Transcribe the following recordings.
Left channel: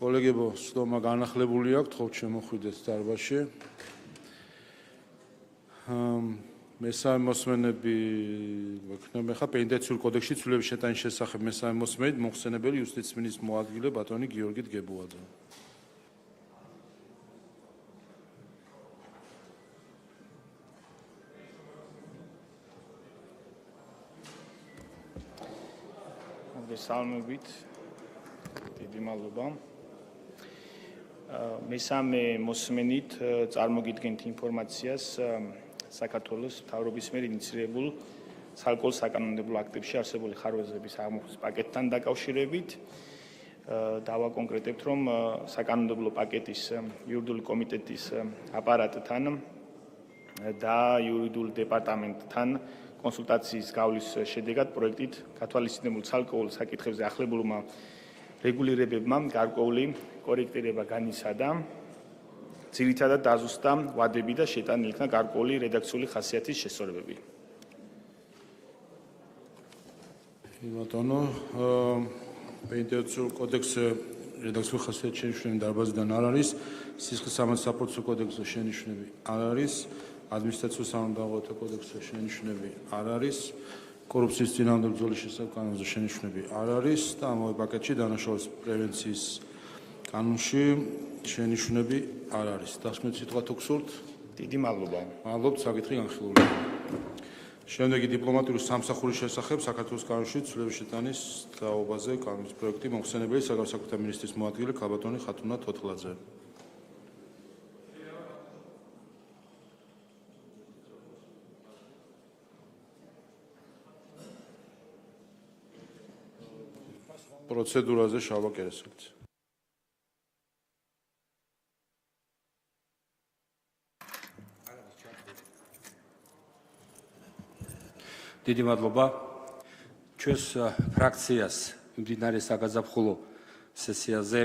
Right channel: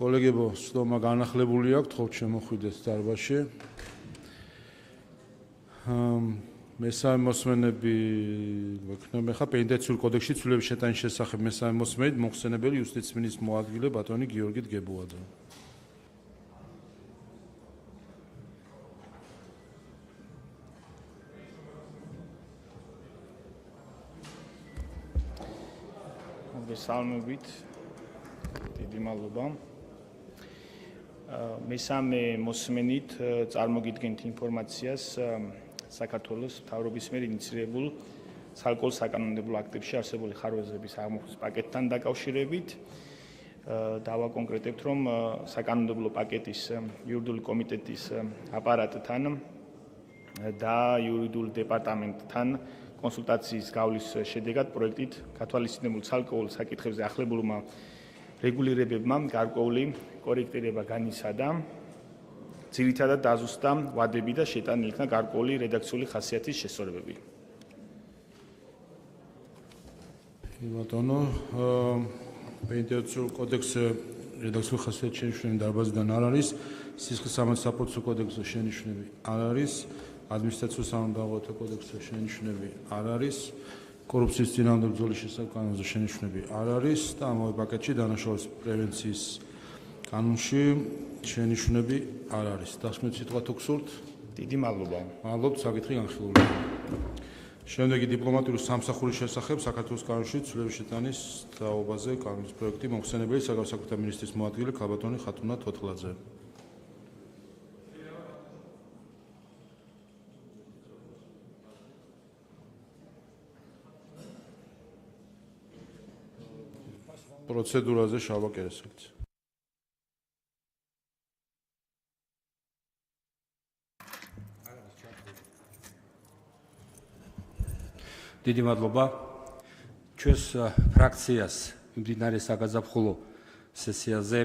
კოლეგებო, სლომა განახლებული აქვს, თხოვთ შემოხვიდეთ დარბაზში. მესამე მოსმენები გვექნება ხა პენიტენციურ კოდექსში ცვლილების შეტანის შესახებ მესამე მოსმენით მოხსენებელი იუსტიციის მინისტრის მოადგილე ბატონი გიორგი დგებუაძე. მოგესალმებით, დიდი მადლობა. მესამე მოსმენით წარმოგიდგენთ ინფორმაციას საქართველოს მთავრობის მიერ ინიციირებულ საალკოჰოლო საკანონმდებლო აქტებში არსებული ხარვეზების აღმოფხვის პაკეტთან დაკავშირებით. დავაკონკრეტებთ, რომ საკანონმდებლო პაკეტის იურიდიული კომიტეტის აპარატთან და იურიდიულ დეპარტამენტთან კონსულტაციის გავლის შედეგად პროექტით გათვალისწინებულ საალკოჰოლო საკითხებზე ახლებულმა რეგულირებებმა გარკვეული კორექტირება განიცადა. ძირითადად დაზუსტა ვადები და შეტანილი იქნა გარკვეული რედაქციული ხასიათის შესწორებები. ბატონო, პენიტენციურ კოდექსზე რედაქციული ხასიათის შენიშვნები დარბაზიდან არ არის, სისხლის სამართალსაკუთრებო კოდექსზე შენიშვნები არ არის, ადმინისტრაციულ სამართალდამოვართა კოდექსზე შენიშვნები არ არის, კორუფციის წინააღმდეგ ბრძოლის შესახებ კანონზე შენიშვნები არ არის და ამ პაკეტში დანაშაულის პრევენციის კანონში შენიშვნები არ არის. დასკვნით სიტყვა თუ გსურთ? დიდი მადლობა. მადლობთ, საკითხი განხილულია. შემდეგი დიპლომატიური სამსახურის შესახებ საქართველოს კანონში ცვლილების შეტანის თაობაზე კანონის პროექტი მოხსენებელი საგარეო საქმეთა მინისტრის მოადგილე ქალბატონი ხათუნა თოთლაძე. პროცედურაზე შალვა კერესაკი. დიდი მადლობა. ჩვენს ფრაქციას მიმდინარე საგაზაფხულო სესიაზე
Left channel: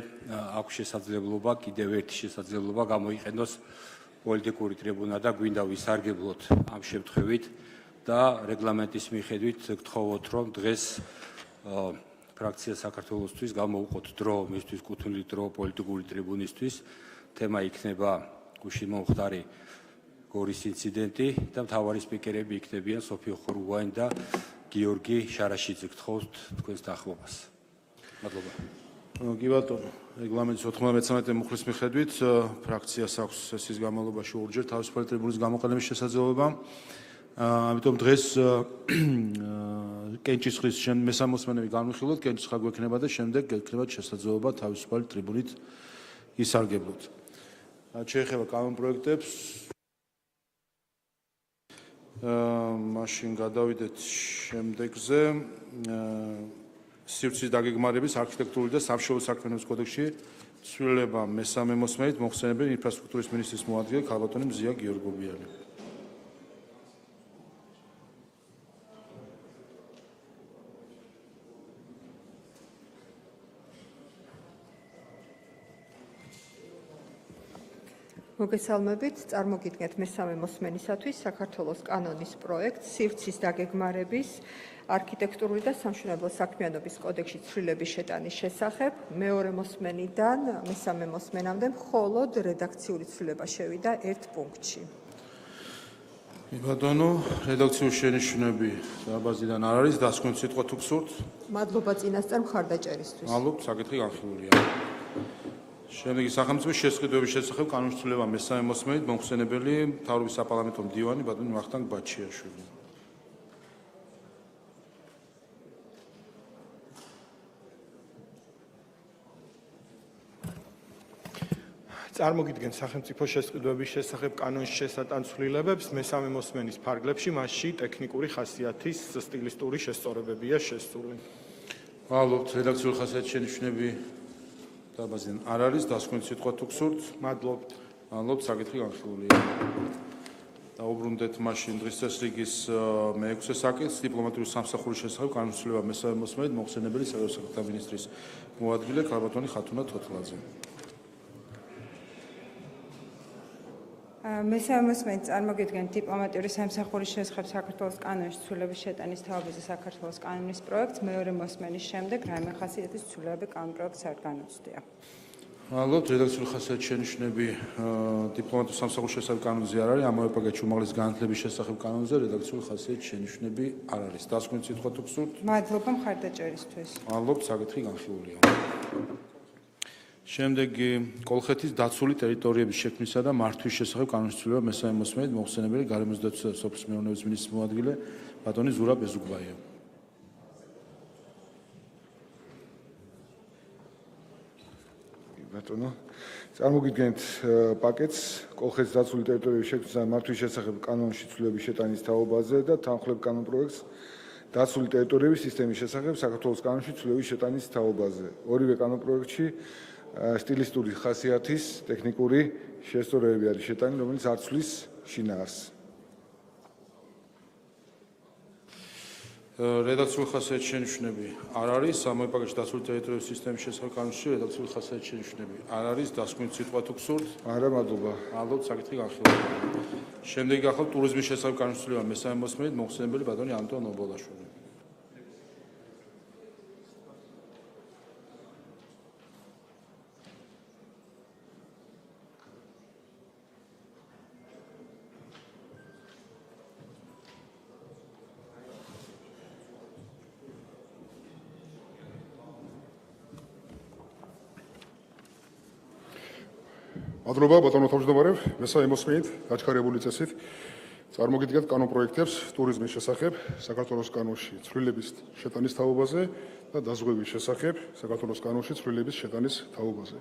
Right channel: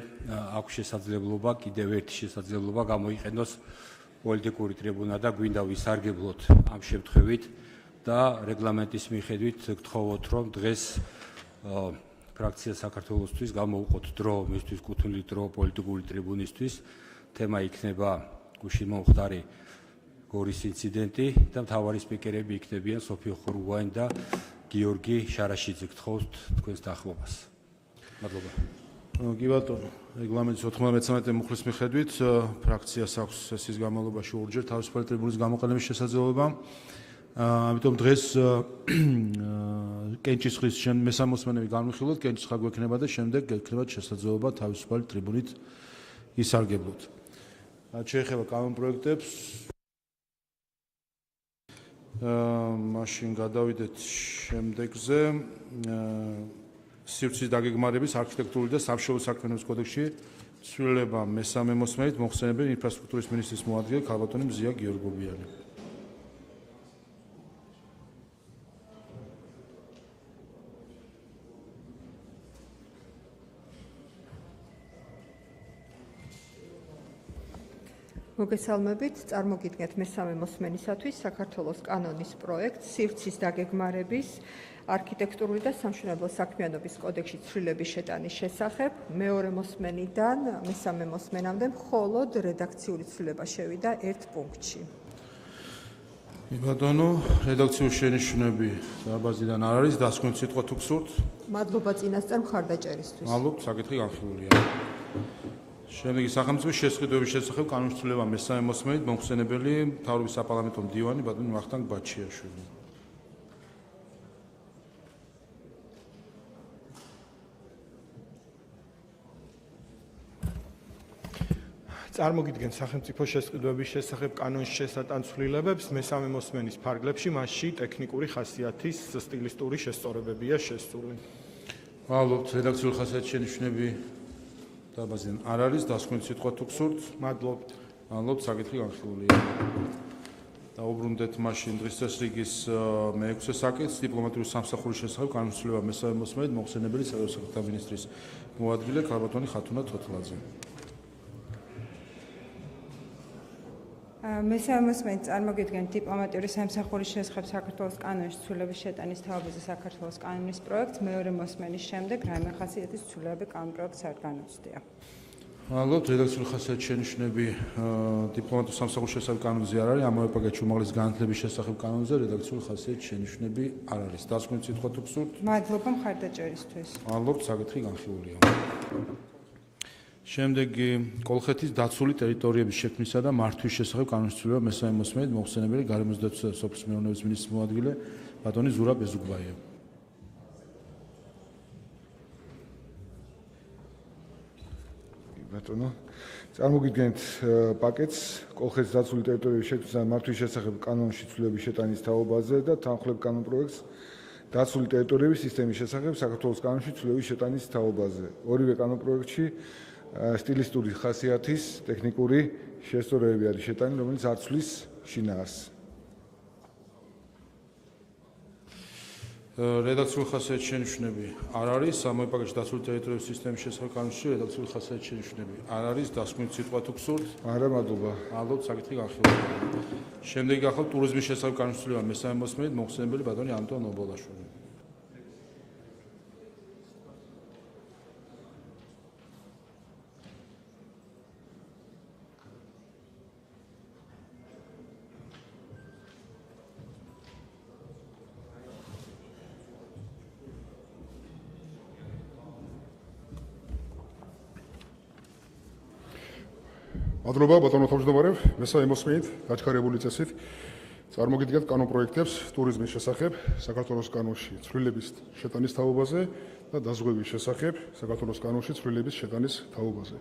აქვს შესაძლებლობა, კიდევ ერთი შესაძლებლობა გამოიყენოს პოლიტიკური ტრიბუნა და გვინდა ვისარგებლოთ ამ შემთხვევით და რეგლამენტის მიხედვით გთხოვოთ, რომ დღეს ფრაქცია საქართველოსთვის გამოვუყოთ დრო, მისთვის კუთვნილი დრო პოლიტიკური ტრიბუნისთვის. თემა იქნება გუშინ მომხდარი გორის ინციდენტი და მთავარი სპიკერები იქნებიან სოფიო ხურუვანი და გიორგი შარაშიძე. გთხოვთ თქვენს დაახლოებას. მადლობა. კი ბატონო, რეგლამენტის 93 მუხლის მიხედვით ფრაქციას აქვს სესიის განმავლობაში ორჯერ თავისუფალი ტრიბუნის გამოყენების შესაძლებლობა. ამიტომ დღეს კენჭისყრის მესამე მოსმენები განვიხილოთ, კენჭისყრა გვექნება და შემდეგ გექნებათ შესაძლებლობა თავისუფალი ტრიბუნით ისარგებლოთ. შეეხება კანონპროექტებს. მაშინ გადავიდეთ შემდეგზე. სივრცის დაგეგმარების არქიტექტურული და სამშობლო საქმიანობის კოდექსში ცვლილება მესამე მოსმენით მოხსენებელი ინფრასტრუქტურის მინისტრის მოადგილე ქალბატონი მზია გიორგობიანი. მოგესალმებით, წარმოგიდგენთ მესამე მოსმენისათვის საქართველოს კანონის პროექტს სივრცის დაგეგმარების არქიტექტურული და სამშენებლო საქმიანობის კოდექსში ცვლილების შეტანის შესახებ. მეორე მოსმენიდან მესამე მოსმენამდე მხოლოდ რედაქციული ცვლილება შევიდა ერთ პუნქტში. ბატონო, რედაქციული შენიშვნები დარბაზიდან არ არის, დასკვნით სიტყვა თუ გსურთ? მადლობა წინასწარ მხარდაჭერისთვის. მადლობთ, საკითხი განხილულია. შემდეგი სახელმწიფოს შესყიდვების შესახებ კანონის ცვლილება მესამე მოსმენით მოხსენებელი მთავრობის საპარლამენტო მდივანი ბატონი ვახტანგ ბაჩიაშვილი. წარმოგიდგენთ სახელმწიფოს შესყიდვების შესახებ კანონის შესატან ცვლილებებს მესამე მოსმენის ფარგლებში, მასში ტექნიკური ხასიათის სტილისტური შესწორებებია შესწორული. მადლობთ, რედაქციული ხასიათის შენიშვნები დარბაზიდან არ არის, დასკვნით სიტყვა თუ გსურთ? მადლობთ. მადლობთ, საკითხი განხილულია. დაუბრუნდეთ მაშინ დღის წესრიგის მე-6 საკითხს, დიპლომატიური სამსახურის შესახებ კანონის ცვლილება მესამე მოსმენით მოხსენებელი საგარეო საქმეთა მინისტრის მოადგილე ქალბატონი ხათუნა თოთლაძე. მესამე მოსმენით წარმოგიდგენთ დიპლომატიური სამსახურის შესახებ საქართველოს კანონის ცვლილების შეტანის თაობაზე საქართველოს კანონის პროექტს. მეორე მოსმენის შემდეგ რაიმე ხასიათის ცვლილებები კანონპროექტს არ განუცდია. მადლობთ. რედაქციული ხასიათის შენიშვნები დიპლომატიურ სამსახურს შესახებ კანონზე არ არის, ამავე პაკეტში უმაღლეს განათლების შესახებ კანონზე რედაქციული ხასიათის შენიშვნები არ არის. დასკვნით სიტყვა თუ გსურთ? მადლობა მხარდაჭერისთვის. მადლობთ, საკითხი განხილულია. შემდეგი კოლხეთის დაცული ტერიტორიების შექმნისა და მართვის შესახებ კანონის ცვლილება მესამე მოსმენით მოხსენებელი გარემოს დაცვისა და სოფლის მეურნეობის მინისტრის მოადგილე ბატონი ზურაბ ბეზუგბაია. ბატონო, წარმოგიდგენთ პაკეტს კოლხეთის დაცული ტერიტორიების შექმნისა და მართვის შესახებ კანონში ცვლილების შეტანის თაობაზე და თანხმდებ კანონპროექტს დაცული ტერიტორიების სისტემის შესახებ საქართველოს კანონში ცვლილების შეტანის თაობაზე. ორივე კანონპროექტში სტილისტური ხასიათის ტექნიკური შესწორებები არის შეტანილი, რომელიც არ ცვლის შინაარსს. რედაქციული ხასიათის შენიშვნები არ არის, ამავე პაკეტში დაცული ტერიტორიების სისტემის შესახებ კანონში რედაქციული ხასიათის შენიშვნები არ არის, დასკვნით სიტყვა თუ გსურთ? არა, მადლობა. მადლობთ, საკითხი განხილულია. შემდეგი გახლავთ ტურიზმის შესახებ კანონის ცვლილება მესამე მოსმენით მოხსენებელი ბატონი ანტონ ობოლაშვილი. მადლობა ბატონო თავმჯდომარე, მესამე მოსმენით გაჩქარებული წესით წარმოგიდგენთ კანონპროექტებს ტურიზმის შესახებ საქართველოს კანონში ცვლილების შეტანის თაობაზე და დაზღვევის შესახებ საქართველოს კანონში ცვლილების შეტანის თაობაზე.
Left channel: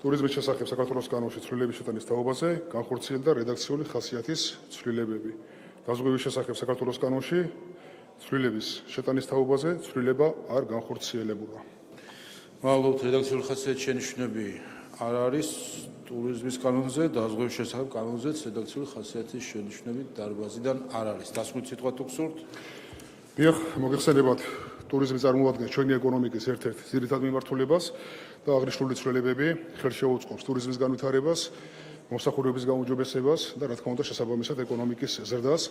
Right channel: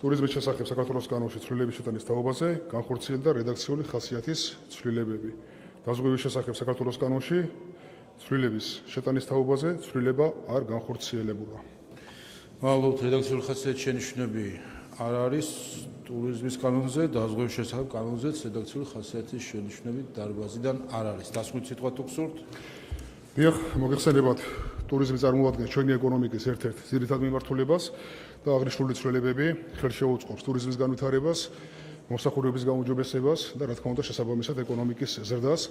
ტურიზმის შესახებ საქართველოს კანონში ცვლილების შეტანის თაობაზე განხორციელდა რედაქციული ხასიათის ცვლილებები. დაზღვევის შესახებ საქართველოს კანონში ცვლილების შეტანის თაობაზე ცვლილება არ განხორციელებულა. მადლობთ, რედაქციული ხასიათის შენიშვნები არ არის. ტურიზმის კანონზე, დაზღვევის შესახებ კანონზეც რედაქციული ხასიათის შენიშვნები დარბაზიდან არ არის. დასკვნით სიტყვა თუ გსურთ? დიახ, მოგეხსენებათ, ტურიზმი წარმოადგენს ჩვენი ეკონომიკის ერთ-ერთ ძირითად მიმართულებას და აღნიშნული ცვლილებები ხელს შეუწყობს ტურიზმის განვითარებას, მომსახურების გაუმჯობესებას და რა თქმა უნდა შესაბამისად ეკონომიკის ზრდას.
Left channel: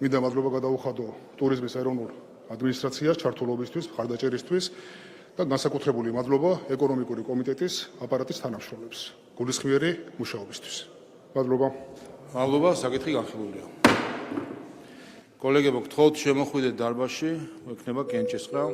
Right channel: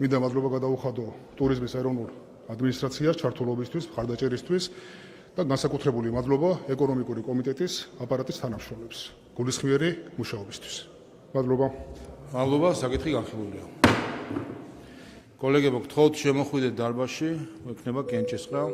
მინდა მადლობა გადაუხადო ტურიზმის ეროვნულ ადმინისტრაციას ჩართულობისთვის, მხარდაჭერისთვის და განსაკუთრებული მადლობა ეკონომიკური კომიტეტის აპარატის თანამშრომლებს გულისხმიერი მუშაობისთვის. მადლობა. მადლობა, საკითხი განხილულია. კოლეგებო, გთხოვთ შემოხვიდეთ დარბაზში, ექნება კენჭისყრა.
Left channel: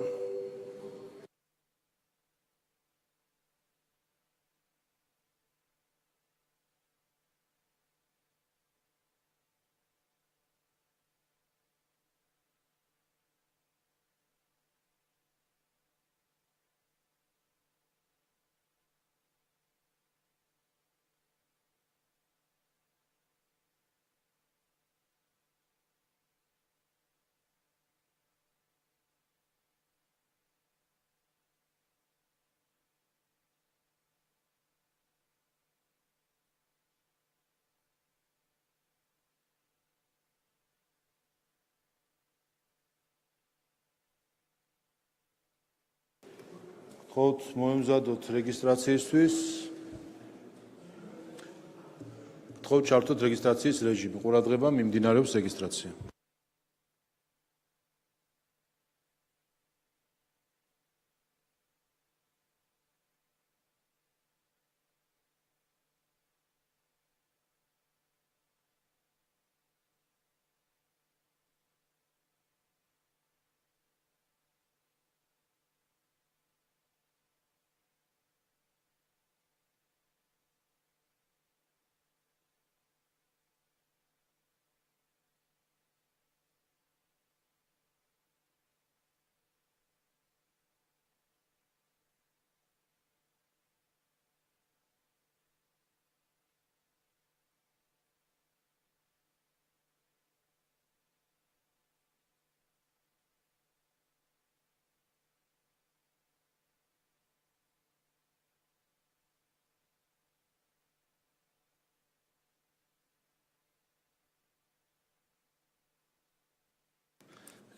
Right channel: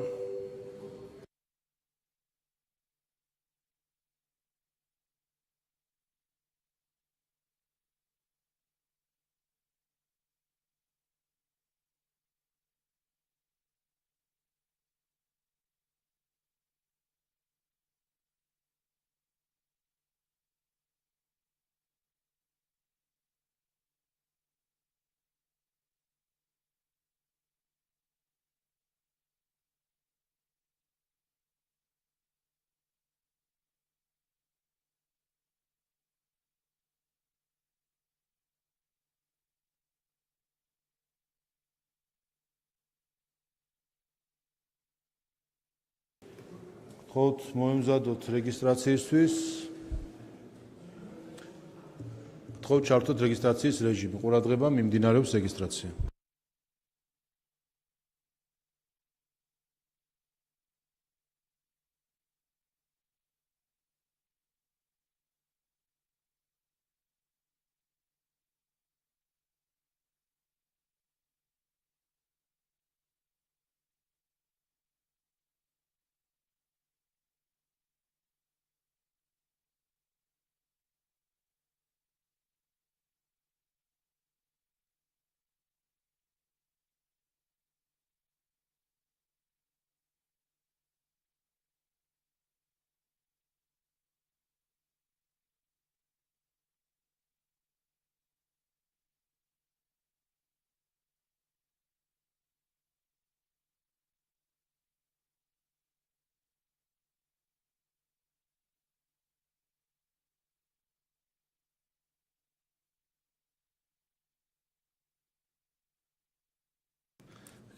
გთხოვთ მოემზადოთ რეგისტრაციისთვის. გთხოვთ ჩართოთ რეგისტრაციის რეჟიმი. ყურადღება, მიმდინარეობს რეგისტრაცია.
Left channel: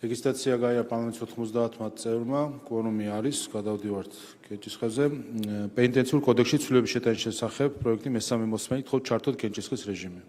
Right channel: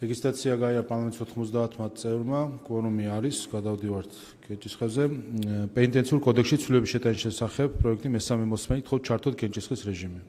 რეგისტრაცია გაია პანელის 90 წევრმა, კვორუმი არის, გადავდივართ კენჭისყრაზე. პენიტენციურ კოდექსში ცვლილების შეტანის შესახებ პროექტი მესამე მოსმენით გთხოვთ ჩართოთ კენჭისყრის რეჟიმი.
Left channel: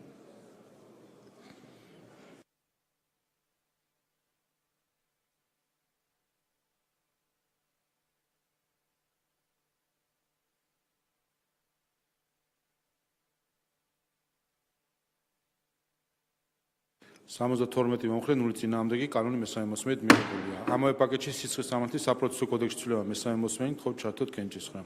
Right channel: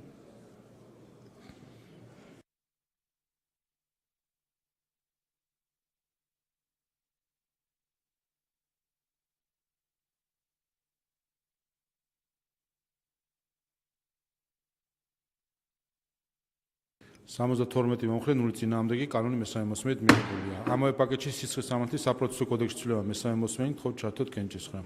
72 მომხრე 0 წინააღმდეგი კანონი მესამე მოსმენით მიღებულია. ამავე პაკეტში სისხლის სამართლის საპროცესო კოდექსში ცვლილება მესამე მოსმენით თხოვთ ჩართოთ კენჭისყრა.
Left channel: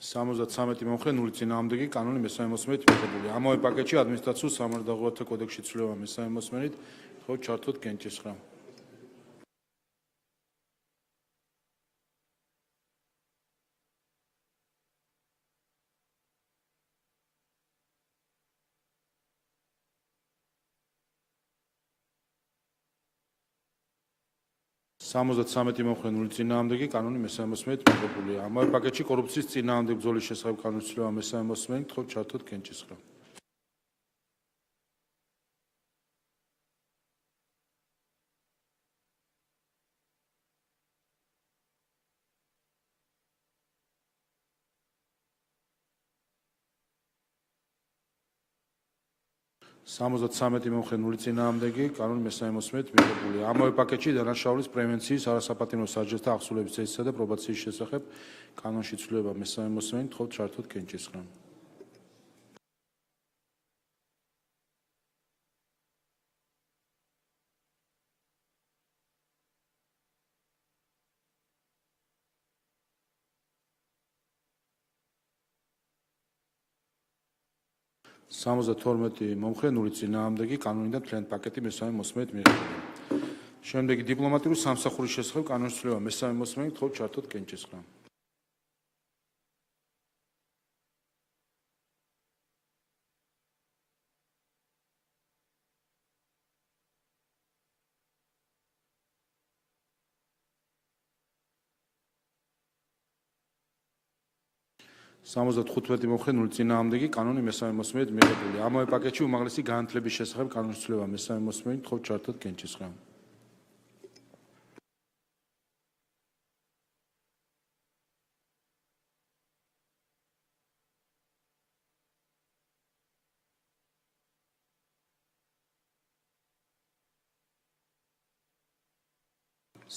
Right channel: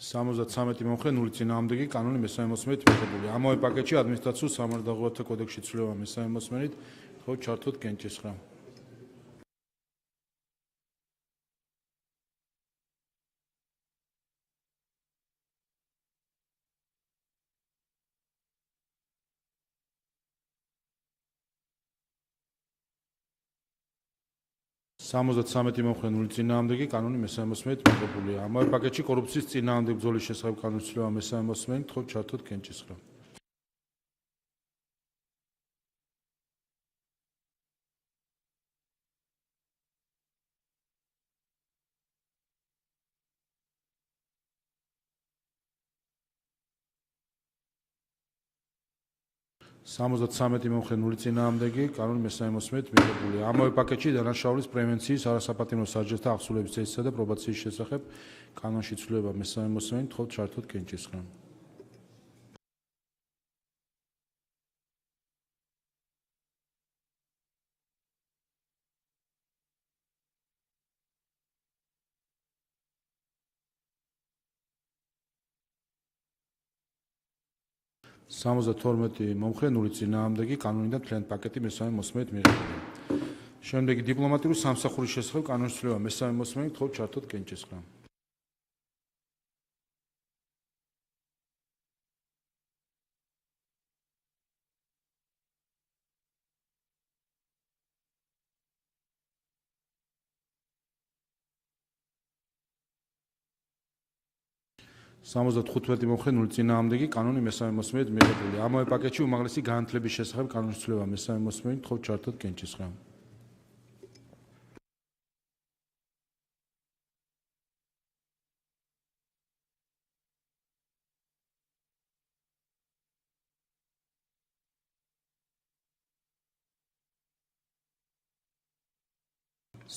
Სამოცდათვრამეტი მომხრე 0 წინააღმდეგი კანონი მესამე მოსმენით მიღებულია. ამავე პაკეტში ადმინისტრაციულ სამართალდაღულებათა კოდექსში ცვლილება მესამე მოსმენით თხოვთ ჩართოთ კენჭისყრა. Სამოცდათვრამეტი მომხრე 0 წინააღმდეგი კანონი მესამე მოსმენით მიღებულია. ამავე პაკეტში კორუფციის წინააღმდეგ ბრძოლის შესახებ კანონის ცვლილება მესამე მოსმენით თხოვთ ჩართოთ კენჭისყრა. Სამოცდათვრამეტი მომხრე 0 წინააღმდეგი კანონი მესამე მოსმენით მიღებულია. ამავე პაკეტში დანაშაულის პრევენციის, არასაპატიმრო სასჯელთა აღსრულების წესისა და პრობაციის შესახებ კანონში ცვლილება მესამე მოსმენით თხოვთ ჩართოთ კენჭისყრა. Სამოცდათორმეტი მომხრე 0 წინააღმდეგი კანონიდან მთლიანი პაკეტი მესამე მოსმენით მიღებულია. შემდეგი დიპლომატიური სამსახურის შესახებ კანონის ცვლილება მესამე მოსმენით თხოვთ ჩართოთ კენჭისყრა. Სამოცდათხუთმეტი მომხრე 0 წინააღმდეგი კანონი მესამე მოსმენით მიღებულია. ამავე პაკეტში უმაღლესი განათლების შესახებ კანონის ცვლილება მესამე მოსმენით თხოვთ ჩართოთ კენჭისყრა.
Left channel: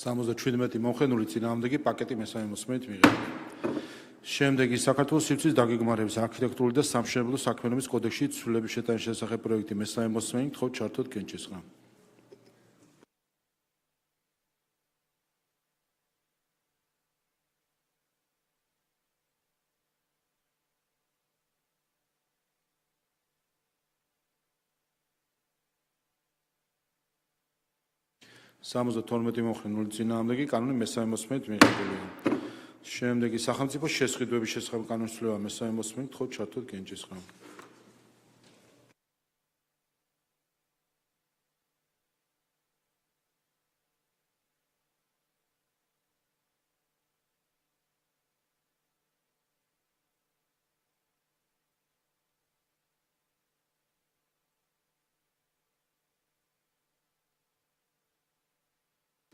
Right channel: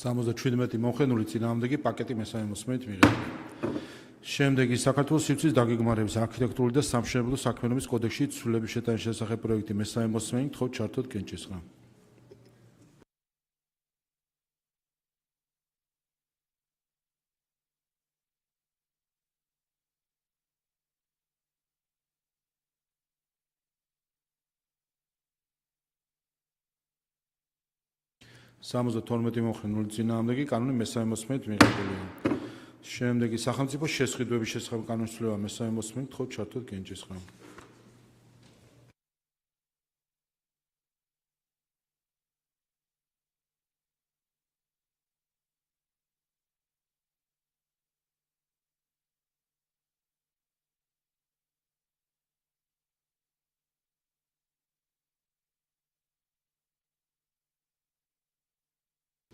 Სამოცდაჩვიდმეტი მომხრე 0 წინააღმდეგი პაკეტი მესამე მოსმენით მიღებულია. შემდეგი საქართველოს სივრცის დაგეგმარების არქიტექტურული და სამშენებლო საქმიანობის კოდექსში ცვლილების შეტანის შესახებ პროექტი მესამე მოსმენით თხოვთ ჩართოთ კენჭისყრა. Სამოცდათორმეტი მომხრე 0 წინააღმდეგი კანონი მესამე მოსმენით მიღებულია. შემდეგი სახელმწიფოს შესყიდვების შესახებ კანონის ცვლილება მესამე მოსმენით თხოვთ ჩართოთ კენჭისყრა.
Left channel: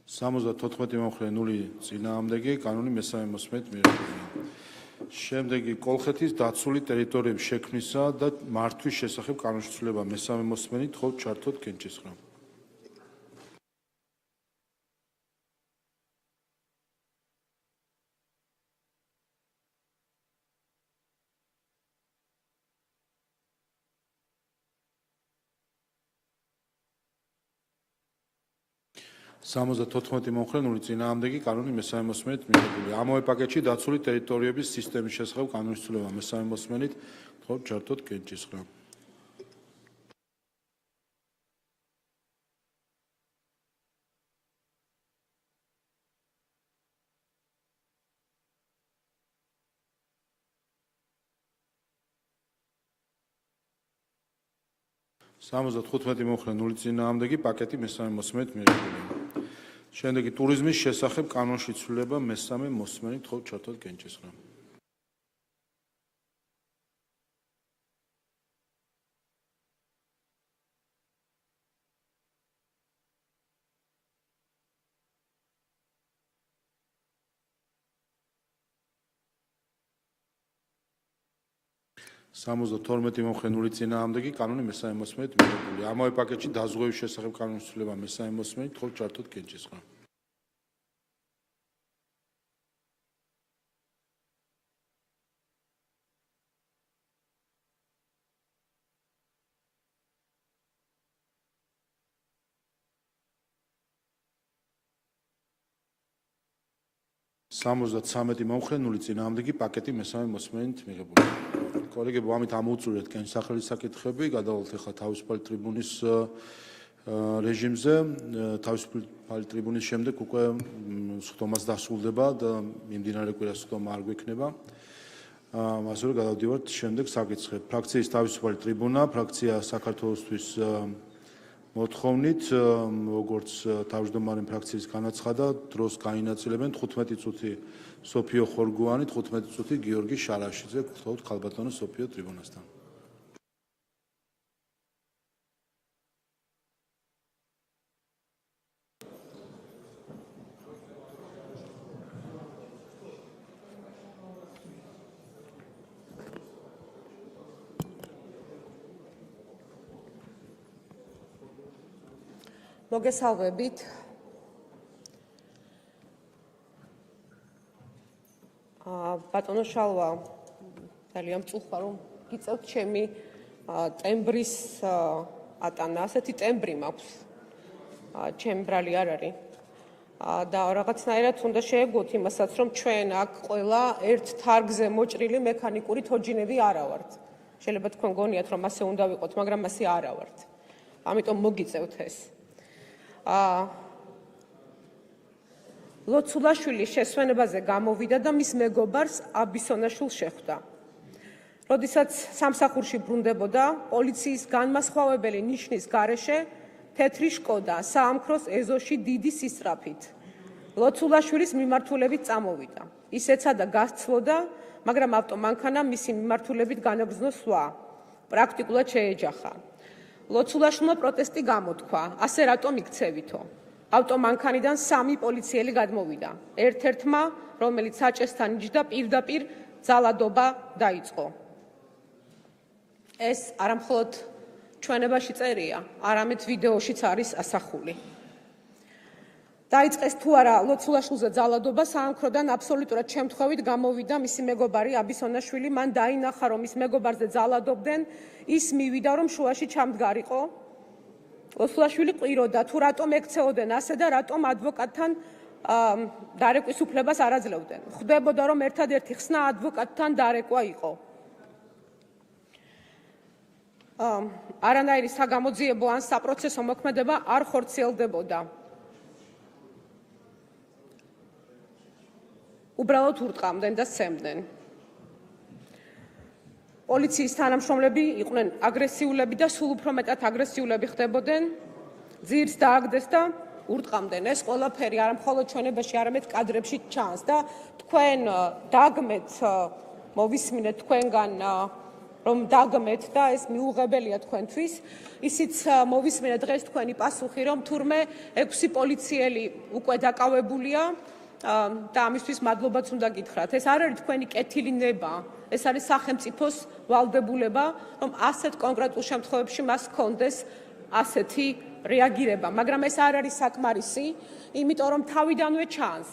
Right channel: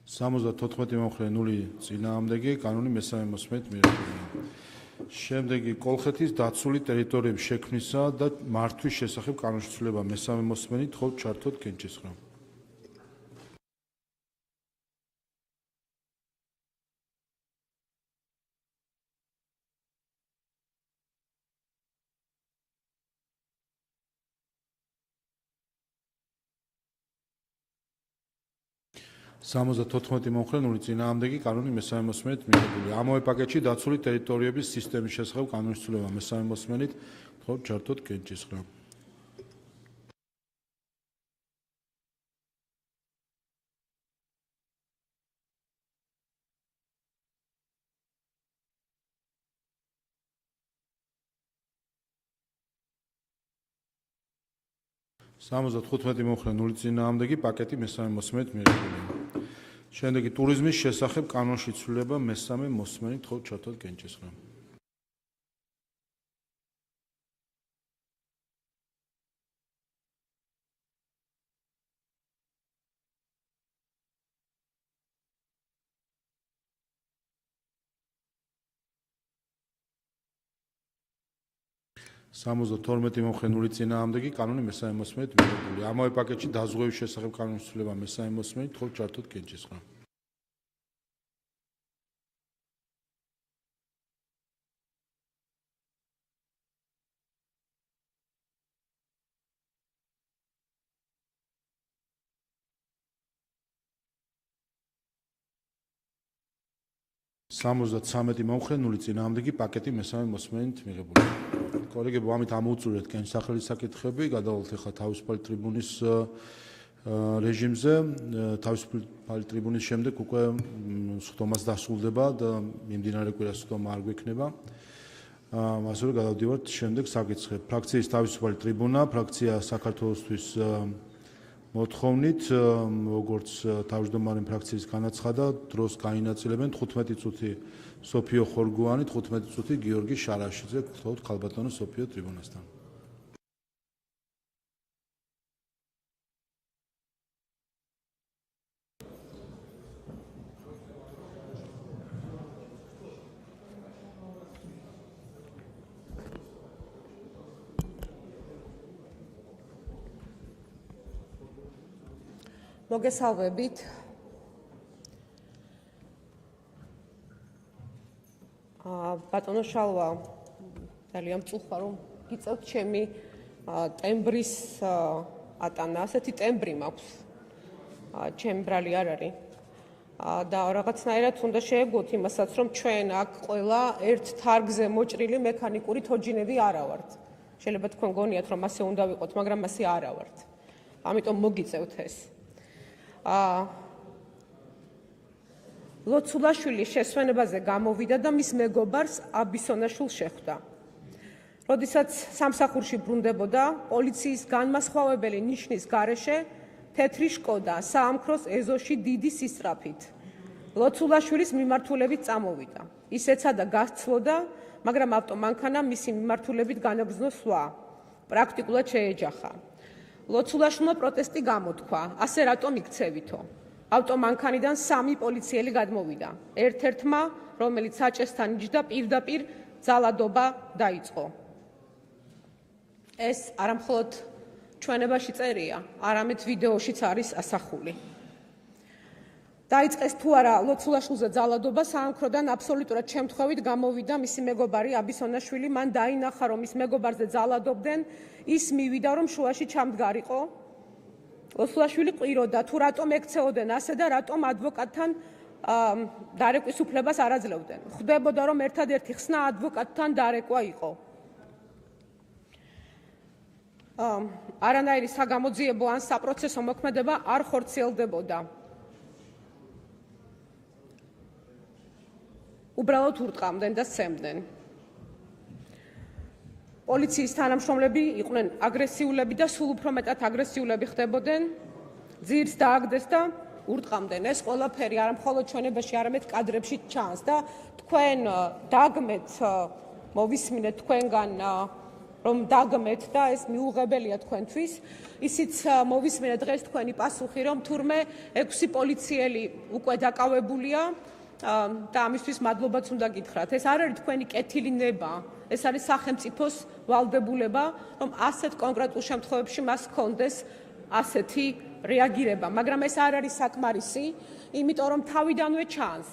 Სამოცდათოთხმეტი მომხრე 0 წინააღმდეგი კანონი მესამე მოსმენით მიღებულია. შემდეგი კოლხეთის დაცული ტერიტორიების შექმნისა და მართვის შესახებ კანონში ცვლილება მესამე მოსმენით თხოვთ ჩართოთ კენჭისყრა. Სამოცდათოთხმეტი მომხრე 0 წინააღმდეგი კანონი მესამე მოსმენით მიღებულია. ამავე პაკეტში დაცული ტერიტორიების სისტემის შესახებ კანონის ცვლილება მესამე მოსმენით თხოვთ ჩართოთ კენჭისყრა. Სამოცდათოთხმეტი მომხრე 0 წინააღმდეგი პაკეტი მესამე მოსმენით მიღებულია. შემდეგი ტურიზმის შესახებ კანონში ცვლილება მესამე მოსმენით თხოვთ ჩართოთ კენჭისყრა. 72 მომხენული წინააღმდეგი კანონი მესამე მოსმენით მიღებული. ამავე პაკეტში დაზღვევის შესახებ კანონის ცვლილება მესამე მოსმენით მხოლოდ ჩართოთ კენჭისყრა. სამოცდათვრამეტი მომხენული წინააღმდეგი პაკეტი მესამე მოსმენით მიღებული. კოლეგებო, ამით ამოვწურეთ კენჭის სახელი საკითხები, გადავალთ ახლა თავისუფალი ტრიბუნის რეჟიმზე. თავისუფალი ტრიბუნის შემდეგ უკვე სხდომაც დასრულდება და მიმდინარე კვირას სხდომა არ გვექნება. ასევე გადავდივართ შემდეგ საკითხებს. ფრაქციის თავისუფალი ტრიბუნა, ფრაქცია საქართველოსთვის მოთხოვნით, როგორც თავმჯდომარე ფრაქციის განაცხადა, დროს გაინაწილებენ 15 წუთი სოფიო ხორგუანი, 15 წუთი გიორგი შარაშიძე, ხოლო ქალბატონო სოფიო ტრიბუნასთან. მოგესალმებით. ბატონო შალვა, ძალიან მწუხარ რომ გიწევთ ჩემი ტემბრის ატანა. ასეთი ტემბრი მაქვს. ჩემი ბრალი არ არის. და რაღაცნაირად უნდა შეეგოთ იმასაც, რომ ჩვენ აქ ყველა ერთ თარგზე მოჭრილი მექანიკური თოჯინები არა ვართ. შეიძლება თქვენ გონიათ, რომ ასე უნდა ვიყოთ, მაგრამ ასე არა ვართ. ამიტომ მოგიწევთ ეს. ლოცულაშვილის შესვენებაზე გამოვიდა და მის მეგობარს აბისონაშვილს შეხვდა. როდესაც სამსახურში ბრუნდებოდა, პოლიციის განმასხვავებელი ნიშნის გარეშე თეთრი შკოდა საამქროს ეზოში დიდი სისწრაფით. ლოცულაშვილის მიმართულებით წამოვიდა. ის ეცადა გასცლოდა, მაგრამ ავტომანქანამ მისი მიმართულებით განაგრძნო სვლა. პრაქტიკულად შეეჯახა. ლოცულაშვილმა პროტესტი გამოთქვა, ასე რატომ იქცევითო? ავტომანქანიდან 3 პოლიციელი გადმოვიდა. ერთ-ერთმა, რომელიც საჭესთან იჯდა, პირდაპირ ძალადობა დაიწყო. ეს არამხოლოდ ჩვენებაში წერია, არამედ ვიდეოშიც არის ასახული. დაიწყეს თუ არა ლოცულაშვილზე ძალადობა, საამქროდან აბსოლუტურად შემთხვევით გამოვიდა მისი მეგობარი აბისონაშვილი, მან დაინახა, რომ ის მეგობარზე ძალადობდნენ, ის მივიდა, რომ შუაში ჩამდგარიყო. ლოცულაშვილი ყვიროდა, თუ რატომ ექცეოდნენ ასე და რატომ ადვოკატთან დარეკვის უფლებას არ აძლევდნენ. ხვდებოდა, რომ ერთადერთი ხსნა ადვოკატთან დარეკვა იყო. არანაირი საგამოძიებო ან საპროცესო მოქმედება არ ხორციელდებოდა. უბრალოდ ურტყამდნენ და სცემდნენ. პოლიციის თანამშრომლები იყვნენ აგრესიულები და სულ უფრო მეტად აგრესიულები ხდებოდნენ. ძირს დააგდეს და ურტყამდნენ. ეს ყველაფერი არ მხოლოდ ჩვენებაში, არამედ კადრებში ჩანს და თქვენ დაგმეთ, მოვისმინეთ თქვენგან, რომ დაგმეთ და ეს მიუღებელია თქვენთვის. ისიც მოვისმინეთ დღეს თქვენი პასუხი, რომ თურმე 6 პოლიციელი უკვე დაკავებულია. და ამისთვის მადლობაც უნდა გითხრათ. ეს არ არის თქვენი კეთილი ნება, ეს არის სახელმწიფოს ვალდებულება, რომ ასეთ კონკრეტულ შემთხვევებში მას ჰქონდეს ასეთი რეაგირება, მაგრამ ეს არ არის საკმარისი, იმიტომ რომ თავიდანვე ჩანს.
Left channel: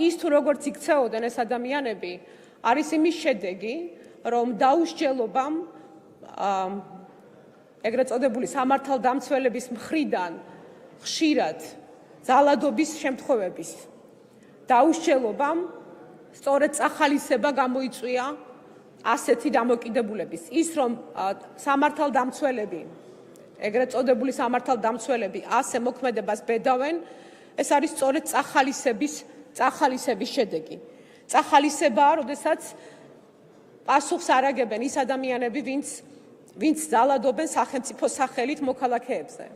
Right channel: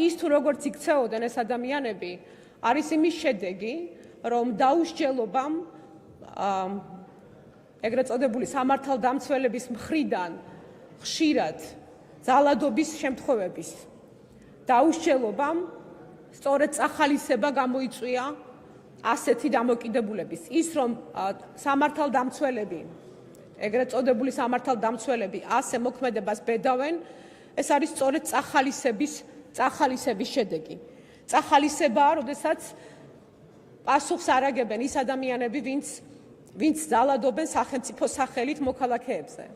ის თუ როგორც იქცეოდნენ ეს ადამიანები, არის იმის შედეგი, რომ დაუსჯელობამ ეგრეთ წოდებული სამართალდამცველების მხრიდან ხშირად ძალადობის შემთხვევების დაუსჯელობამ სწორედ წახალისება გამოიწვია ასეთი დამოკიდებულების. ის რომ სამართალდამცველები, ეგრეთ წოდებული სამართალდამცველები ასე მოქმედებას ბედავენ, ეს არის სწორედ წახალისების შედეგი. წახალისებაა, როდესაც პასუხს არ აგებენ ის ადამიანები, ვინც ძალადობენ სახელმწიფოს სახელით მოქალაქეებზე.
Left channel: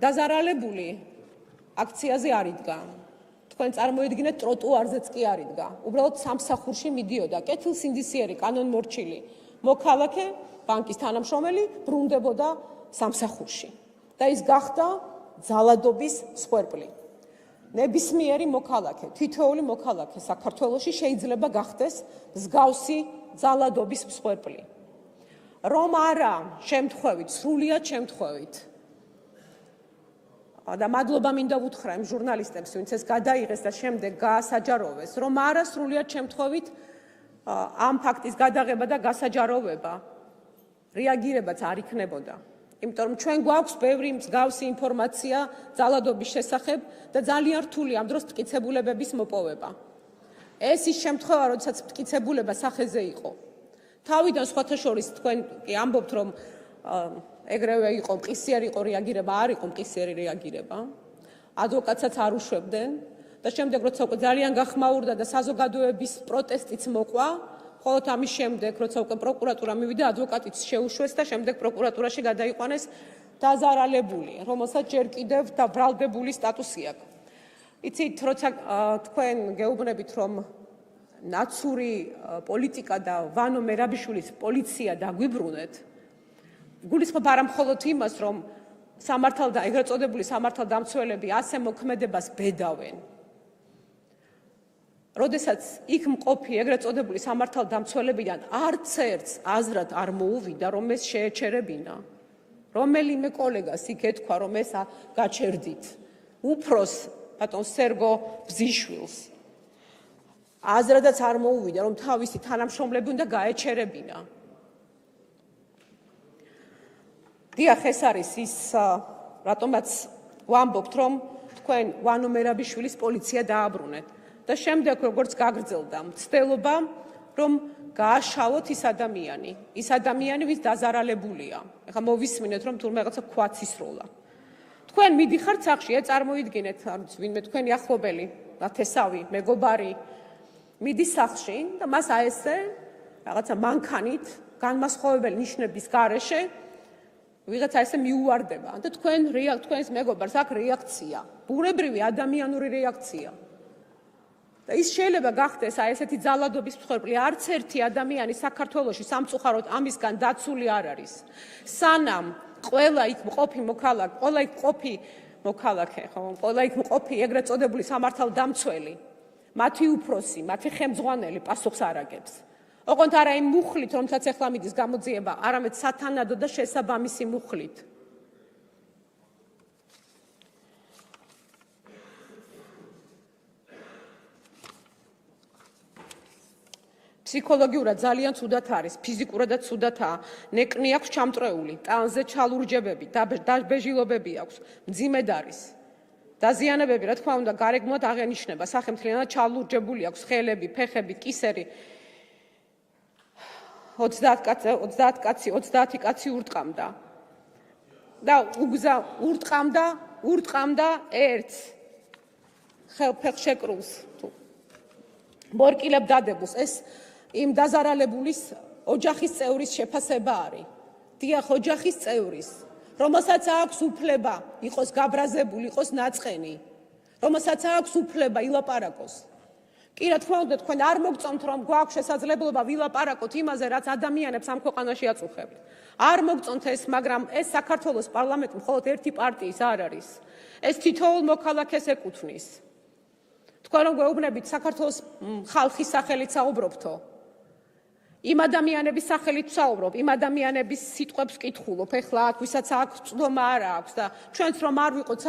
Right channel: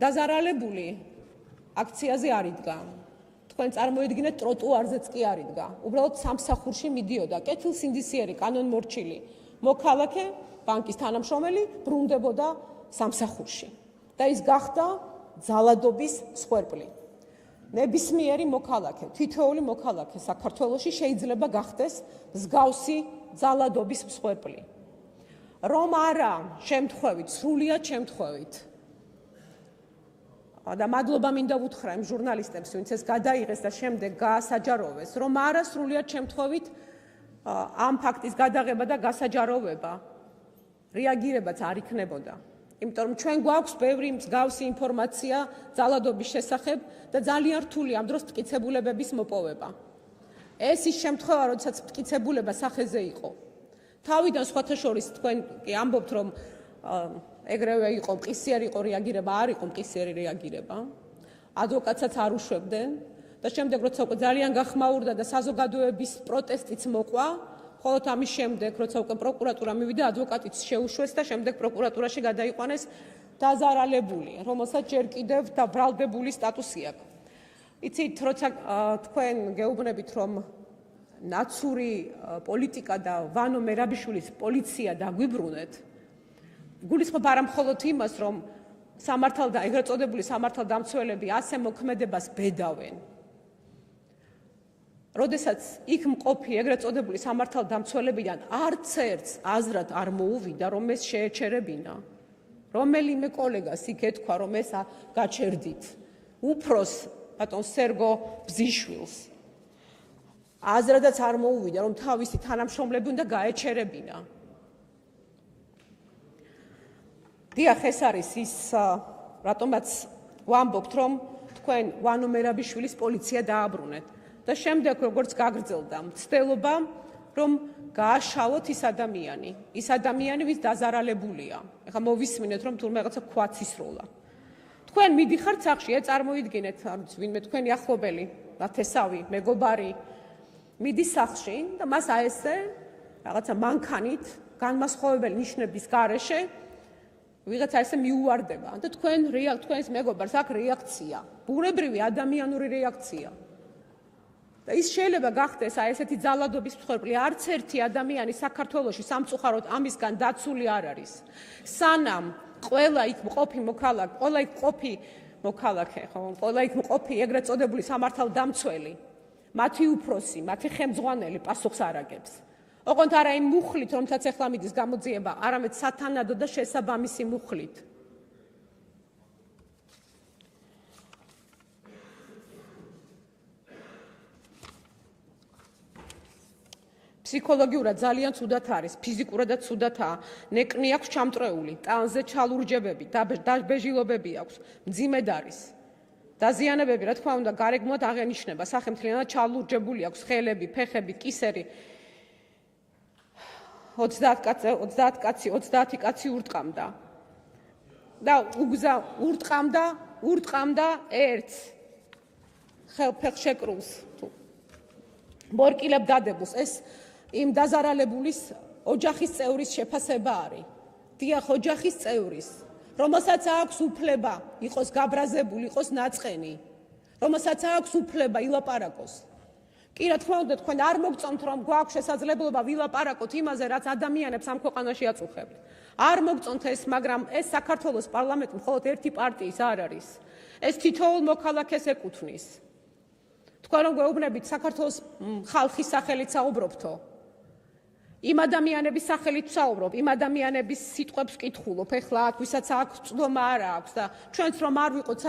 დაზარალებული აქციაზე არ იდგა. თქვენ წარმოიდგინეთ, ტროტუარზეც კი არ იდგა. უბრალოდ სამსახურში მიდიოდა კეთილსინდისიერი კანონმორჩილი მოქალაქე, ბანკის თანამშრომელი ბრუნდებოდა სამსახურში და ის გახდა ძალადობის მსხვერპლი. ნებისმიერი მოქალაქე, თითოეული მოქალაქე საქართველოში შეიძლება გახდეს მსგავსი ძალადობის მსხვერპლი. რომ არა შემთხვევით, სრულიად შემთხვევით. და მადლობა მინდა ვუთხრა იმ ჟურნალისტებს, ვინც ეს გადაიღეს და შემდეგ გაასაჯაროვეს, რომ არა სრულიად შემთხვევით ამ ფაქტის გადაღება და გასაჯაროვება რეაგირებაც არ იქნებოდა. იმიტომ რომ ჩვენ გვაქვს ბევრი მსგავსი ინფორმაცია ძალადობის შესახებ და ძალიან რთული ამ დროს მტკიცებულებების მოპოვება. ეს ის შემთხვევა, როდესაც მტკიცებულება სახეზე იყო. თავიდან სხვათა შორის თქვენ კი ამბობთ, რომ ეგრევე იყო მყისიერი იყო რეაგირება, არ იყო მყისიერი რეაგირება. ადვოკატსაც არ უშვებდნენ და შემდეგ როცა უკვე ძალიან გახმაურდა და საზოგადოების პროტესტიც მოყვა, ხოლო ამის შემდეგ როცა უკვე პროკურატურა მივიდა, ადვოკატიც შეუშვეს და შემდეგ პროკურატურაში გადაიყვანეს დაზარალებული, რომელსაც ჯერ კიდევ დაბრალდებული სტატუსი აქვს. იცით, როცა თქვენ გეუბნებით, რომ ნაცური პოლიტიკა და ვანო მერაბიშვილის პოლიცია დაგვიბრუნეთ, გულისხმობ არა მხოლოდ იმას, რომ ეგრეთ წოდებული სამართალდამცველები ასე მოქმედებას ბედავენ. როდესაც იქ მყოფი ეგრეთ წოდებული სამართალდამცველებიდან არც ერთს აზრად არ მოუვიდა, რომ ეს შეეჩერებინა. რომელიმე კოლეგას იქ ეთქვა, რომ ეს გაჩერდით. უფროს ბატონ სერგო ბზიშვილს აზრადაც არ მოუვიდა, რომ თავისი თანამშრომლები უნდა გაეჩერებინა. დიახ, ეს არის ის, რატომაც ვამბობთ, რომ თქვენ ვანო მერაბიშვილის პოლიცია დააბრუნეთ. და შემდეგ როგორც გაგრძელდა მცდელობა, რომ გააშალოთ ის ადამიანი, ვინც დაზარალებულია. ეხლა მოვისმინეთ, რომ თურმე რაღაცა ქვაც ისროლა. თქვენ მიდიხართ სახლში, წარმოიდგინეთ, ვინმე თქვენი ახლობელი, ნათესავი, მეგობარი, მიდის სახლში და მას აესე რაღაცა მანქანით, განმასხვავებელი ნიშნების გარეშე ვიღაცა ესე მიუვარდება და თქვენს მეგობარს აქვს რეაქცია, ბუნებრივი ადამიანური რეაქცია. და ის შეიძლება გახდეს ესეთი ძალადობის მსხვერპლი. არც ერთი ადამიანი საქართველოში სამწუხაროდ ამისგან დაცული არ არის. სანამ ყველა იქ მყოფი მყოფი ეგრეთ წოდებული სამართალდამცველი, მათი უფროსი, მათი ხელმძღვანელი პასუხს არ აგებს. ოღონდ არა იმ მუხლით, რომელსაც ეხლა მიდის გამოძიება, არამედ სათანადო და შესაბამისი მუხლით. ფსიქოლოგიურად ძალიან ცუდად არის, ფიზიკურადაც ცუდადაა, ნეკნი აქვს ჩამწრეული, ტანზე ჩალურჯებები, დაბეჟილობები აქვს, მძიმედ არის. დაზიანებები, რა თქმა უნდა, გარეგნულად აღენიშნება, სახელმთლიანად ჩალურჯებული აქვს ხელები, ფეხები, კისერი. 30 კაცი ურტყამდა. და ურტყამდა ერთს ფეხშეკრულს. მორკილებ დადებულს. ეს იმ დაზარალებულის ოჯახის წევრის შეფასება არის. დიახ, ოჯახის წევრის, რომელსაც აქვს უფლება იყოს გაბრაზებული, იყოს ნაწყენი, რომელსაც აქვს უფლება ილაპარაკოს. კი, რა თქმა უნდა, თქვენ არ მოგწონთ, რომ გვაქვს შესაძლებლობა ვილაპარაკოთ იმაზე, რაც ადამიანებს ამ ქვეყანაში აწუხებთ. არ მოგწონთ ეს, მაგრამ ეს საქართველოს პარლამენტი მხოლოდ ერთი პარტიის არ არის. ეს თითოეულ მოქალაქეს ეკუთვნის. თქვენ რომ გვეუბნებით საქართველოს ხალხის სახელით საუბრობთო. იმ ადამიანების სახელით ვსაუბრობ, იმ ადამიანების სიტყვებს ვკითხულობ, ეხლა აქ ვისაც აქვს წვდომა არა აქვს და ჩვენც რომ არ ვიყოთ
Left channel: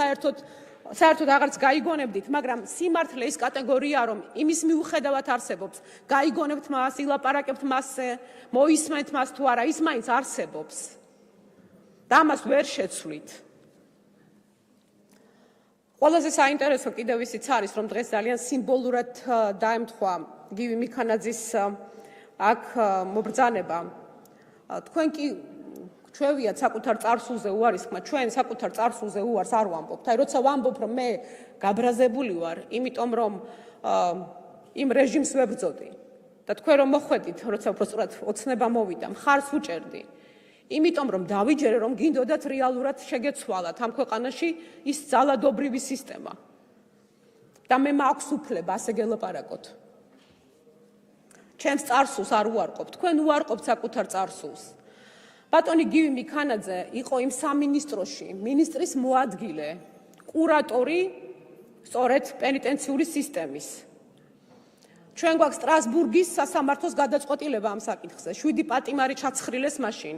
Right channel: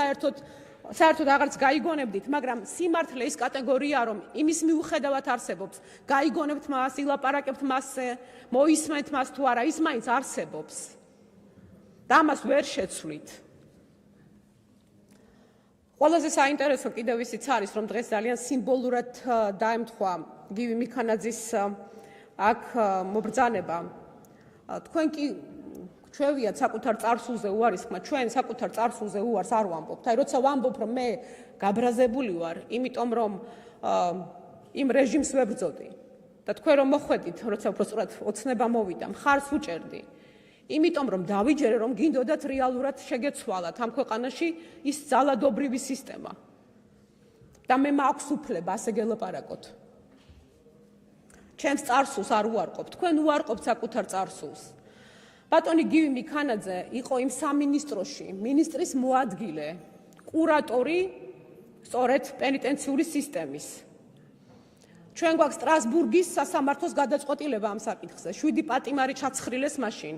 საერთოდ აღარც გაიგონებდით, მაგრამ სიმართლე ის კატეგორიაა, რომ იმის მიუხედავად არსებობს, გაიგონებთ მას, ილაპარაკებთ მასზე, მოისმენთ მას თუ არა, ის მაინც არსებობს. და ამას ვერ შეცვლით. ყველაზე საინტერესო კიდევ ისიც არის, რომ დღეს ძალიან სიმბოლურად დაემთხვა გივი მიქანაძის აქ მობრძანება. თქვენ კი ჩვევიათ საკუთარ წარსულზე უარისხმა, ჩვენ საკუთარ წარსულზე უარს არ ვამბობთ. აი, როცა ვამბობ, რომ მე გაბრაზებული ვარ, იმიტომ რომ იმ რეჟიმს ვებრძოდი და თქვენ რომ მოხვედით, როცა უბრალოდ ოცნება მოვიდა, მხარს ვუჭერდი. იმიტომ რომ დავიჯერე, რომ გინდოდათ რეალურად შეგეცვალათ ამ ქვეყანაში ის ძალადობრივი სისტემა. და მე მაქვს უფლება ასე გელაპარაკოთ. ჩემს წარსულს არ უარყოფ, თქვენ უარყოფთ საკუთარ წარსულს. ბატონი გივი მიქანაძე იყო იმ სამინისტროში, მინისტრის მოადგილე, კურატორი სწორედ პენიტენციური სისტემის. ჩვენ გვაქვს სტრასბურგის სასამართლოს გადაწყვეტილება ამ საკითხზე. 7 პატიმარი ჩაცხრილეს მაშინ.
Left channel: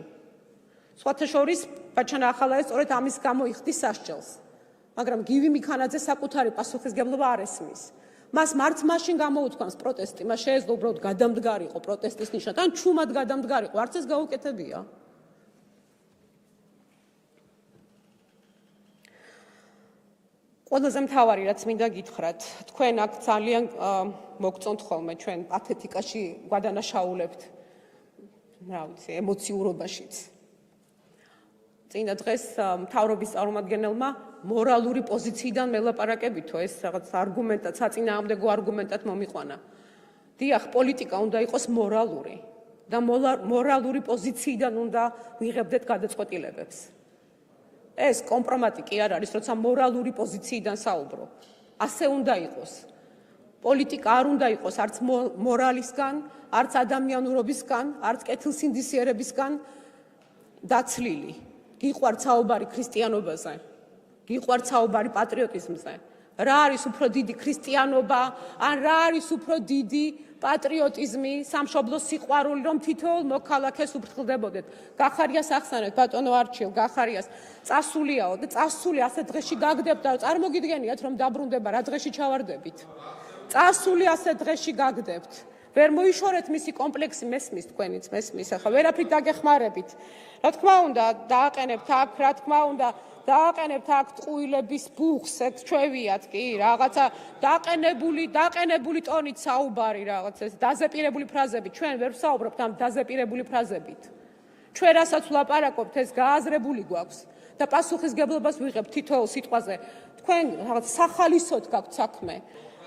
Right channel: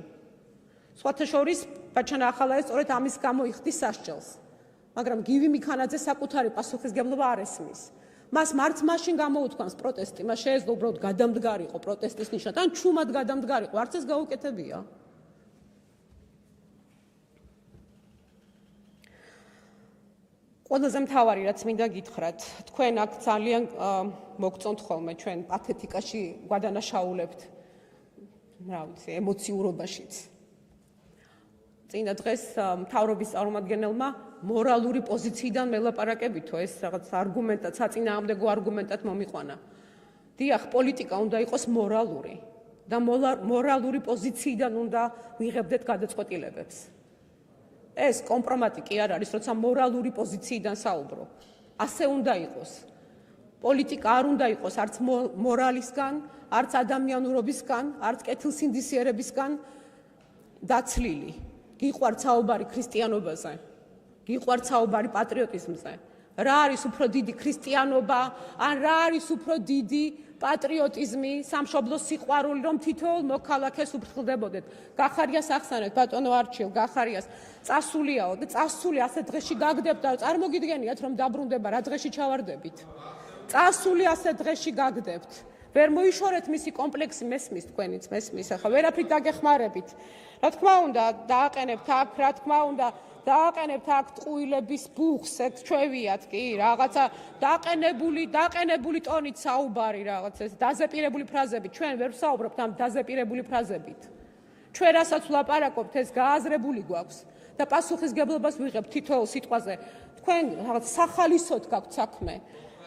სხვათა შორის ბაჩანა ახალაძე სწორედ ამის გამო იხდის სასჯელს. მაგრამ გივი მიქანაძე საკუთარი პასუხისგებლობა არ ესმის. მას მართ მაშინ გამოუთქვამს პროტესტი, მას შეეძლო უბრალოდ გადამდგარიყო პროტესტის ნიშნად, ან ჩუმად გადამდგარიყო, არც ეს გაუკეთებია. ყველაზე მთავარი რაც მინდა გითხრათ, თქვენ აქ ძალიან მოგწონთ ხოლმე ჩვენ პათეტიკაში გვადანაშაულებთ, რა ვიცი, ემოციურობაშიც. წინა დღეს მთავრობის წარმომადგენელმა მორალური პოზიციიდან მელაპარაკებითო ეს რაღაც არგუმენტად, საწინააღმდეგო არგუმენტად მომიყვანა. დიახ, პოლიტიკა უნდა იყოს მორალური და მორალური პოზიციიდან უნდა ვიღებდეთ გადაწყვეტილებებს. ეს კომპრომატი კი არ არის, როცა მორალური პოზიციიდან საუბრო. ასე უნდა იყოს. პოლიტიკა არ უნდა იყოს არც მორალისგან, არც ადამიანურობისგან, არც კეთილსინდისიერებისგან დაცლილი. გიყვართ საუბარი ქრისტიანობაზე, გიყვართ საუბარი პატრიოტიზმზე. რა არის უფრო დიდი ქრისტიანობა, ან რა არის უფრო დიდი პატრიოტიზმი, სამშობლოს სიყვარული, რომ თითოეულ მოქალაქეს უფრთხილდებოდეთ. გახარიას ახსენეთ, ბატონო არჩილ, გახარიას. წასულიაო და წასული ასე დღეში გაგდებთ და წარმოგიდგენიათ, რომ დაბრუნდება, რა დღეში ჩავარდებით. წასული ასე დღეში გაგდებთ. ვერ მოიშორეთ მისი კომპლექსი, მესმის თქვენიც, მესმის, ახლა ვერაფრით დაგეხმარებით. რა თქმა უნდა, დააყენებთ აქ, რა თქმა უნდა, დააყენებთ აქ ტყუილების ბუხს, ეგ ჩვევიათ კი, რაღაცა დაყენებული ტონით საუბარი, რაღაც ეს დაზეპირებული ფრაზები. ჩვენ ვერ ვსაუბრობთ ამ დაზეპირებული ფრაზებით. ჩვენ რასაც ვლაპარაკობთ, ეს გააზრებული გვაქვს და პასუხისგებლობას ვიღებთ თითოეულ სიტყვაზე. თქვენ რაღაც სახალისოდ გაქვთ საქმე.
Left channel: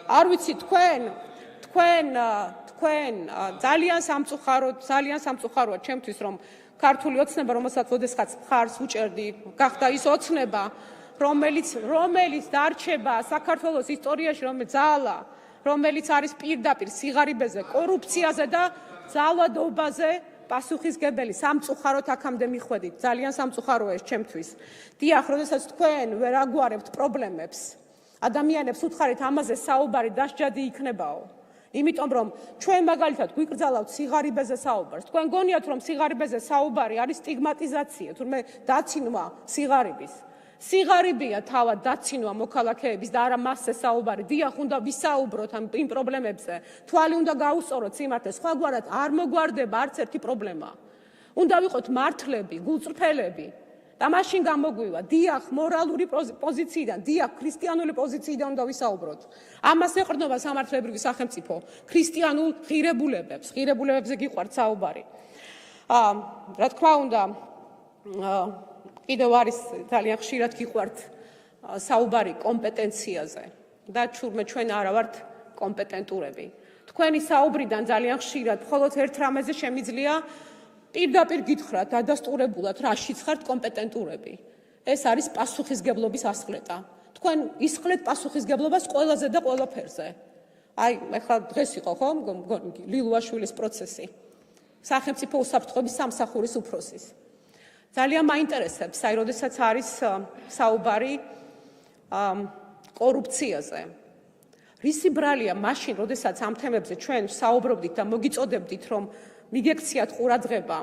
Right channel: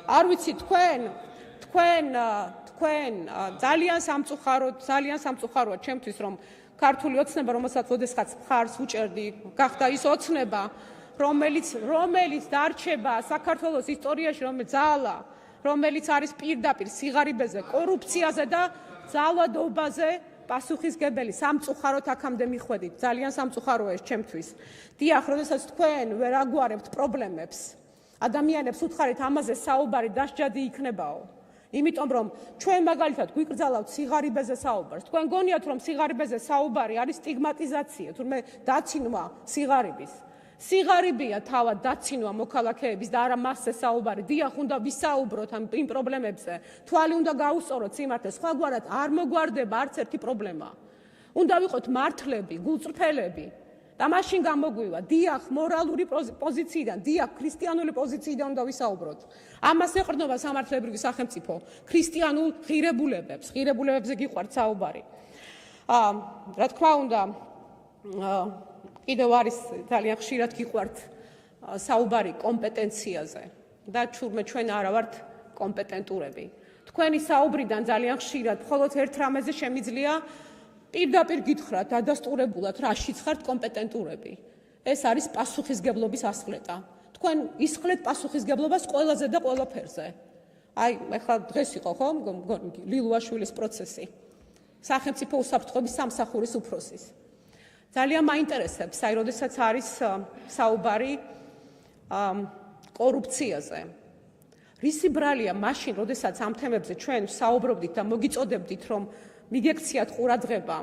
არ ვიცი, თქვენ ძალიან სამწუხაროა ჩემთვის, რომ ქართული ოცნება, რომელსაც ოდესღაც მხარს უჭერდი, გახდა ის ოცნება, რომელიც დარჩება საქართველოს ისტორიაში, ძალა, რომელიც არის პირდაპირ სიღარიბეზე, კორუფციაზე და ძალადობაზე პასუხისგებელი. სამწუხაროდ აქამდე მიხვედით, ძალიან სამწუხაროა ეს ჩემთვის. დიახ, როდესაც თქვენ ვერ აგვარებთ პრობლემებს, ადამიანებს უთხარით ამაზე საუბარი დასჯადი იქნებაო. იმიტომ რომ ჩვენ მაგალითად გვიკრძალავთ სიღარიბეზე საუბარს. თქვენ გონიათ რომ სიღარიბეზე საუბარი არის სტიგმატიზაცია, თურმე დაცინვა სიღარიბის. სიღარიბია თავად დაცინვა მოქალაქეების და არა მასზე საუბარი. დიახ, უნდა ვისაუბროთ იმ პრობლემებზე. თვალი უნდა გაუსწოროთ სიმართლეს, სხვაგვარად არ მოგვარდება არც ერთი პრობლემა. უნდა ვიყოთ მართლები, გულწრფელები. და მაშინ გამოგვივა, დიახ, მორალური პოზიციიდან, დიახ, ქრისტიანული პოზიციიდან უნდა ვისაუბროთ. ამას ეყრდნობა სამართლებრივი სახელმწიფო, ქრისტიანულ ღირებულებებზე გიყვართ საუბარი. რა თქმა უნდა, კიდევ არის ძალიან ხშირად გიყვართ საუბარი კომპეტენციაზე და ჩვენ არა ვართ კომპეტენტურები. თქვენი საუბრიდან ძალიან ხშირად მხოლოდ ერთ რამეზე შემიძლია პირდაპირ გითხრათ დადასტურებულად, რაშიც ხართ კომპეტენტურები. ეს არის პასუხისგებლობის ასხლეტა. თქვენ ისხლეთ პასუხისგებლობას ყველაზე და ყველაფერზე. აი, ახლა დღეს იყო ხო, ლილუაშვილის პროცესი. სახელმწიფო უსაფრთხოების სამსახურის უფროსის. ძალიან მაინტერესებს, აი, როდესაც არის საუბარი კორუფციაზე. რისი ბრალია მაშინ, როდესაც ამ თემებზე ჩვენ საუბრობდით და მოგიწოდებდით, რომ მიგექციათ ყურადღება,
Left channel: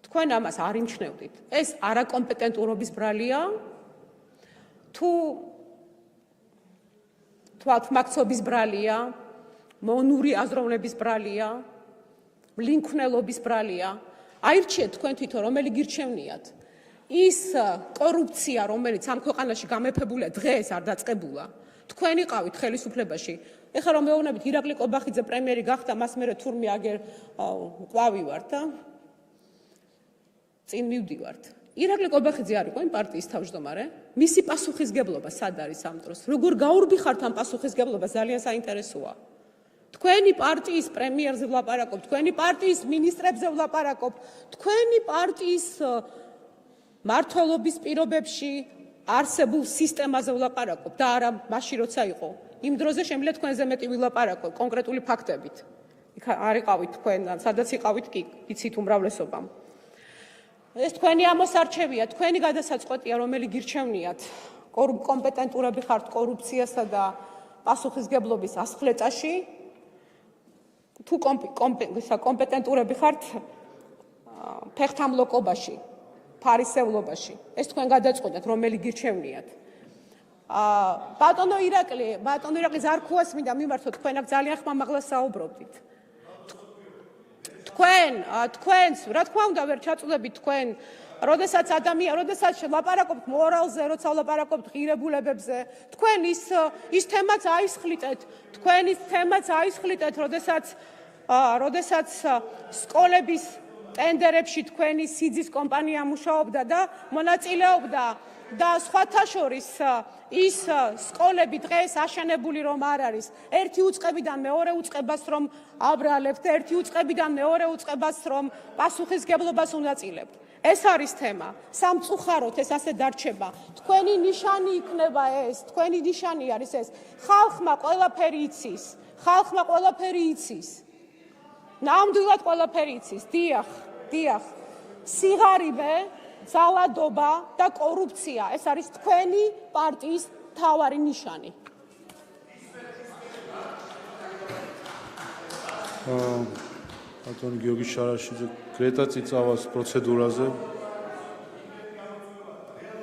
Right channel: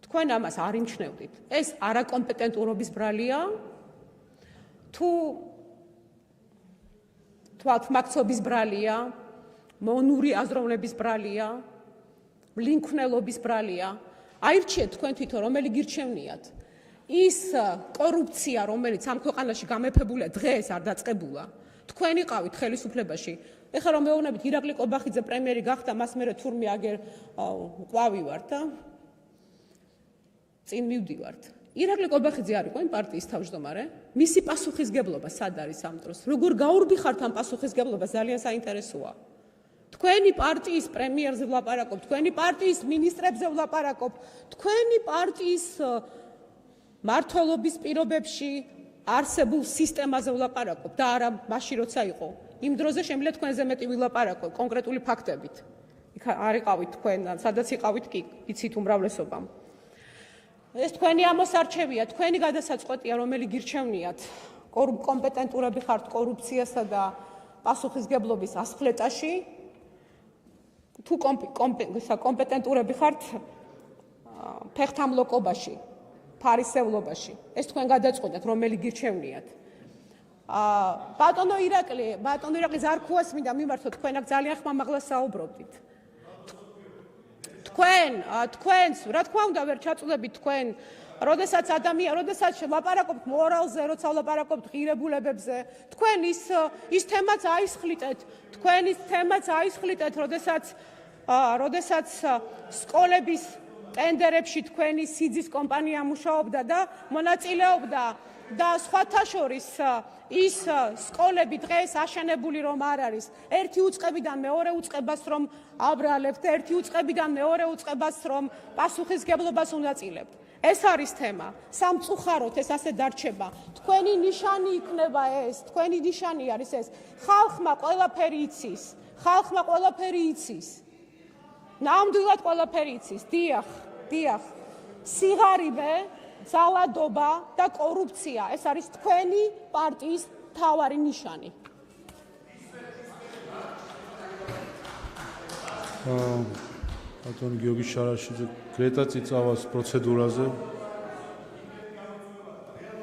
თქვენ ამას არ იმჩნევდით. ეს არაკომპეტენტურობის ბრალია, თუ თვალთმაქცობის ბრალია, მონური აზროვნების ბრალია, მლინქვნელობის ბრალია. აირჩიეთ თქვენ თვითონ, რომელი გირჩევნიათ. ის კორუფცია, რომელიც ამ ქვეყანაში გამეფებულია, დღეს არ დაწყებულა. თქვენ იყავით ხელისუფლებაში. ეხლა რომ მეუბნებით, ირაკლი კობახიძე პრემიერი გახდა, მას მერე თურმე აგერ ყვავივართ და წინ მივდივართ. ირაკლი კობახიძე არ იყო იმ პარტიის თავმჯდომარე? მისი პასუხისგებლობა სად არის ამ დროს? როგორ გაურბიხართ ამ პასუხისგებლობას, ძალიან საინტერესოა. თქვენი პარტიის პრემიერზე ვლაპარაკობ, თქვენი პარტიის მინისტრებზე ვლაპარაკობ, თქვენი პარტიის მმართველობის პირობებში არსებულ სისტემაზე ვლაპარაკობ და არა მაშინ როცა იყო. იმ დროზე შემიძლია თქვენზე მეტი ვილაპარაკო კონკრეტული ფაქტებით. იქ არ იყავით თქვენ, სადაც იყავით კი, იცით უმრავლესობამ. ეს თქვენი ამოსარჩევია, თქვენი გადასაწყვეტია, რომელი გირჩევნიათ. კომპეტენტურები ხართ კორუფციასა და პასუხისგებლობის ასხლეტაში, თუ კომპეტენტურები ხართ ფეხთამლოკობაში, ფარისევლობაში, ეს თქვენ გადაწყვეტეთ, რომელი გირჩევნიათ. ბატონო ირაკლი ზარქუას მინდა მიმართოთ, თქვენ აქ ძალიან ხმამაღლა საუბრობდით. თქვენს, რა თქმა უნდა, ვერ ჩაწულებთ თქვენ, როდესაც ლაპარაკობთ მორალზე, როცა ლაპარაკობთ ღირებულებებზე, თქვენ ის თემაც აისხლიტეთ, როდესაც სკოლების ტენდერებში თქვენი სიძის კომპანია მუშაობდა და მონაწილეობდა და სხვათა შორის ის სკოლები დღეს აშენებული რომ არ არის, ერთი უწყებიდან მეორე უწყებას რომ აბრალებთ, ერთი უწყებიდან მეორე უწყებას რომ პასუხისგებლობას უნაწილებთ. ეს არის თემა. სამწუხაროდ ეს ასე დარჩება. თქვენი ნიშანი იქნება ეს, თქვენი ნიშანი არის ეს. ხალხმა ყველაფერი იცის. ნამდვილად ყველაფერი იცის. დიახ. სიღარიბე, ძალადობა და კორუფცია, ეს არის თქვენი პარტიის მთავარი ნიშანი. ბატონი გიორგი შარაშიძე, გრეტა წიწავას პროცედურაზე.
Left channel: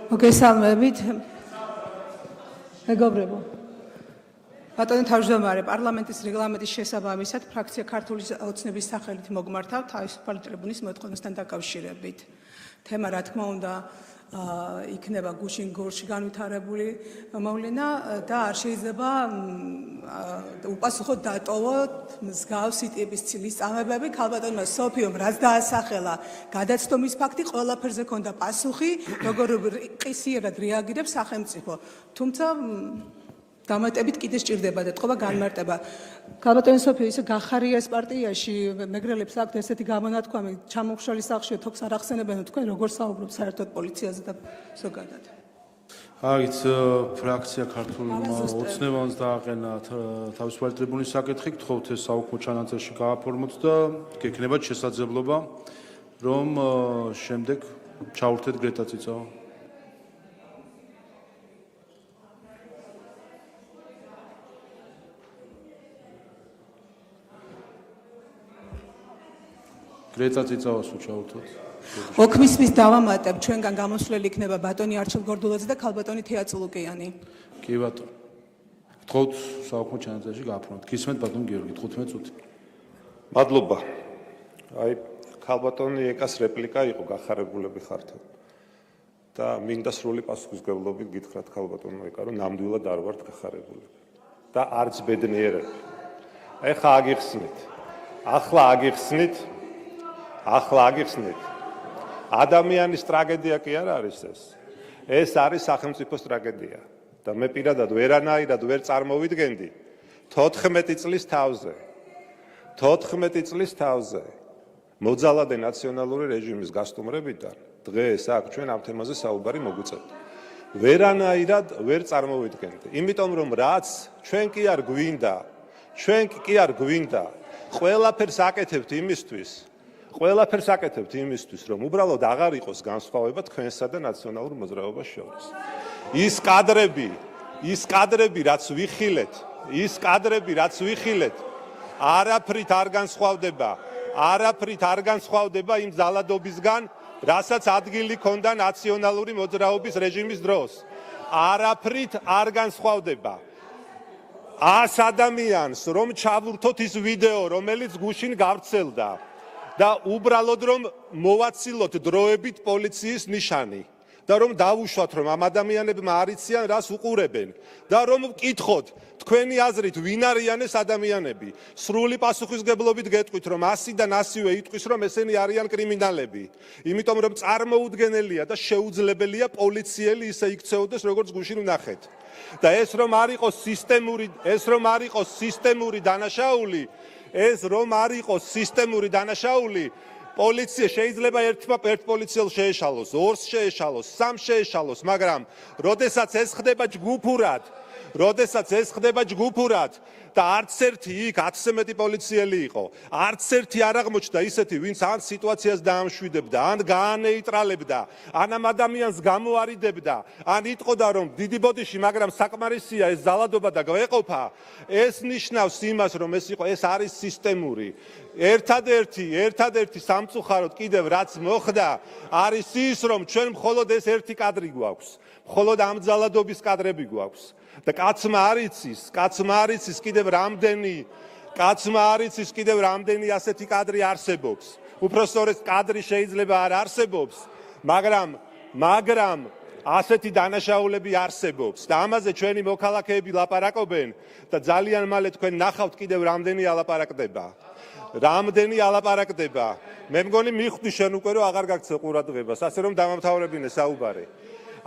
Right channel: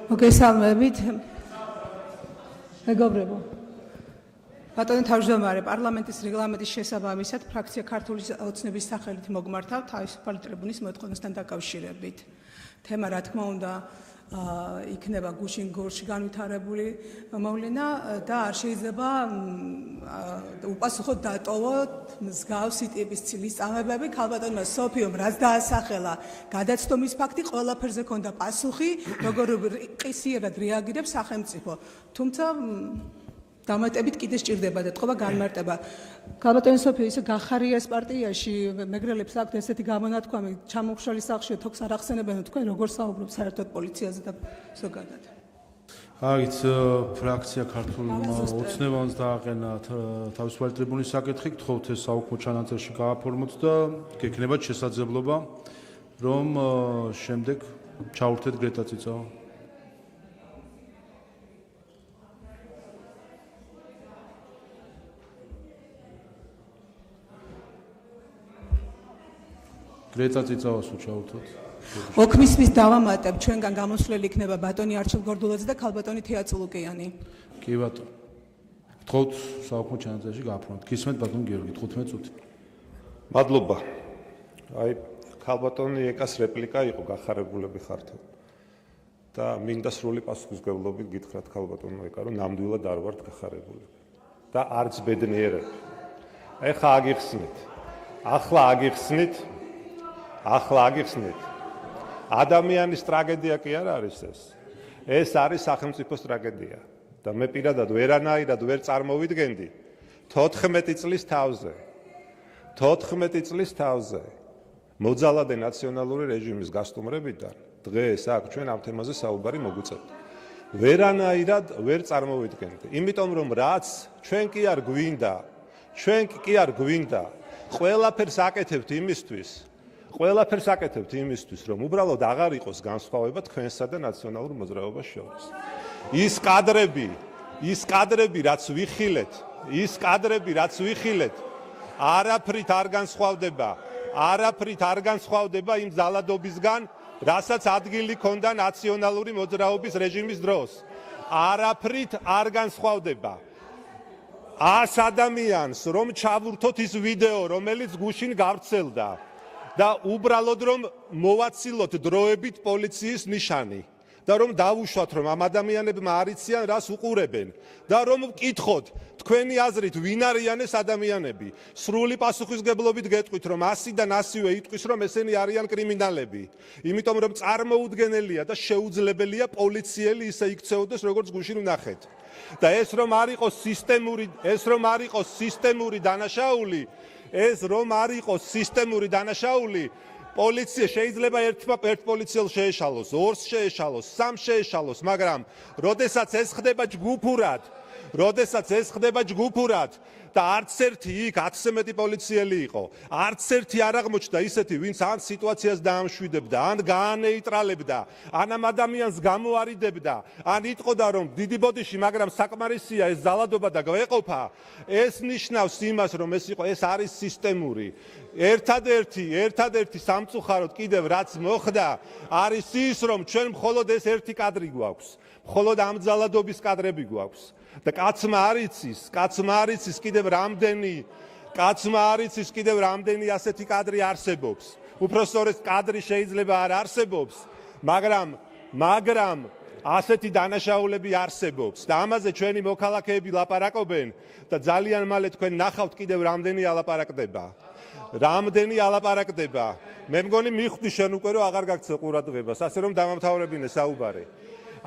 მოგესალმებით. მეგობრებო. ბატონო თავმჯდომარე, პარლამენტის რეგლამენტის შესაბამისად ფრაქცია ქართული ოცნების სახელით მოგმართავ თავისუფალი ტრიბუნის მოთხოვნასთან დაკავშირებით. თემა რა თქმა უნდა იქნება გუშინ გორში განვითარებული მოვლენა და არ შეიძლება უპასუხოდ დატოვოთ მსგავსი ტიპის ცილის წამებები. ქალბატონმა სოფიომ რაც დაასახელა გადაცდომის ფაქტი, ყველაფერზე ქონდა პასუხი, როგორ ყისიერად რეაგირებს სახელმწიფო. თუმცა დამატებით კიდე სჭირდება და თქობა განმარტება. ქალბატონი სოფია ისე გახარია ეს პარტიაში, მეგრელებს აქვთ ესეთი გამონათქვამი, ჩამოხშალი სახლში თოქს არ ახსენებენ, თქვენ როგორ საუბრობთ საერთოდ პოლიციაზე და ზოგადად. აიც ფრაქცია ქართული ოცნებაც დააყენა თავისუფალი ტრიბუნის საკითხი, გთხოვთ ეს საუქმო ჩანაწერში გააფორმოთ და გექნებათ შესაძლებლობა, რომ შემდეგ ჩაურთეთ გრეტა წიწავა. გრეტა წიწავას უჩაურთოთ. ოქმისმის დავამატებ, ჩვენგან გამოსვლელი იქნება ბატონი არჩილ გორდულაძე და ქალბატონი თეატ ლუკიანი. კი ბატონო. გთხოვთ საუქმო ჩანაწერში გააფორმოთ. გისმენთ ბატონ გიორგი 15 წუთი. მადლობა. აი, ქალბატონი ეკას რეპლიკა იყო გახარებულები ხართ. და მინდა სრული პასუხისმგებლობით გითხრათ ქალბატონმა ეკა, რომ ნამდვილად არ ვართ გახარებულები. და არც ბედნიერები. ეხლა აგიხსნით. ადამიანის ტრაგედია კი არ არის ეს. ეს არის სახელმწიფოს ტრაგედია. და მე პირადად ვერანაირად ვერ წარმოვიდგენდი 14 წლის თავზე მოძალადე ნაციონალური რეჟიმის გასტუმრებიდან დღეს აქ ჩვენ ამ თემაზე საუბარი მოგვიწევთ. ვერანაირად ვერ წარმოვიდგენდი. იმიტომ რომ რაც ჩვენ კი არ გვინდა, ყველაფერს აკეთებთ იმისთვის, რომ უბრალოდ აღარ იყოს განსხვავება თქვენსა და ნაციონალურ მოძრაობას შორის. ის კადრები, რაც ვიხილეთ, არაფრით არ განსხვავდება იმ ძალადობისგან, რასაც ადგილი ჰქონდა ნაციონალური მოძრაობის რეჟიმის დროს. არაფრით არ განსხვავდება. 100 ადამიანს რომ ჩავურთოთ ის ვიდეო, რომელიც გუშინ გავრცელდა და უბრალოდ რომ მოვაცილოთ დროებით პოლიციის ნიშანი და რომ დავუშვათ, რომ ამ ადამიანებმა არ იციან რას უყურებენ და რომ ვკითხოთ თქვენი აზრით ვინ არიან ეს ადამიანები. სრული პასუხისმგებლობით გეტყვით, რომ ასიდან ასივე იტყვის, რომ ესენი არიან კრიმინალები. იმიტომ რომ წარმოუდგენელია და შეუძლებელია პოლიციელი ისე იქცეოდეს, როგორც გუშინ ვნახეთ. და ეს რომ არ იყოს სისტემური დანაშაული, პოლიცია შეიძლება ერთ პოლიციელს შეეშალოს, ორს შეეშალოს, სამს შეეშალოს, მაგრამ როდესაც ეს ხდება ჯგუფურად, როდესაც ეს ხდება ჯგუფურად და არც ერთი იქ 10-ზე მეტი პოლიციელი იყო. არც ერთი არ აღმოჩნდა ისეთი, ვინც ან სიტუაციას დაამშვიდებდა, ან გაანეიტრალებდა, ან ამ ადამიანს გამოარიდებდა, ან იტყოდა რომ დიდი ბოდიში, მაგრამ საკმარისია ეს ძალადობა და გვეყოფა. ეს ნიშნავს იმას, რომ ეს არის სისტემური. ერთადერთი სამწუხაროდ კიდევ რაც მოხდა, არის ის, რომ ჩვენ მხოლოდ ეს ერთი კადრი გვაქვს. მხოლოდ ამ ძალადობის კადრები გვაქვს. და კაცმა არ იცის კიდევ რამდენი ასეთი კადრი არსებობს. უпростоრეს კადრი შეიძლება არ არსებობს, მაგრამ ასეთი დანაშაულები არსებობს და ამაზე ჩვენი მოქალაქეები ლაპარაკობენ და ძალიან მალე თქვენ ნახავთ კიდევ რამდენი ალაპარაკდება. მე მგონი მიხვდი შენ უკვე რომ აღარ გაგცე ყურადღებას, ასე რომ დამამთავრებინე საუბარი.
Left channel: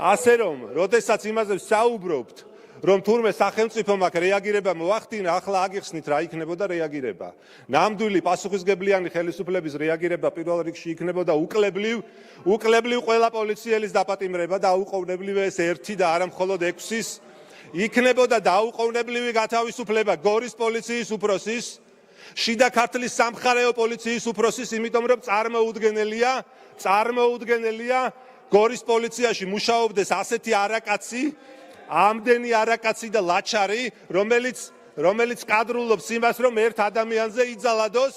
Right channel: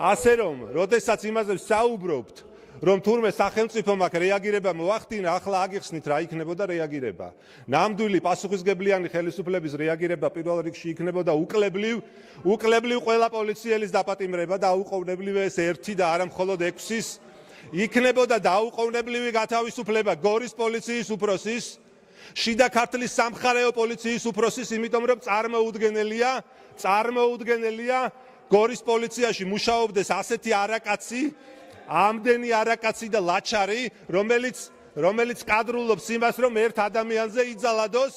ასე რომ, როდესაც იმაზე ვსაუბრობთ, რომ თურმე სახელმწიფომ აქ რეაგირება მოახდინა, ახლა აგიხსნით რა იქნებოდა რეაგირება. ნამდვილი პასუხისგებლიანი ხელისუფლების რეაგირება პირველ რიგში იქნებოდა უკლებლივ ყველა პოლიციელის დაპატიმრება და აუყოვნებლივ ეს 1 და არა მხოლოდ 6-ის, იქნებოდა დაუყოვნებლივი გათავისუფლება გორის პოლიციის უფროსის, შიდა ქართლის სამხარეო პოლიციის უფროსის, იმიტომ რომ წარმოუდგენელია გორის პოლიციაში მუშაობდეს ასეთი არაკაცი, ამდენი არაკაცი და ლაჩარი, რომელიც კადრულობს იმას, რომ ერთ ადამიანზე იძალადოს.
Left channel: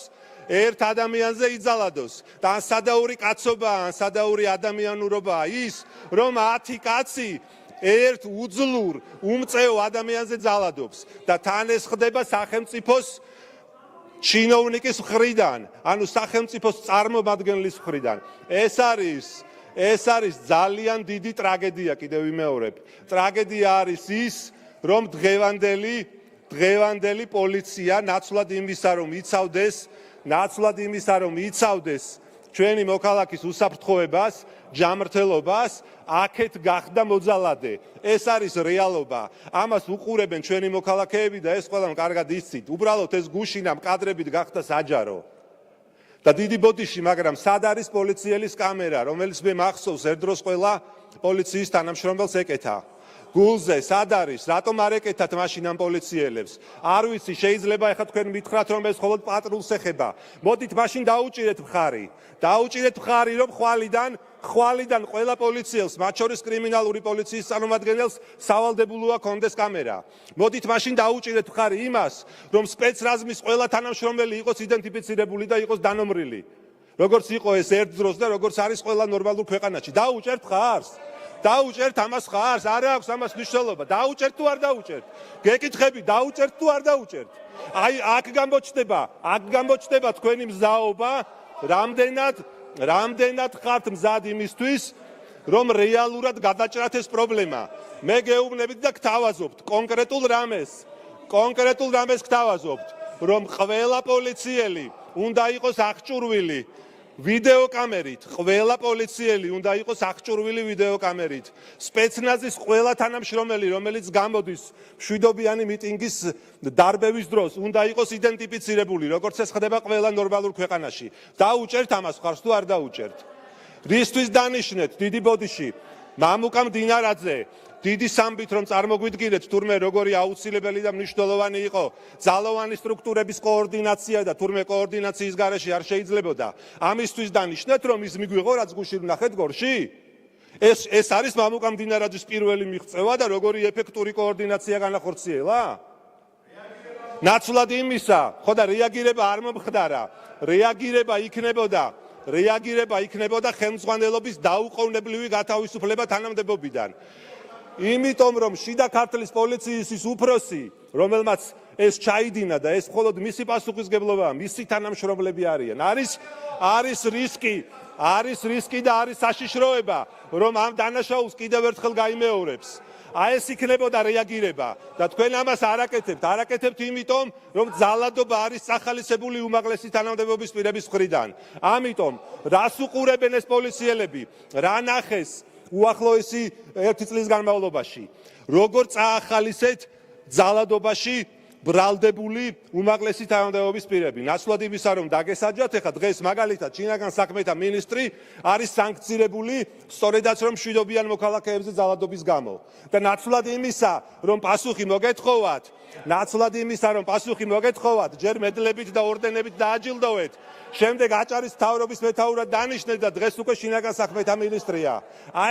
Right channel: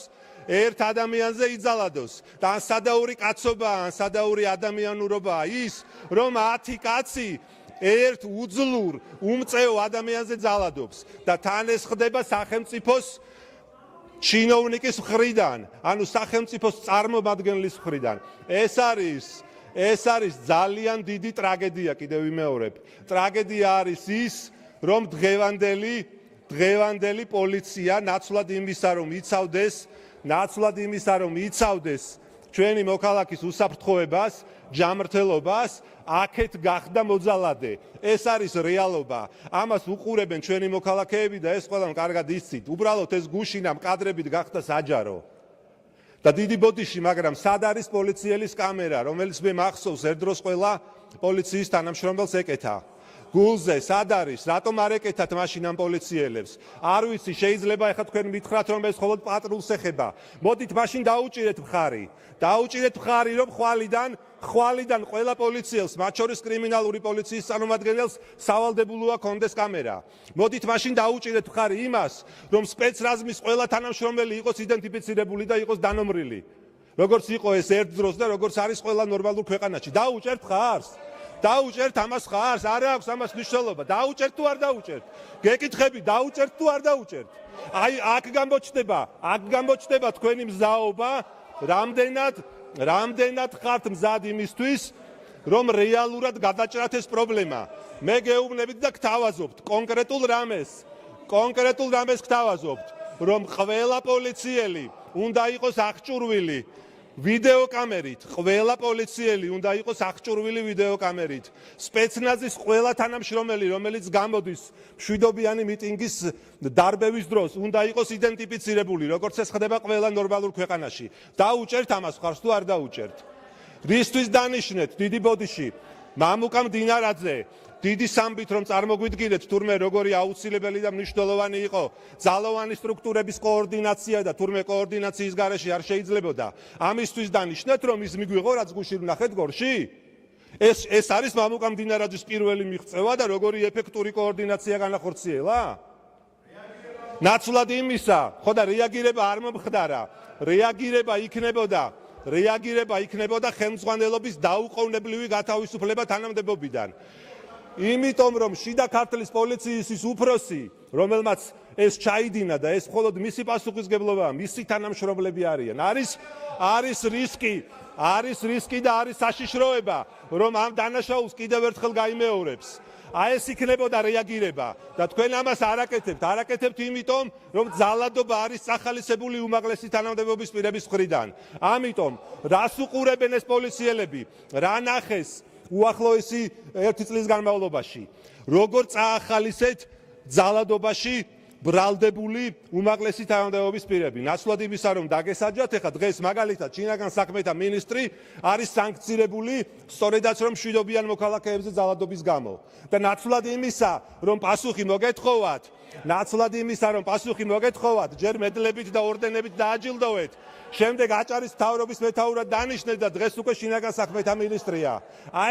და ან სადაური კაცობაა, ან სადაური ადამიანურობაა ის, რომ 10 კაცი ერთ უძლურ, უმწეო ადამიანზე ძალადობს და თან ეს ხდება სახელმწიფოს ჩინოვნიკის მხრიდან, ანუ სახელმწიფოს წარმომადგენლის მხრიდან. ეს არის ძალიან დიდი ტრაგედია, კიდევ ვიმეორებ. ტრაგედია არის ის, რომ დღევანდელი პოლიცია ნაცვლად იმისა, რომ იცავდეს ჩვენი მოქალაქის უსაფრთხოებას, ჯანმრთელობას, აქეთ გახდა მოძალადე. ეს არის რეალობა. ამას უყურებენ ჩვენი მოქალაქეები და ეს ყველამ კარგად იცით. უბრალოდ ეს გუშინამ კადრებით გახდა საჯარო. და დიდი ბოდიში, მაგრამ სად არის პოლიციელის კამერა, რომელიც მე მახსოვს ერთ დროს ყველა პოლიციის თანამშრომელს ეკეთა. გულზე სად არის? რატომ არ ეკეთათ მაშინ ამ პოლიციელებს? არ ვიცი, შეიძლება ეხლა თქვენ მითხრათ, რომ ეს მხოლოდ პატრულს ეხება. მოდით მაშინ დაუჭირეთ მხარი, რომ ხვალიდან ყველა პოლიციელს, მათ შორის კრიმინალური პოლიციის წარმომადგენელს სავალდებულოა კონდეს კამერა. მოდით მაშინ დაუჭირეთ მხარი იმას, რომ სპეცრაზმის ყველა თანამშრომელი იყოს იდენტიფიცირებული და იყოს დანომრილი. როგორც იყო ეს ერთ დროს და როგორც არის ყველა ნორმალურ ქვეყანაში. დაუჭერთ მხარს. დაუჭერთ ამას ხარს, არ აქვს ამას მნიშვნელობა. დაუჭერთ თუ არ დაუჭერთ? გეკითხები, დაუჭერთ თუ არ დაუჭერთ? აი, აქ გამოჩნდება თქვენი მზაობა, რამდენად ხართ მზად იმისთვის, რომ რეალურად გადაჭრათ ეს პრობლემა. მე გეუბნებით და გთავაზობთ კონკრეტულ რამეს გთავაზობთ, რომ ყველა პოლიციელი უნდა იყოს აღჭურვილი ვიდეოკამერით, ყველა პოლიციელი უნდა იყოს აღჭურვილი ვიდეოკამერით. სპეცნაზის ყველა თანამშრომელი, რომელიც გამოდის მშვიდობიანი მიტინგის დარბევის დროს, უნდა იყოს იდენტიფიცირებული, როგორც ეს ხდება ყველა ნორმალურ ქვეყანაში. დაუჭერთ ამას ხარს თუ არ დაუჭერთ? რისთვის დანიშნეთ დიდი ბოდიში? მამუკა მდინარაძე დიდი სამბით რომ წარმოგვიდგინეთ თურმე როგორი აუცილებელი და მნიშვნელოვანი იყო ძალოვანი სტრუქტურების კოორდინაცია და თურმე კოორდინაციის გარეშე არ შეიძლებოდა ამისთვის დანიშნეთ რომ ის მიგვიღო რაც გუშინ ნახეთ გორში ეს არის მამუკა მდინარაძის პირველი მიღწევა და როგორი ეფექტური კოორდინაცია განახორციელა ნაცვლად იმისა ხო და რეაგირება არ მომხდარა რეაგირება იქნებოდა ხელმძღვანელობის დაუყოვნებლივი გათავისუფლება თანამდებობიდან იმიტომ რომ შიდა ქართლის პოლიციის ის უფროსი რომელმაც ეს ჩაიდინა და ეს მხოლოდ მისი პასუხისგებლობაა მისი თანამშრომლები არიან არის რისკი და არის საშიშროება რომ ამ დანაშაულს კიდევ ერთხელ გაიმეორებს აი ეს იქნებოდა რეაგირება და თქვენ ამას არაკეთებთ იმიტომ რომ ძალადობა არის სახალისებული უმაღლესი თანამდებობის პირების მხრიდან ამიტომ რას უყურებენ ეს პოლიციელები რა ნახეს უახლოესი 1 წლის განმავლობაში როგორ წაახალისეთ ძალადობაში ბრალდებული უმაღლესი თანამდებობის პირები. ნაცვლად იმისა, რომ დაგესაჯათ, ეხლა დღეს მაგალითად შინაგან საქმეთა მინისტრი არის სანქცირებული სწორედაც რომ მშვიდობიან მოქალაქეებზე ძალადობის გამო. და ნაცვლად იმისა, რომ პასუხი მოგეთხოვათ, ჯერ მედლებით და ორდენებით დააჯილდოვეთ, შემდეგ აჭარის მთავრობის მეთაურად დანიშნეთ და დღეს უკვე შინაგან საქმეთა მინისტრია.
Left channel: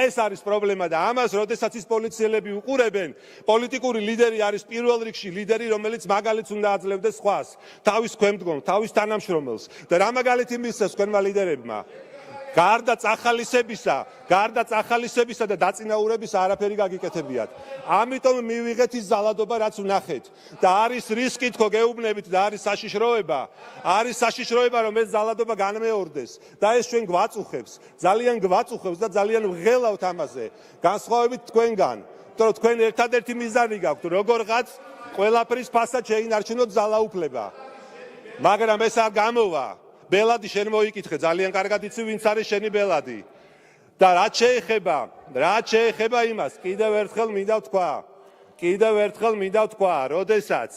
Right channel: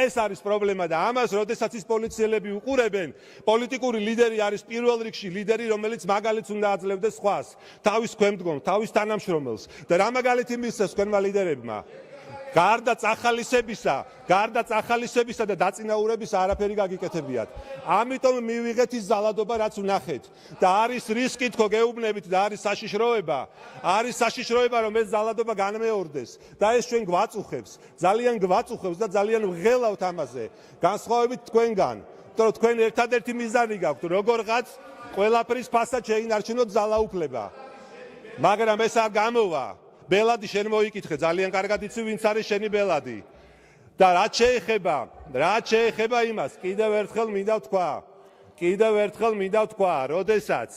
ეს არის პრობლემა და ამას, როდესაც ის პოლიციელები უყურებენ, პოლიტიკური ლიდერი არის პირველ რიგში ლიდერი, რომელიც მაგალითს უნდა აძლევდეს სხვას, თავის ქვემდგომს, თავის თანამშრომელს და რა მაგალითი მისცეს თქვენმა ლიდერებმა? გარდა წახალისებისა და დაწინაურებისა არაფერი გაგიკეთებიათ. ამიტომ მივიღეთ ის ძალადობა, რაც ვნახეთ. და არის რისკი თქო გეუბნებით და არის საშიშროება, რომ ეს ძალადობა განმეორდეს და ეს ჩვენ გვაწუხებს, ძალიან გვაწუხებს და ძალიან ვღელავთ ამაზე. განსხვავებით თქვენგან, თორემ თქვენ ერთადერთი მიზანი გაქვთ, როგორღაც ყველაფრის ფასად შეინარჩუნოთ ძალაუფლება. მაგრამ ეს არ გამოვა. ბელადი შენ მოიკითხე, ძალიან კარგად იცი ვინც არის შენი ბელადი. და რაც შეეხება იმას, კიდევ ერთხელ მინდა ვთქვა, როდესაც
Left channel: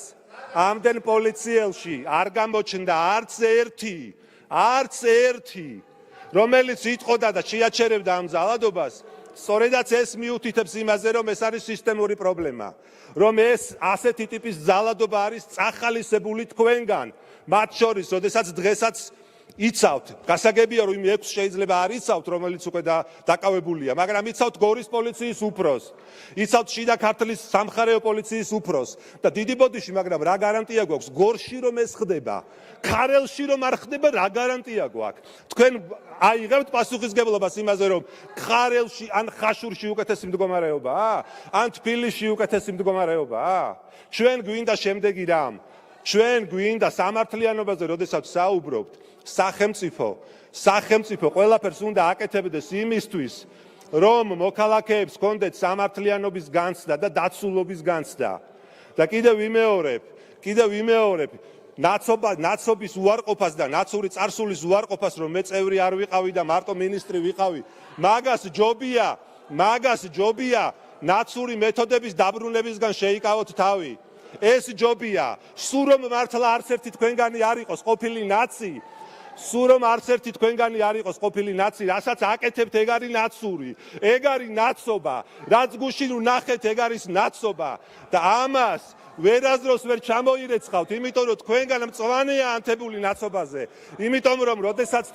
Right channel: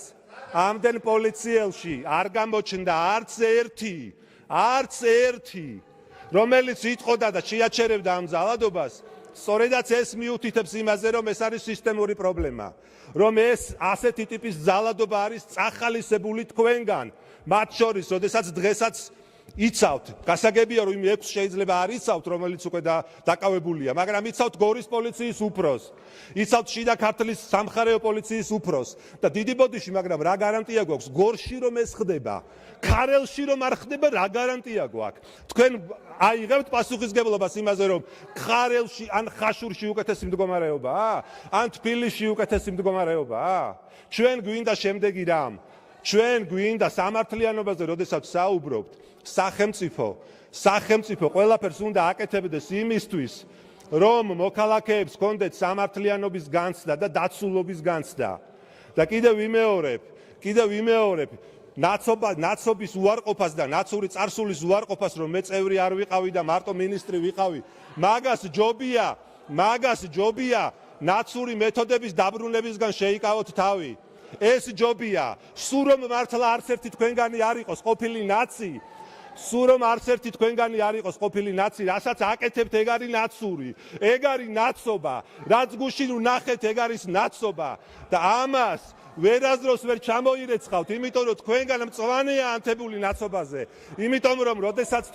ამდენ პოლიციელში არ გამოჩნდა არც ერთი, რომელიც იტყოდა და შეაჩერებდა ამ ძალადობას, სწორედაც ეს მიუთითებს იმაზე, რომ ეს არის სისტემური პრობლემა, რომ ეს ასეთი ტიპის ძალადობა არის წახალისებული თქვენგან, მათ შორის, როდესაც დღესაც იცავთ, გასაგებია რომ იმ 6 შეიძლება არ იცავთ, რომელიც უკვე დაკავებულია, მაგრამ იცავთ გორის პოლიციის უფროსს, იცავთ შიდა ქართლის სამხარეო პოლიციის უფროსს და დიდი ბოდიში, მაგრამ რა გარანტია გვაქვს გორში რომ ეს ხდება, ქარელში რომ არ ხდება, რა გარანტია გვაქვს? თქვენ აიღებთ პასუხისგებლობას იმაზე, რომ ქარელში ან ხაშურში უკეთესი მდგომარეობაა, ან თბილისში უკეთესი მდგომარეობაა? ჩვენ გვინდა შემდეგი რამ. ჩვენ გვინდა სამართლიანობაზე, როდესაც საუბრობთ, სახელმწიფო ყველაფერს უნდა აკეთებდეს იმისთვის, რომ მოქალაქეებს ჰქონდეთ სამართლიანობის განცდა და დაცულობის განცდა. და კიდევ ვიმეორებ, ნაცობის უარყოფას და ნაცური წარსულის უარყოფას, რომ მე წევრი არ ვიყავი და მარტო მინისტრი ვიყავი, მაგას ჯობია ნაცური მეთოდების დაბრუნებისგან შეიკავოთ თავი. ეს ჯობია, სულ რომ მართლა არც ერთი თქვენგანი არ იყოს ყოფილი ნაცი, რასაც აკეთებთ, ეგ არის ნაცური, ეგ არის ნაცობა, რაც გუშინ ვნახეთ, ეგ არის ნაცობა და ამას ვერასდროს ვერ ჩამოირეცხავთ, იმიტომ რომ თქვენგან მწვანეა ანთებული ნაცობაზე, იმიტომ რომ როდესაც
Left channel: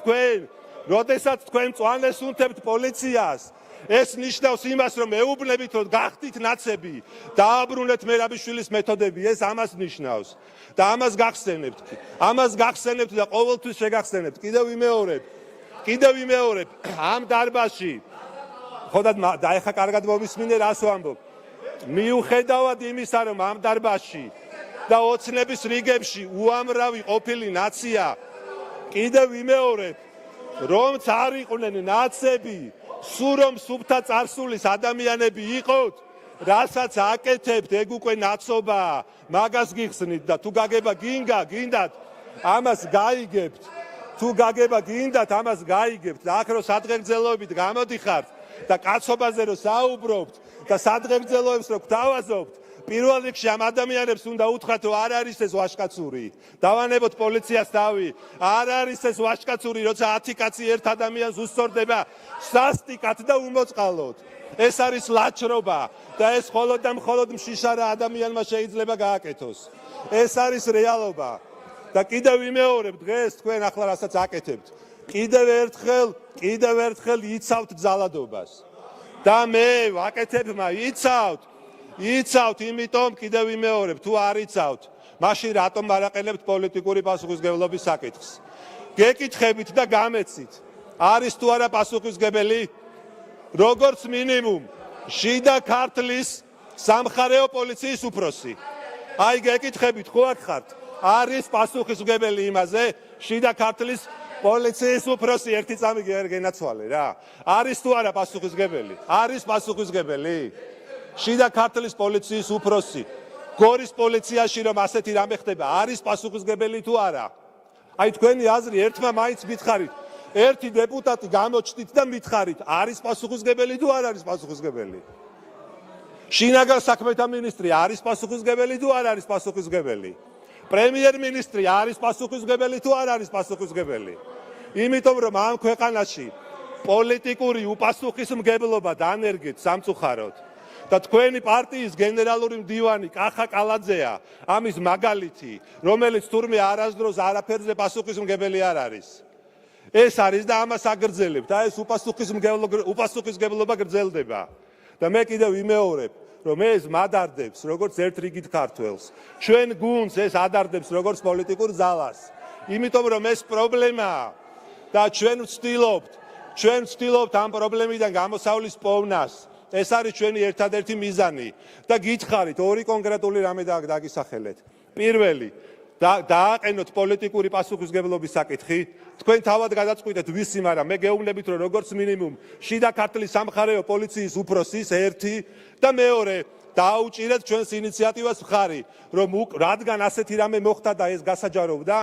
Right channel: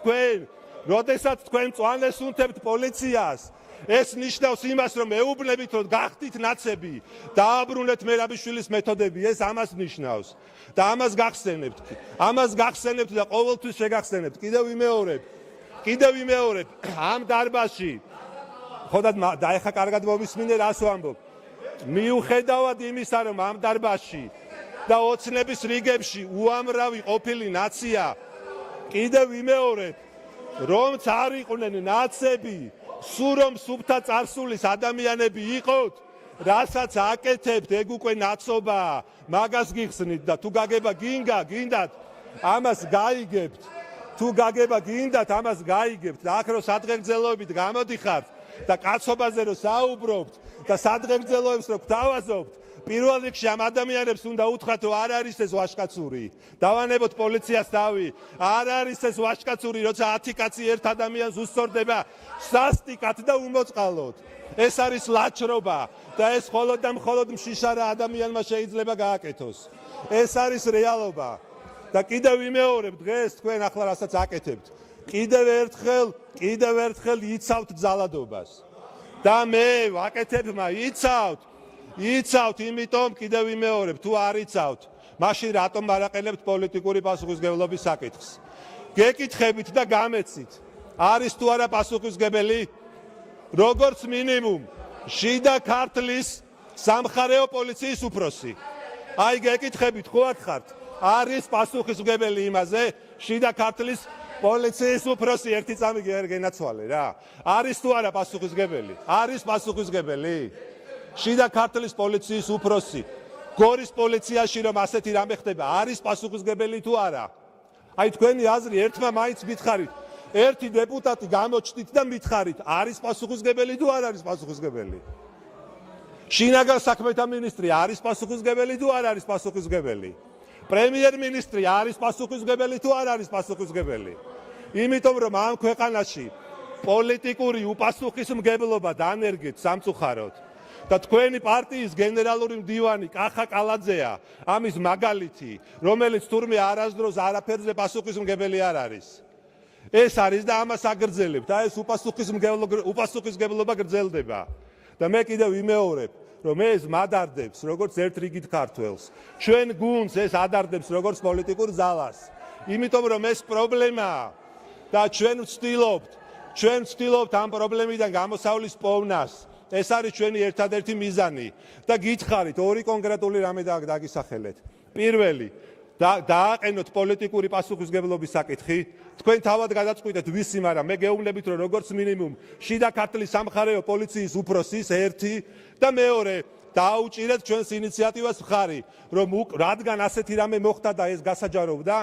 თქვენ მწვანეს უნთებთ პოლიციას, ეს ნიშნავს იმას, რომ ეუბნებით, რომ გახდით ნაცები, დააბრუნეთ მერაბიშვილის მეთოდები, ეს ამას ნიშნავს და ამას გახსენებთ და ყოველთვის შეგახსენებთ. კიდევ ვიმეორებ, ამ დარბაზში, ხოდად და ეხა კარგად მომისმინე, რას ვამბობ. მიუხედავად იმისა, რომ ამ დარბაზში და ოცნების რიგებში უამრავი ყოფილი ნაცია, კიდევ ვიმეორებ, რომც არ იყვნენ ნაცები, სულ რომ სუფთა წარსულის ადამიანები იყოთ, რასაც აკეთებთ, ეგ უკვე ნაცობაა, მაგას გიხსნით და თუ გაგება გინდათ, ამას გაიგებთ. და აქ რო სადღეგრძელოებით გამოდიხართ და კაცობაზე რო საუბრობთ და სადღეგრძელოებს რო გვთავაზობთ, პირველ რიგში ამ ადამიანებს უნდა უთხრათ, რომ არ არის ეს ვაჟკაცური. დავანებოთ პოლიციას თავი, არ არის ეს ვაჟკაცური, როცა 10 კაცი ერთ ადამიანს უსწორდება სასტიკად და უმოწყალოდ. ეს არის ლაჩრობა და ეს მხოლოდ და მხოლოდ მშიშარა ადამიანმა შეიძლება გააკეთოს. ეს არის რეალობა. და კიდევ ვიმეორებ, დღეს თქვენ ახლა რასაც აკეთებთ, კიდევ ერთხელ იცავთ ძალადობას. და მე ვაკეთებ, იცავთ, იმიტომ კიდევ ვიმეორებ, თუ არ იცავთ, მაშინ რატომ მარაყენებთ პოლიტიკური პასუხისმგებლობის საკითხს? გეკითხებით და გამეცით, არის თუ არა პასუხისმგებელი? როგორც მინიმუმ, შიდა ქართლის სამხარეო პოლიციის უფროსი. აი გეკითხებით, ხო აქ ხართ? არის პასუხისმგებელი იმაზე, შიდა ქართლის პოლიციის უფროსი ერთი წამი გენაცვალე რა. არის თუ არა პასუხისმგებელი? არის პასუხისმგებელი? შიდა ქართლის პოლიციის უფროსი, გორის პოლიციაში რომ ასეთი რამე ხდება, არის პასუხისმგებელი თუ არა? აი თქვენი აზრი, ერთმა მაინც მითხარით, ერთი დეპუტატი გამოჩნდით და მითხარით, არის პასუხისმგებელი თუ არ არის პასუხისმგებელი? შინაგან საქმეთა მინისტრი არის პასუხისმგებელი თუ არ არის პასუხისმგებელი? პრემიერ-მინისტრი არის პასუხისმგებელი თუ არ არის პასუხისმგებელი? იმიტომ რომ ამ ქვეყანაში პოლიტიკური უპასუხისმგებლობა დანერგეთ სამწუხაროდ და თქვენი პარტიის გენერალური მდივანი კახა კალაძეა ამის მაგალითი, რომელიც თურმე არასდროს არაფერზე პასუხისმგებელი არ არის. ეს არის და ამას აგრძელებთ და ეს უპასუხისმგებლობა გრძელდება. და მე კიდევ ვიმეორებ, რომ ეს მადარდებს როგორც ერთ რიგით ქართველს. ჩვენ გუნდს ეს ადარდებს როგორც პოლიტიკურ ძალას. იმიტომ რომ ეს პრობლემაა და ჩვენ ვცდილობთ ამ პრობლემიდან გამოსავლის პოვნას. ეს არის ჩვენი ერთადერთი მიზანი და გითხარით ორი კონკრეტული რამე დაგისახელეთ. პირველი, დააყენოთ პოლიტიკური პასუხისმგებლობის საკითხი. თქვენ თავად გადაწყვიტეთ ვისი, მაგრამ მე გეუბნებით რომ როგორც მინიმუმ შიდა ქართლის სამხარეო პოლიციის უფროსის ერთი და მეორე დაუჭირეთ ჩვენს ინიციატივას მხარი, რომ რადგან ასეთი რამე მოხდა და ეს გასაჯაროვდა,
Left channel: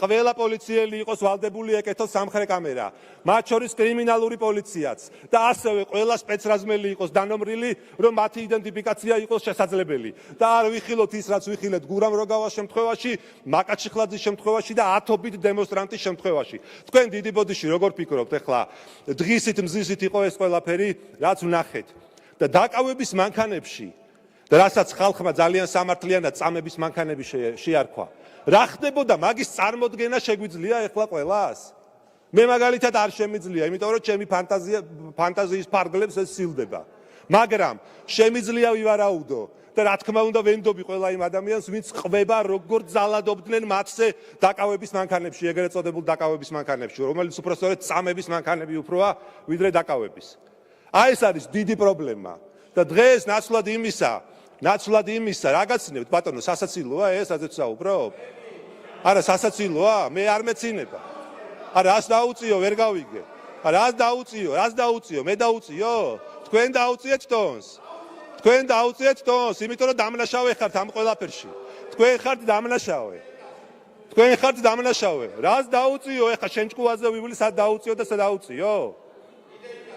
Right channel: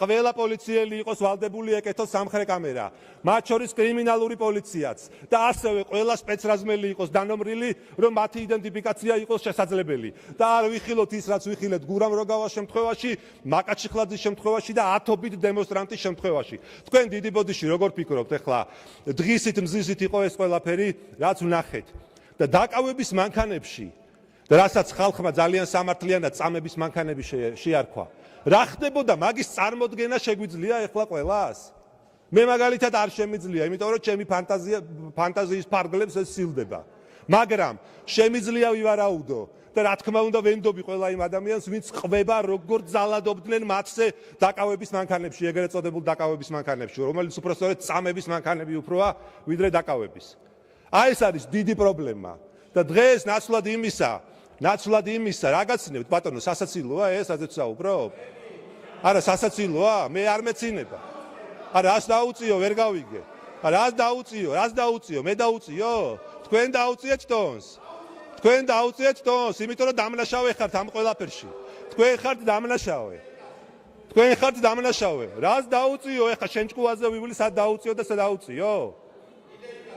ყველა პოლიციელი იყოს ვალდებული ეკეთოს სამხრე კამერა, მათ შორის კრიმინალური პოლიციაც და ასევე ყველა სპეცრაზმელი იყოს დანომრილი, რომ მათი იდენტიფიკაცია იყოს შესაძლებელი. და არ ვიხილოთ ის, რაც ვიხილეთ გურამ როგავას შემთხვევაში, მაკაჩიხლაძის შემთხვევაში და ათობით დემონსტრანტის შემთხვევაში. თქვენ დიდი ბოდიში როგორ ფიქრობთ ახლა, დღისით მზისით იყო ეს ყველაფერი, რაც ვნახეთ. და დაკავების მანქანებში და რასაც ხალხმა ძალიან სამართლიანად წამების მანქანები შეარქვა. რა ხდებოდა მაგის წარმოდგენა შეგვიძლია ახლა ყველას? მე მაგალითად არ შემიძლია, იმიტომ რომ ჩემი ფანტაზიის ფარგლებს ეს სილდება. მაგრამ შემიძლია ვივარაუდო და რა თქმა უნდა ვენდობი ყველა იმ ადამიანს, ვინც ყვება როგორ ძალადობდნენ მათზე დაკავების მანქანებში, ეგრეთ წოდებულ დაკავების მანქანებში, რომელიც უпростоრეთ წამების მანქანები უფროა, ვიდრე დაკავების. აი ეს არის დიდი პრობლემა და დღეს ნაცვლად იმისა, რა გაცნებთ ბატონო, სასაცილოა ეს, რაზეც საუბრობ? არა, სასაცილოა, მე არ მეცინება. არა, რას დაუწიო, ვერ გავიგე. რას დაუწიო, მე დაუწიო? თქვენ დაუწიეთ ტონს. იმიტომ რომ დამნაშავე ხართ ამ ყველაფერში. თქვენ ხართ დამნაშავე. რას დაუწიო, ეხა შენ ჭკუაზე ვივლი, სად დაუწიო და სად დაუწიო?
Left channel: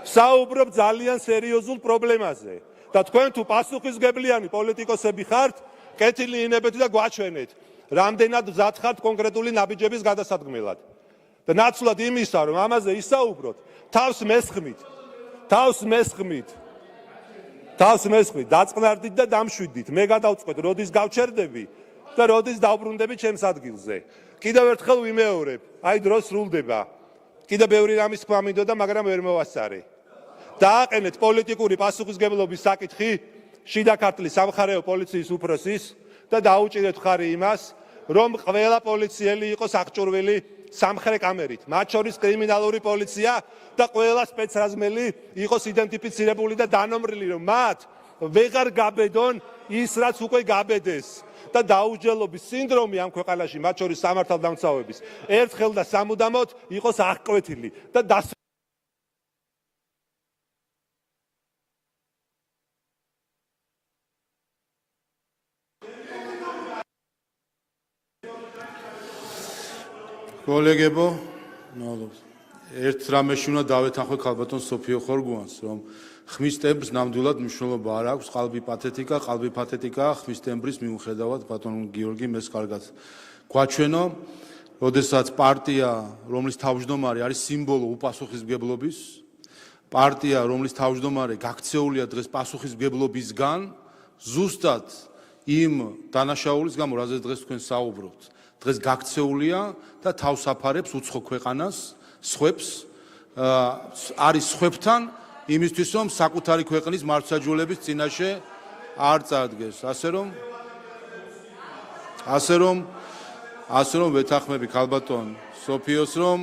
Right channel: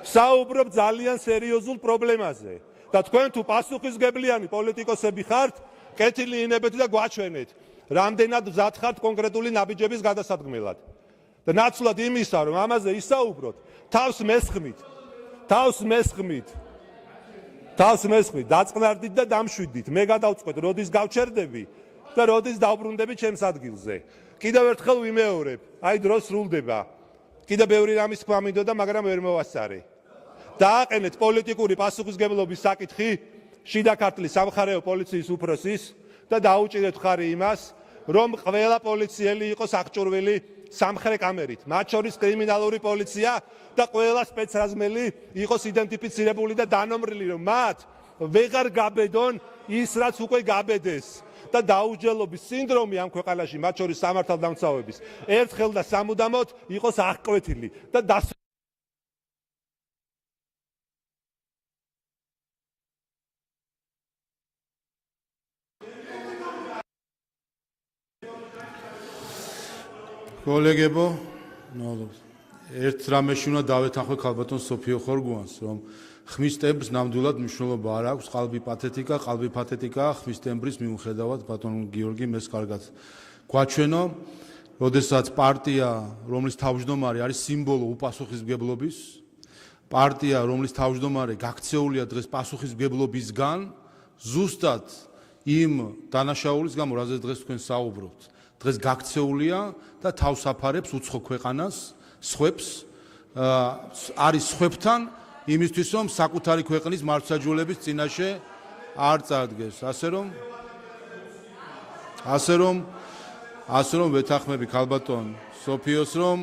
საუბრობ ძალიან სერიოზულ პრობლემაზე. და თქვენ თუ პასუხისმგებლიანი პოლიტიკოსები ხართ, კეთილი ინებეთ და გვაჩვენეთ, რამდენად მზად ხართ კონკრეტული ნაბიჯების გადასადგმელად. და ნაცვლად იმისა, რომ ამაზე ისაუბროთ, თავს მესხმით, დაწყნარდით და დამშვიდით. მე გადავწყვეტ, როდის გავჩერდები და როდის დავბრუნდები ჩემს ადგილზე. კიდევ ერთხელ ვიმეორებ, აი დრო სრულდება. კიდევ ბევრი რამის თქვა მინდოდა, მაგრამ ვერ მოვასწარე. დააყენეთ პოლიტიკური პასუხისმგებლობის საკითხი შიდა ქართლის სამხარეო პოლიციის უფროსის და დაუჭირეთ მხარი იმას, რომ ყველა პოლიციელი იყოს აღჭურვილი სამხრე კამერით, მათ შორის კრიმინალური პოლიცია და ყველა სპეცრაზმელი იყოს იდენტიფიცირებული და დანომრილი, რომ მათ ვეღარ გაბედონ ის, რაც უკვე გაბედეს. და დაუსჯელობის სინდრომი ამ ქვეყანაში, მათ შორის სამართალდამცავების, ერთხელ და სამუდამოდ იყოს აღკვეთილი და კოლეგებო, ერთ რამეში უნდა დავეთანხმე ქალბატონ სოფიო ხორგუანს, რომ ხმის ტემბრს ნამდვილად მნიშვნელობა არ აქვს, qalbi პათეტიკა ხმის ტემბრის მიუხედავად ბატონ გიორგი მეს კარგად გვაჩვენო, როდესაც პარტია, რომლის თავმჯდომარე არის სიმბოლო უპასუხისმგებლობის, პარტია, რომლის თავმჯდომარე გაქცეულია დღეს პასუხისმგებლობისგან, ზუსტად იმ დანაშაულის გამო, რაზეც დღეს თქვენ საუბრობთ, დღეს გაქცეულია და თავს აფარებს უცხო ქვეყანას, სხვებს, არის სხვებთან იმისთვის, რომ საკუთარი ქვეყნის მართლმსაჯულების წინაშე არ წარდგეს. ასე რომ ვეთანხმები ქალბატონ სოფიოს, რომ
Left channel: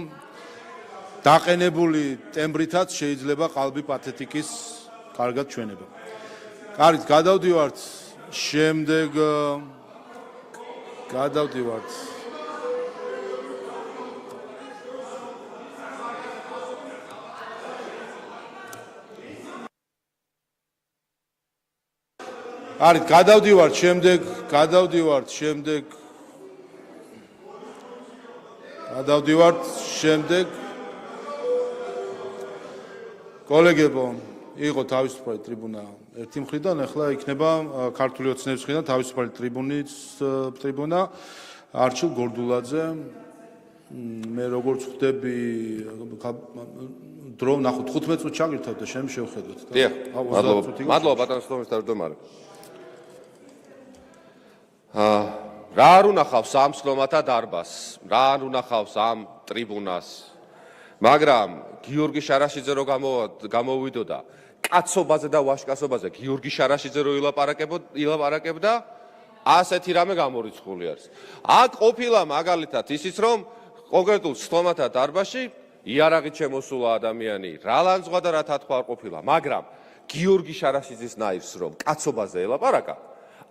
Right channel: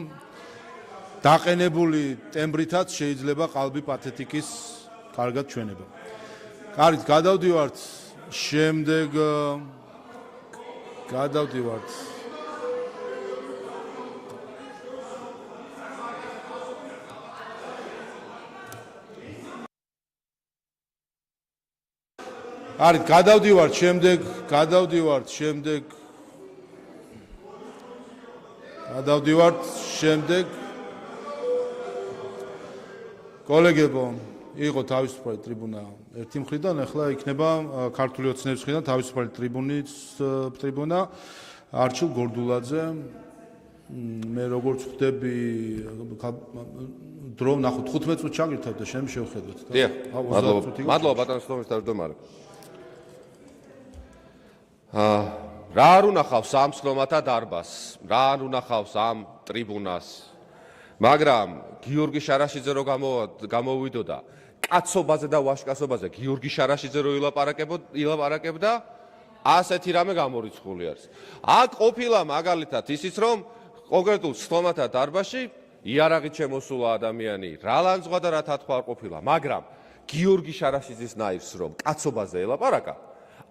დაყენებული ტემბრითაც შეიძლება qalbi პათეტიკის კარგად ჩვენება. კარგით, გადავდივართ შემდეგ კოლეგებო, იყო თავისუფალი ტრიბუნა ერთი მხრიდან, ახლა იქნება ქართული ოცნების მხრიდან თავისუფალი ტრიბუნა არჩილ გორდულაძე. მე როგორც ხვდები დრო ნახოთ 15 წუთი ჩაგირთავ და შენ შევხედოთ და მადლობა ბატონო თავმჯდომარე. რა არ უნახავს ამ სლომათა დარბაზს, რა არ უნახავს ამ ტრიბუნას, მაგრამ გიორგი შარაშიძე რო გამოვიდოდა კაცობაზე და ვაშკაცობაზე გიორგი შარაშიძე რო ილაპარაკებდა, ასეთი რამე გამორიცხული არის. აქ ყოფილა მაგალითად ისიც რომ კონკრეტულ სლომათა დარბაზში იარაღით შემოსულა ადამიანი, რა ლანძღვა და რა თათხვა არ ყოფილა, მაგრამ გიორგი შარაშიძის ნაირს რომ კაცობაზე ელაპარაკა,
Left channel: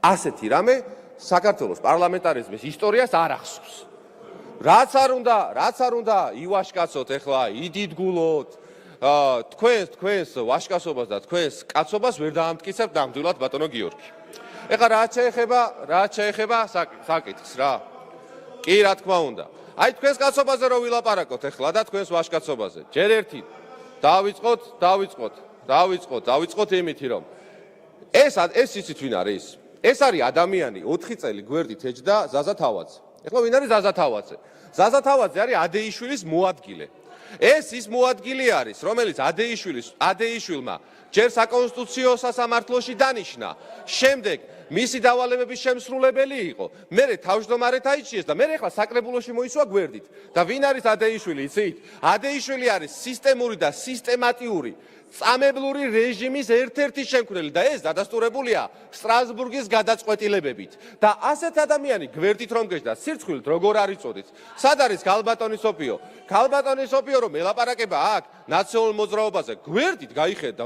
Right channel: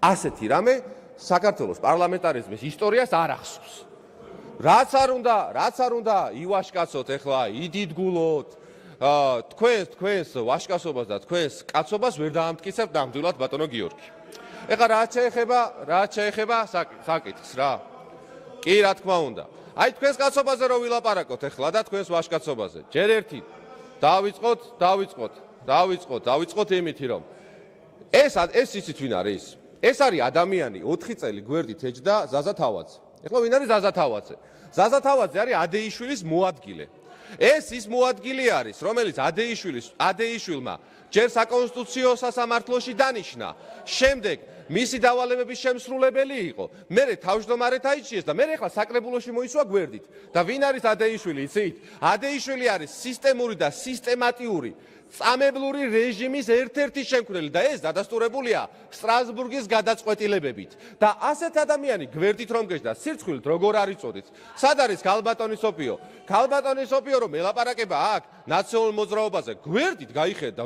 ასეთი რამე საქართველოს პარლამენტარიზმის ისტორიას არ ახსოვს. რაც არ უნდა ივაშკაცოთ ახლა, იდიდგულოთ, თქვენს ვაშკაცობას და თქვენს კაცობას ვერ დაამტკიცებთ ნამდვილად ბატონო გიორგი. ეხლა რაც შეეხება საკითხს რა. კი, რა თქმა უნდა. აი თქვენს კაცობაზე რო ვილაპარაკოთ ახლა და თქვენს ვაშკაცობაზე. ჯერ ერთი დავიწყოთ იმითი რომ ეს იცით ვინ არის? ეს არის ადამიანი 4 წელი გვერდით ეჯდა ზაზა თავაძე. ეხლა ვინ არის ზაზა თავაძე? ზაზა თავაძე არის ადეიშვილის მოადგილე. ეს ის მოადგილე არის, რომელიც ადეიშვილმა ჯერ საკონსტიტუციო სასამართლოში დანიშნა, შემდეგ მისი დავალებების შემსრულებელი იყო, მერე თავმჯდომარედ აიჩიეს და მერე ახლა საკრებულოში მოისვა გვერდით. და ვინ არის ადეიშვილი, იცით? ადეიშვილი არის სისტემური და სისტემატიური წამებლური რეჟიმის ერთ-ერთი შემქმნელი და ეს დადასტურებულია სტრასბურგის გადაწყვეტილებებით. და ასეთ ადამიანი გვერდით რომ გეჯდა, სირცხვილით როგორ არ იწოდეთ. სად არის ქალბატონი სოფიო? ქალბატონი სოფიო რომ ელაპარაკება აქ ნაციონალურ მოძრაობაზე, გვერდით გაიხედა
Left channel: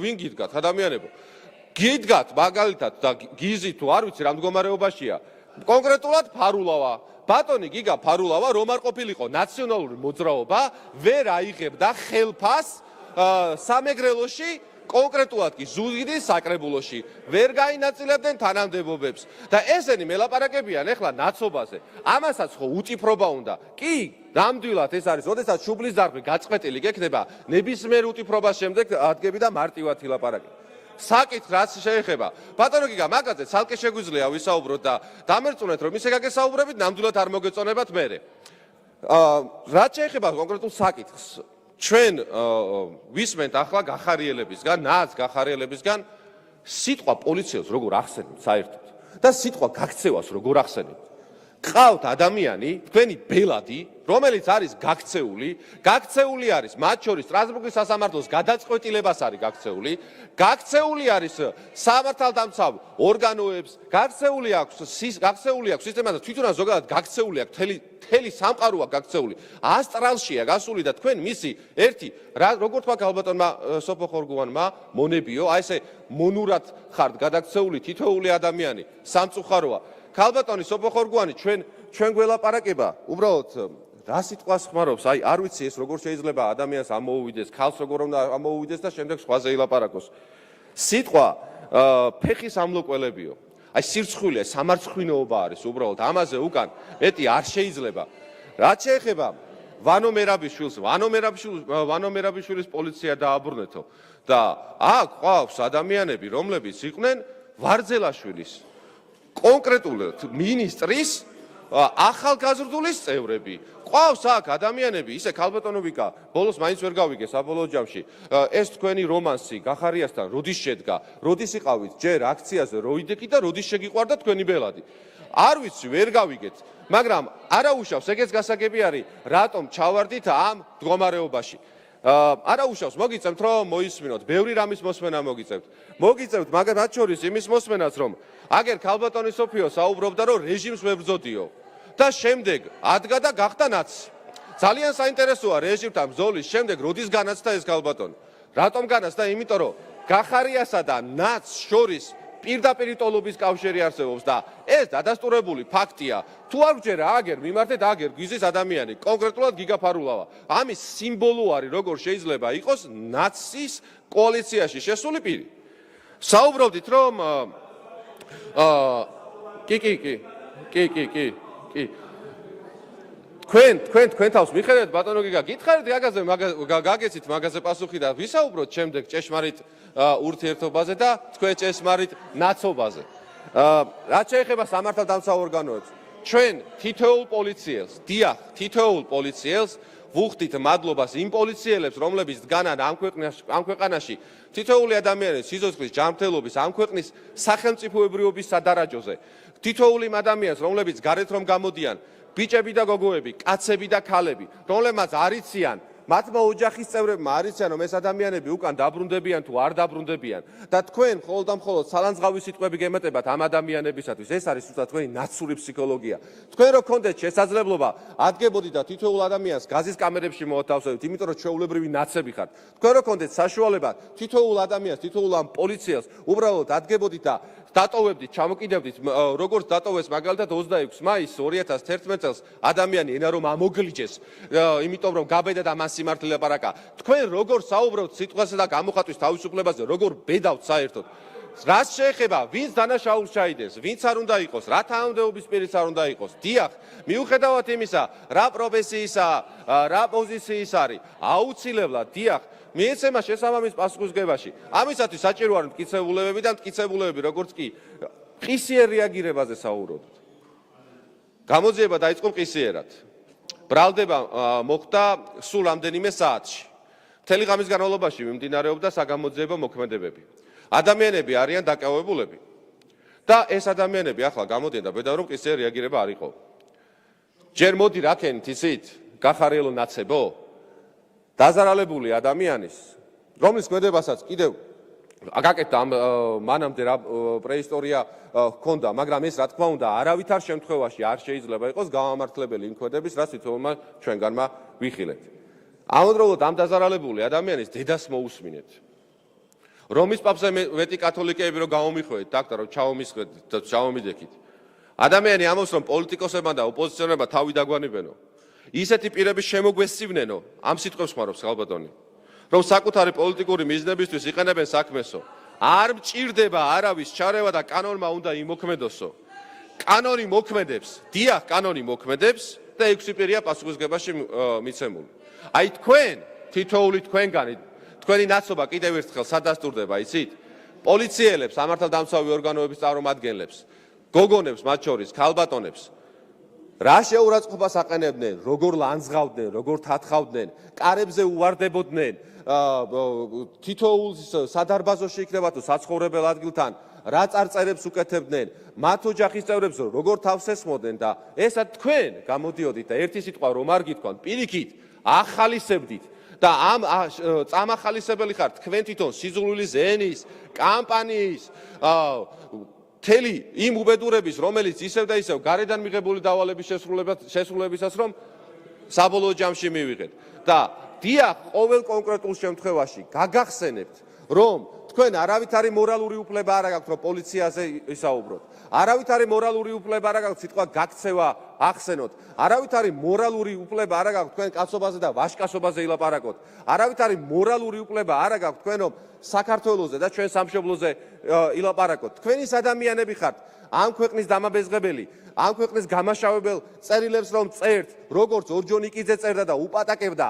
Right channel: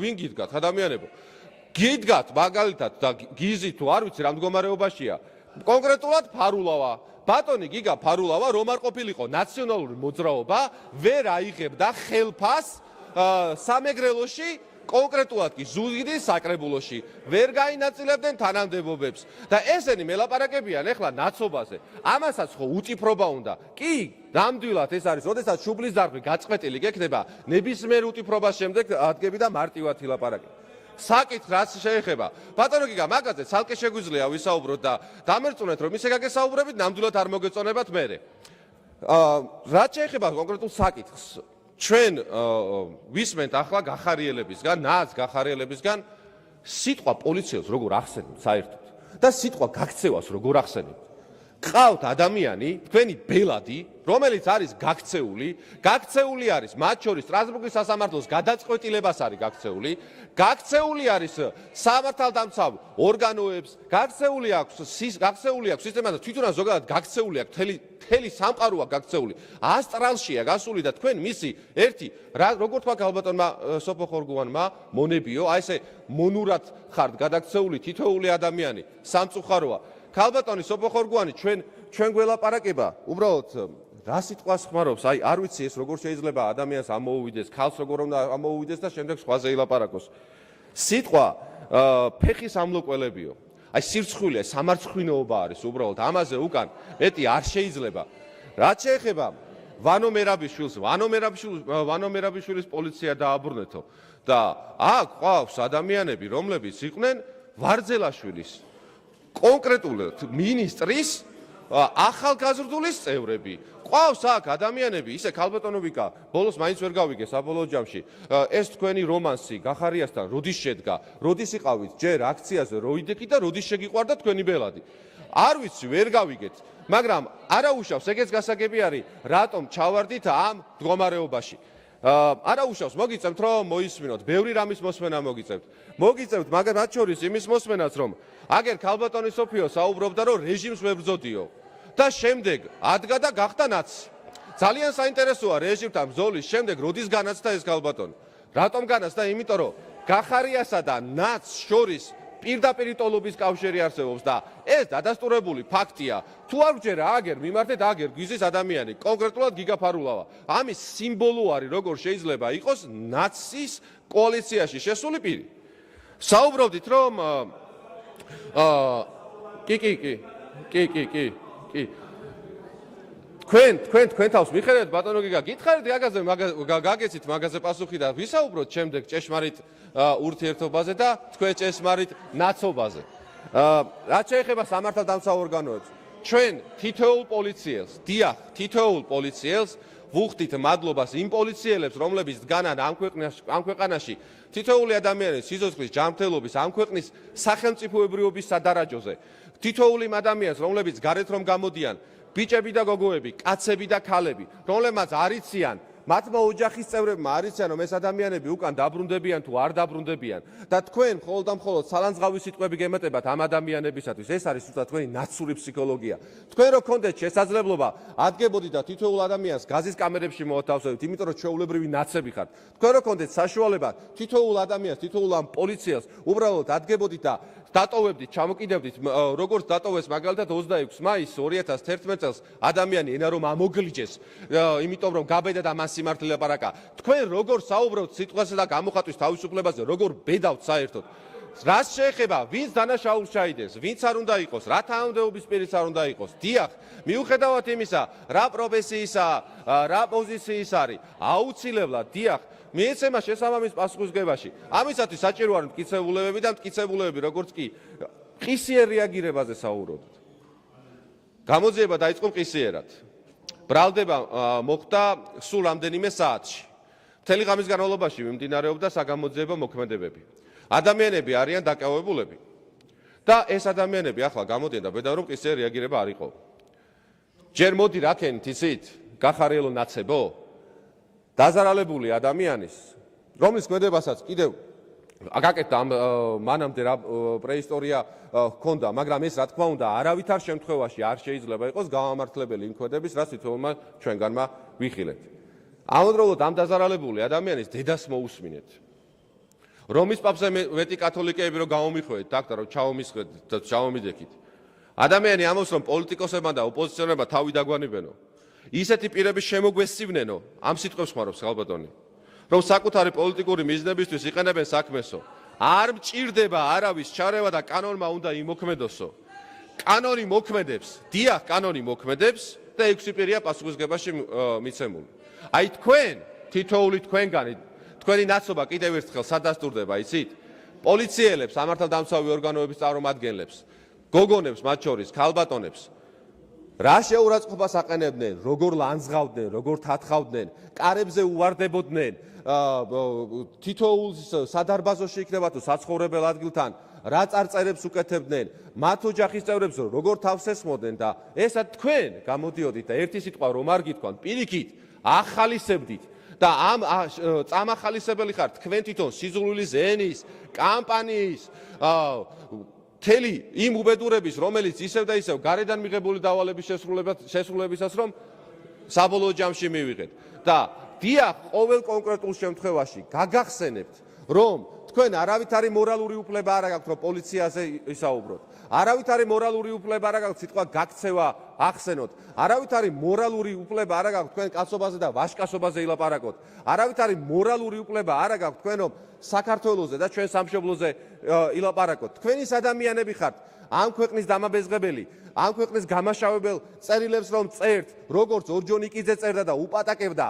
ვინ გიდგათ ადამიანებო. გიდგათ მაგალითად და გიზი თუ არ ვიცი რა მდგომარეობაშია. კონკრეტულად ფარულავა. ბატონი გიგა ფარულავა რომ არ ყოფილიყო ნაციონალური მოძრაობა, ვერ აიღებდა ხელფას სამეგრელოში, კონკრეტულად კი ზუგდიდის საკრებულოში ვერ გაინაწილებდნენ თანამდებობებს და ესენი მელაპარაკებიან ახლა ნაცობაზე. ამასაც ხო უტიფრობა უნდა. კი, ნამდვილად ეს არის, როდესაც შუბლის დარღვი გაწყვეტილი გექნება, ნებისმიერ უტიფრობას შემდეგ ადგები და მარტივად ილაპარაკე. საკითხ რაც შეეხება ბატონო გიგა მაგაზე ცალკე შეგვიძლია ვისაუბროთ და დამერწმუნეთ რომ ისე გაგესაუბრებით ნამდვილად არ მოგეწონებათ მერე. რაც შეეხება კონკრეტულ საკითხს ჩვენ ვისმენთ ახლა გახარიელებისგან, ნაც გახარიელებისგან სიტყვა პოლიციას როგორ ახსენებთ საერთოდ და სიტყვა გაქცევას როგორ ახსენებთ. ყავთ ადამიანი, თქვენი ბელადი, რომელიც არის გაქცეული არის მათ შორის სტრასბურგის სასამართლოს გადაწყვეტილებას არის გაქცეული არის სამართალდამცავ ორგანოებს, გაქცეული აქვს სისტემა და თვითონაც ზოგადად გაქცეული აქვს მთელი სამყაროა გაქცეული. ასტრალშია გასული და თქვენ მისი ერთი როგორ თქვა ქალბატონმა სოფო ხორგუანმა მონებიო, აი ესე მონურად ხართ გადაქცეული თითოეული ადამიანი, სამწუხაროა. ქალბატონი სოფო ხორგუანი ჩვენ გველაპარაკება უბრალოდ რა სიტყვას ხმარობს, აი არ ვიცი ეს როგორ შეიძლება ადამიანს ამოუვიდეს, ქალს როგორ უნდა ამოუვიდეს და შემდეგ სხვაზე ილაპარაკოს. სიტყვა ფეხის ამლოყველებიო. აი სირცხვილია, სამარცხვინოობა არის უბრალოდ ამაზე უკან მეტი არ შეიძლება. რაც შეეხება ვანო მერაბიშვილის პოლიცია დააბრუნეთო და აქ ყავს ადამიანები, რომლებიც იყვნენ ვარძელაშვილის კონკრეტულად მინისტრის ახალგაზრდულის წევრები. ყავს აქ ადამიანები, ისე ქალბატონო ვიკა, ბოლოს მაინც ვერ გავიგე საბოლოო ჯამში. ეს თქვენი რომანსი გახარიასთან როდის შედგა, როდის იყავით ჯერ აქციაზე როიდეკი და როდის შეგიყვარდა თქვენი ბელადი. არ ვიცი, ვერ გავიგეთ, მაგრამ არაუშავს, ეგეც გასაგები არის, რატომ ჩავარდით ამ მდგომარეობაში. არაუშავს, მოგიწევთ რომ მოისმინოთ, ბევრი რამის მოსმენა მოგიწევთ, მაგრამ რაც შორის იმის მოსმენაც რომ აგერ ქალბატონი სოფიო საუბრობდა რომ რეჟიმს ვებრძოდიო და შემდეგ ადგა და გახდა ნაცი. ძალიან საინტერესოა რეჟიმთან ბრძოლის შემდეგ როდის განაცდა ეს ქალბატონი. რატომ განაცდა? იმიტომ რომ გახარიასა და ნაც შორის პირდაპირ ტოლობის კავშირი არსებობს და ეს დადასტურებული ფაქტია. თუ არ ვჯერა აგერ მიმართეთ აგერ გვიზის ადამიანი, კონკრეტულად გიგა ფარულავა. ამის სიმბოლო არის როგორ შეიძლება იყოს ნაცის კოალიციაში შესული პირი. საუბრობდით რომ კი. თქვენ თავს მიხედავთ ბატონო გიგა, გითხარით მაგაზე გაგეცით მაგაზე პასუხი და ვისაუბროთ შემდეგ ჭეშმარიტ ურთიერთობაზე და თქვენ ჭეშმარიტ ნაცობაზე. რაც შეეხება სამართალდამცავ ორგანოებს, ჩვენ თითოეულ პოლიციელს, დიახ, თითოეულ პოლიციელს ვუხდით მადლობას იმ პოლიციელებს, რომლებიც დგანან ამ ქვეყანაში თითოეული ადამიანის სიცოცხლის ჯანმრთელობის ამ ქვეყნის სახელმწიფოებრიობის სადარაჯოზე. თითოეული იმ ადამიანს, რომლებიც გარეთ რომ გამოდიან, ბიჭები და გოგოები, კაცები და ქალები, რომლებმაც არიციან, მათმა ოჯახის წევრებმა არიციან, რომ ეს ადამიანები უკან დაბრუნდებიან თუ არ დაბრუნდებიან და თქვენ მხოლოდ და მხოლოდ სალანძღავი სიტყვები გემატებათ ამ ადამიანებისათვის. ეს არის უბრალოდ თქვენი ნაცური ფსიქოლოგია. თქვენ რო გქონდეთ შესაძლებლობა, ადგებოდით და თითოეულ ადამიანს გაზის კამერებში მოათავსებთ, იმიტომ რომ ჩვეულებრივი ნაცები ხართ. თქვენ რო გქონდეთ საშუალება, თითოეულ ადამიანს, თითოეულ ამ პოლიციას უბრალოდ ადგებოდით და დატოვებდით, ჩამოკიდევდით, როგორც დატოვეს მაგალითად 26 მაისს 2011 წელს ადამიანი ენა რომ ამოგლიჯეს, იმიტომ რომ გაბედა და მან სიმართლე ლაპარაკა. თქვენ როგორ საუბრობთ სიტყვასა და გამოხატვის თავისუფლებაზე, როგორ ბედავთ საერთოდ. რაც შეეხება, ვინც დანაშაულს ჩაიდეს, ვინც არ უნდა იყოს, რა თანამდებობის პირიც არ უნდა იყოს. დიახ, მიუხედავად იმისა, რა პროფესიისა, რა პოზიციის არის, აუცილებლად, დიახ, მიეცემა შესაბამის პასუხისგებაში. ამისათვის საჭირო არის მტკიცებულებები და მტკიცებულებები, როგორც კი ყისიერ რეაგირებაზე საუბრობთ. გამოძიება დაიწყო ყისიერად. ბრალდება მოხდა სულ რამდენიმე საათში. მთელი ღამის განმავლობაში მიმდინარეობდა საგამოძიებო მოქმედებები. ადამიანები არიან დაკავებულები და ეს ადამიანები ახლა გამოდიან და ბედა რომ ყისიერ რეაგირება არ იყო. ჯერ მოდი რაკენით ისით, გახარიელო ნაცებო, დაზარალებული ადამიანის, რომლის ქმედებასაც კიდევ აკაკეთდა მანამდე რა პრეისტორია ჰქონდა, მაგრამ ეს რა თქმა უნდა არავითარ შემთხვევაში არ შეიძლება იყოს გამამართლებელი იმ ქმედების, რაც თვითონმა ჩვენგანმა ვიხილეთ. ამავდროულად ამ დაზარალებული ადამიანის დედას მოусმინეთ. რომის პაპზე მეტი კათოლიკეები რომ გამომიხვედით, დაქტა რომ ჩავომიდექით. ადამიანი ამბობს რომ პოლიტიკოსებმა და ოპოზიციონერებმა თავი დაგვანიბენო. ისეთი პირების შემოგვესწივნენო, ამ სიტყვებს ხმარობს ალბატონი, რომ საკუთარი პოლიტიკური მიზნებისთვის იყენებენ საქმესო. არ მჭირდება არავის ჩარევა და კანონმა უნდა იმოქმედოსო. კანონი მოქმედებს, დიახ, კანონი მოქმედებს და 6 პირია პასუხისგებაში მიცემული. აი თქვენ, თითოეული თქვენგანი, თქვენი ნაცობა კიდევ ერთხელ სადასტურდება, იცით? პოლიციელებს, სამართალდამცავი ორგანოების წარმომადგენლებს, გოგონებს, მათ შორის ქალბატონებს რა შეურაცხყოფას აყენებდნენ, როგორ ლანძღავდნენ, როგორ თათხავდნენ, კარებზე უვარდებოდნენ, თითოეულ სადარბაზოში იქნება თუ საცხოვრებელ ადგილთან, რა წარწერებს უკეთებდნენ, მათ ოჯახის წევრებს როგორ თავს ესმოდნენ და ესა თქვენ გამოდიოდით და ერთი სიტყვა რომ არ გითქვან, პირიქით ახალისებდით და ამ წამახალისებელი ხართ თქვენ თვითონ სიზულვილის ენის, კამპანიის, მთელი იმ უბედურების, რომელიც ისევ და ისევ გარედან მიღებული დავალების შესრულებისას რომ საბოლოო ჯამში მივიღეთ. და დიახ, ყოველ კონკრეტულ შემთხვევაში გაგახსენებთ, რომ თქვენ არავითარი მორალური უფლება არ აქვს, რომ პოლიციაზე ისაუბროთ. არავითარი მორალური უფლება არ აქვს სიტყვა გაქცევა ახსენოთ. არავითარი მორალური უფლება არ აქვს თქვენ კაცობაზე და ვაჟკაცობაზე ილაპარაკოთ. არავითარი მორალური უფლება არ აქვს თქვენ რომ საქართველოზე და ჩვენ სამშობლოზე ილაპარაკოთ. თქვენ ის ადამიანები ხართ, ამ ქვეყნის დამაბეზღებელი, ამ ქვეყნის გამაშავებელ წერილებს რომ წერთ, როგორც ორჯონიკიძე წერდა და უპატაკებდა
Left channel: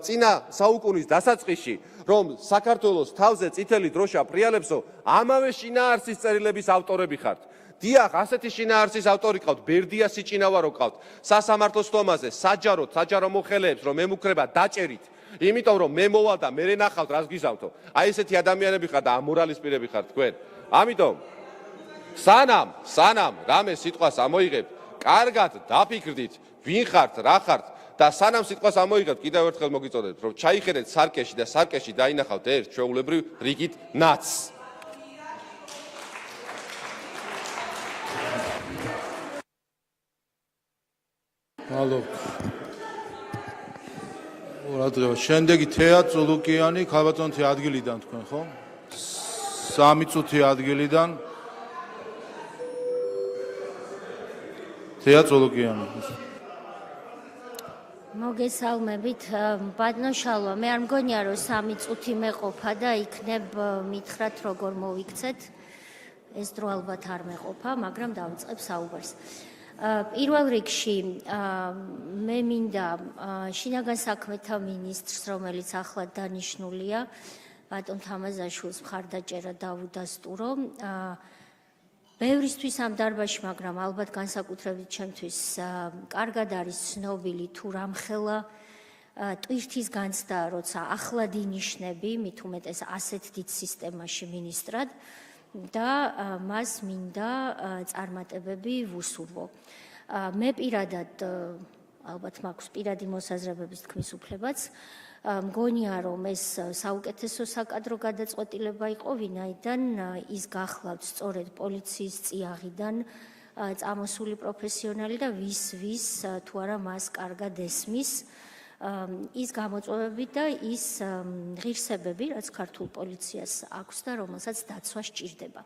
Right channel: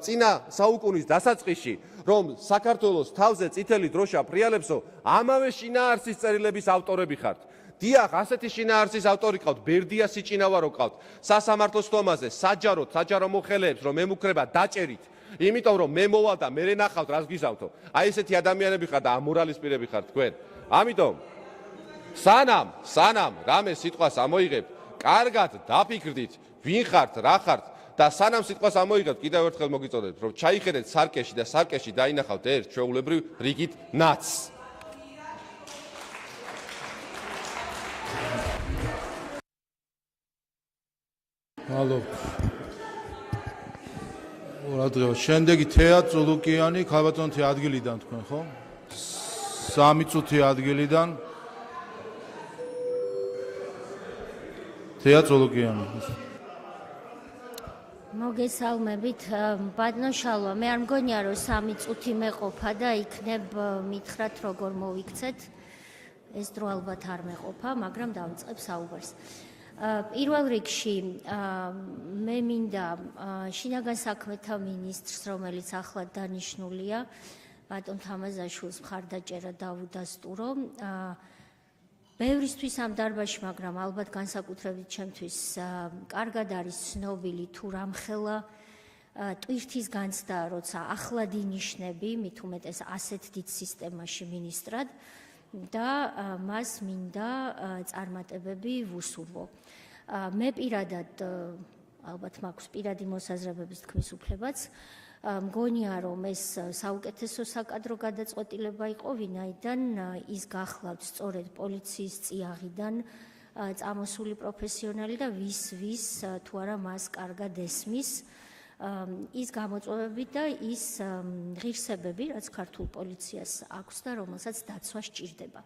წინა საუკუნის დასაწყისში, რომ საქართველოს თავზე წითელი დროშა პრიალებსო, ამავე შინაარსის წერილების ავტორები ხართ. დიახ, ასეთი შინაარსის ავტორი ყავთ, ბერდია სიჭინავარო ყავთ, სასამართლოს თომაზე, საჯარო მოხელეებს რომ ემუქრება დაჭერით, იმიტომ რომ მე მოვალ და მე ნახავთ რას გიზავთო. აი ესეთი ადამიანები ხართ და ამორალისპირები ხართ თქვენ. ამიტომ სანამ რამე სიტყვას ამოიღებთ, კარგად დაფიქრდით, ვინ ხართ, რა ხართ და სანამ სიტყვას ამოიღებთ, კიდევ ერთხელ მოგიწოდეთ, რომ ჩაიხედეთ სარკეში და სარკეში დაინახავთ ერთ ჩვეულებრივ რიგით ნაცს. ალო. შემდეგი თეატრო ლუკიანი, ქალბატონი ადგილიდან თქვენ, ხო? 3 წუთი ადგილიდან. თეატრო ლუკიანი. მოგესალმებით, ბატონო შალვა, მე არ მგონია რომ 3 წუთი მეყოფა და იქნებ მითხრათ როგორ მოვიქცეთ. ეს დრო ალბათ არ მეყოფა, მაგრამ დავიწყებ საუბარს. პირველ რიგში მე მინდა შინაგან საქმეთა მინისტრს, რომელიც ახლად დანიშნულია, ბატონ თამაზაშვილს მხარდაჭერა დავუდასტურო. ბევრისთვის ამ დარბაზში, მაგრამ ალბათ განსაკუთრებით ჩემთვის კარგად არის ცნობილი თუ რამხელა ტვირთის განცდა, როცა ახლად ინიშნები, მით უმეტეს ასეთ დიდ სისტემაში მინისტრად და მას მინდა წარმატებები ვუსურვო. მე პირადად ალბათ მაქვს პირადი მოსაზრებების თქმის უფლებაც. მგონია, რომ ეს საუკეთესო საკადრო გადაწყვეტილება იყო, ვინაიდან ის გახლავთ სწორედ პოლიციის წიაღიდან წამოსული პროფესიონალი და ვის თუ არა მას კარგად ესმის ის გამოწვევები და ის ღირსებები, რაც ქართულ პოლიციას აქვს და რომელსაც დაცვა სჭირდება.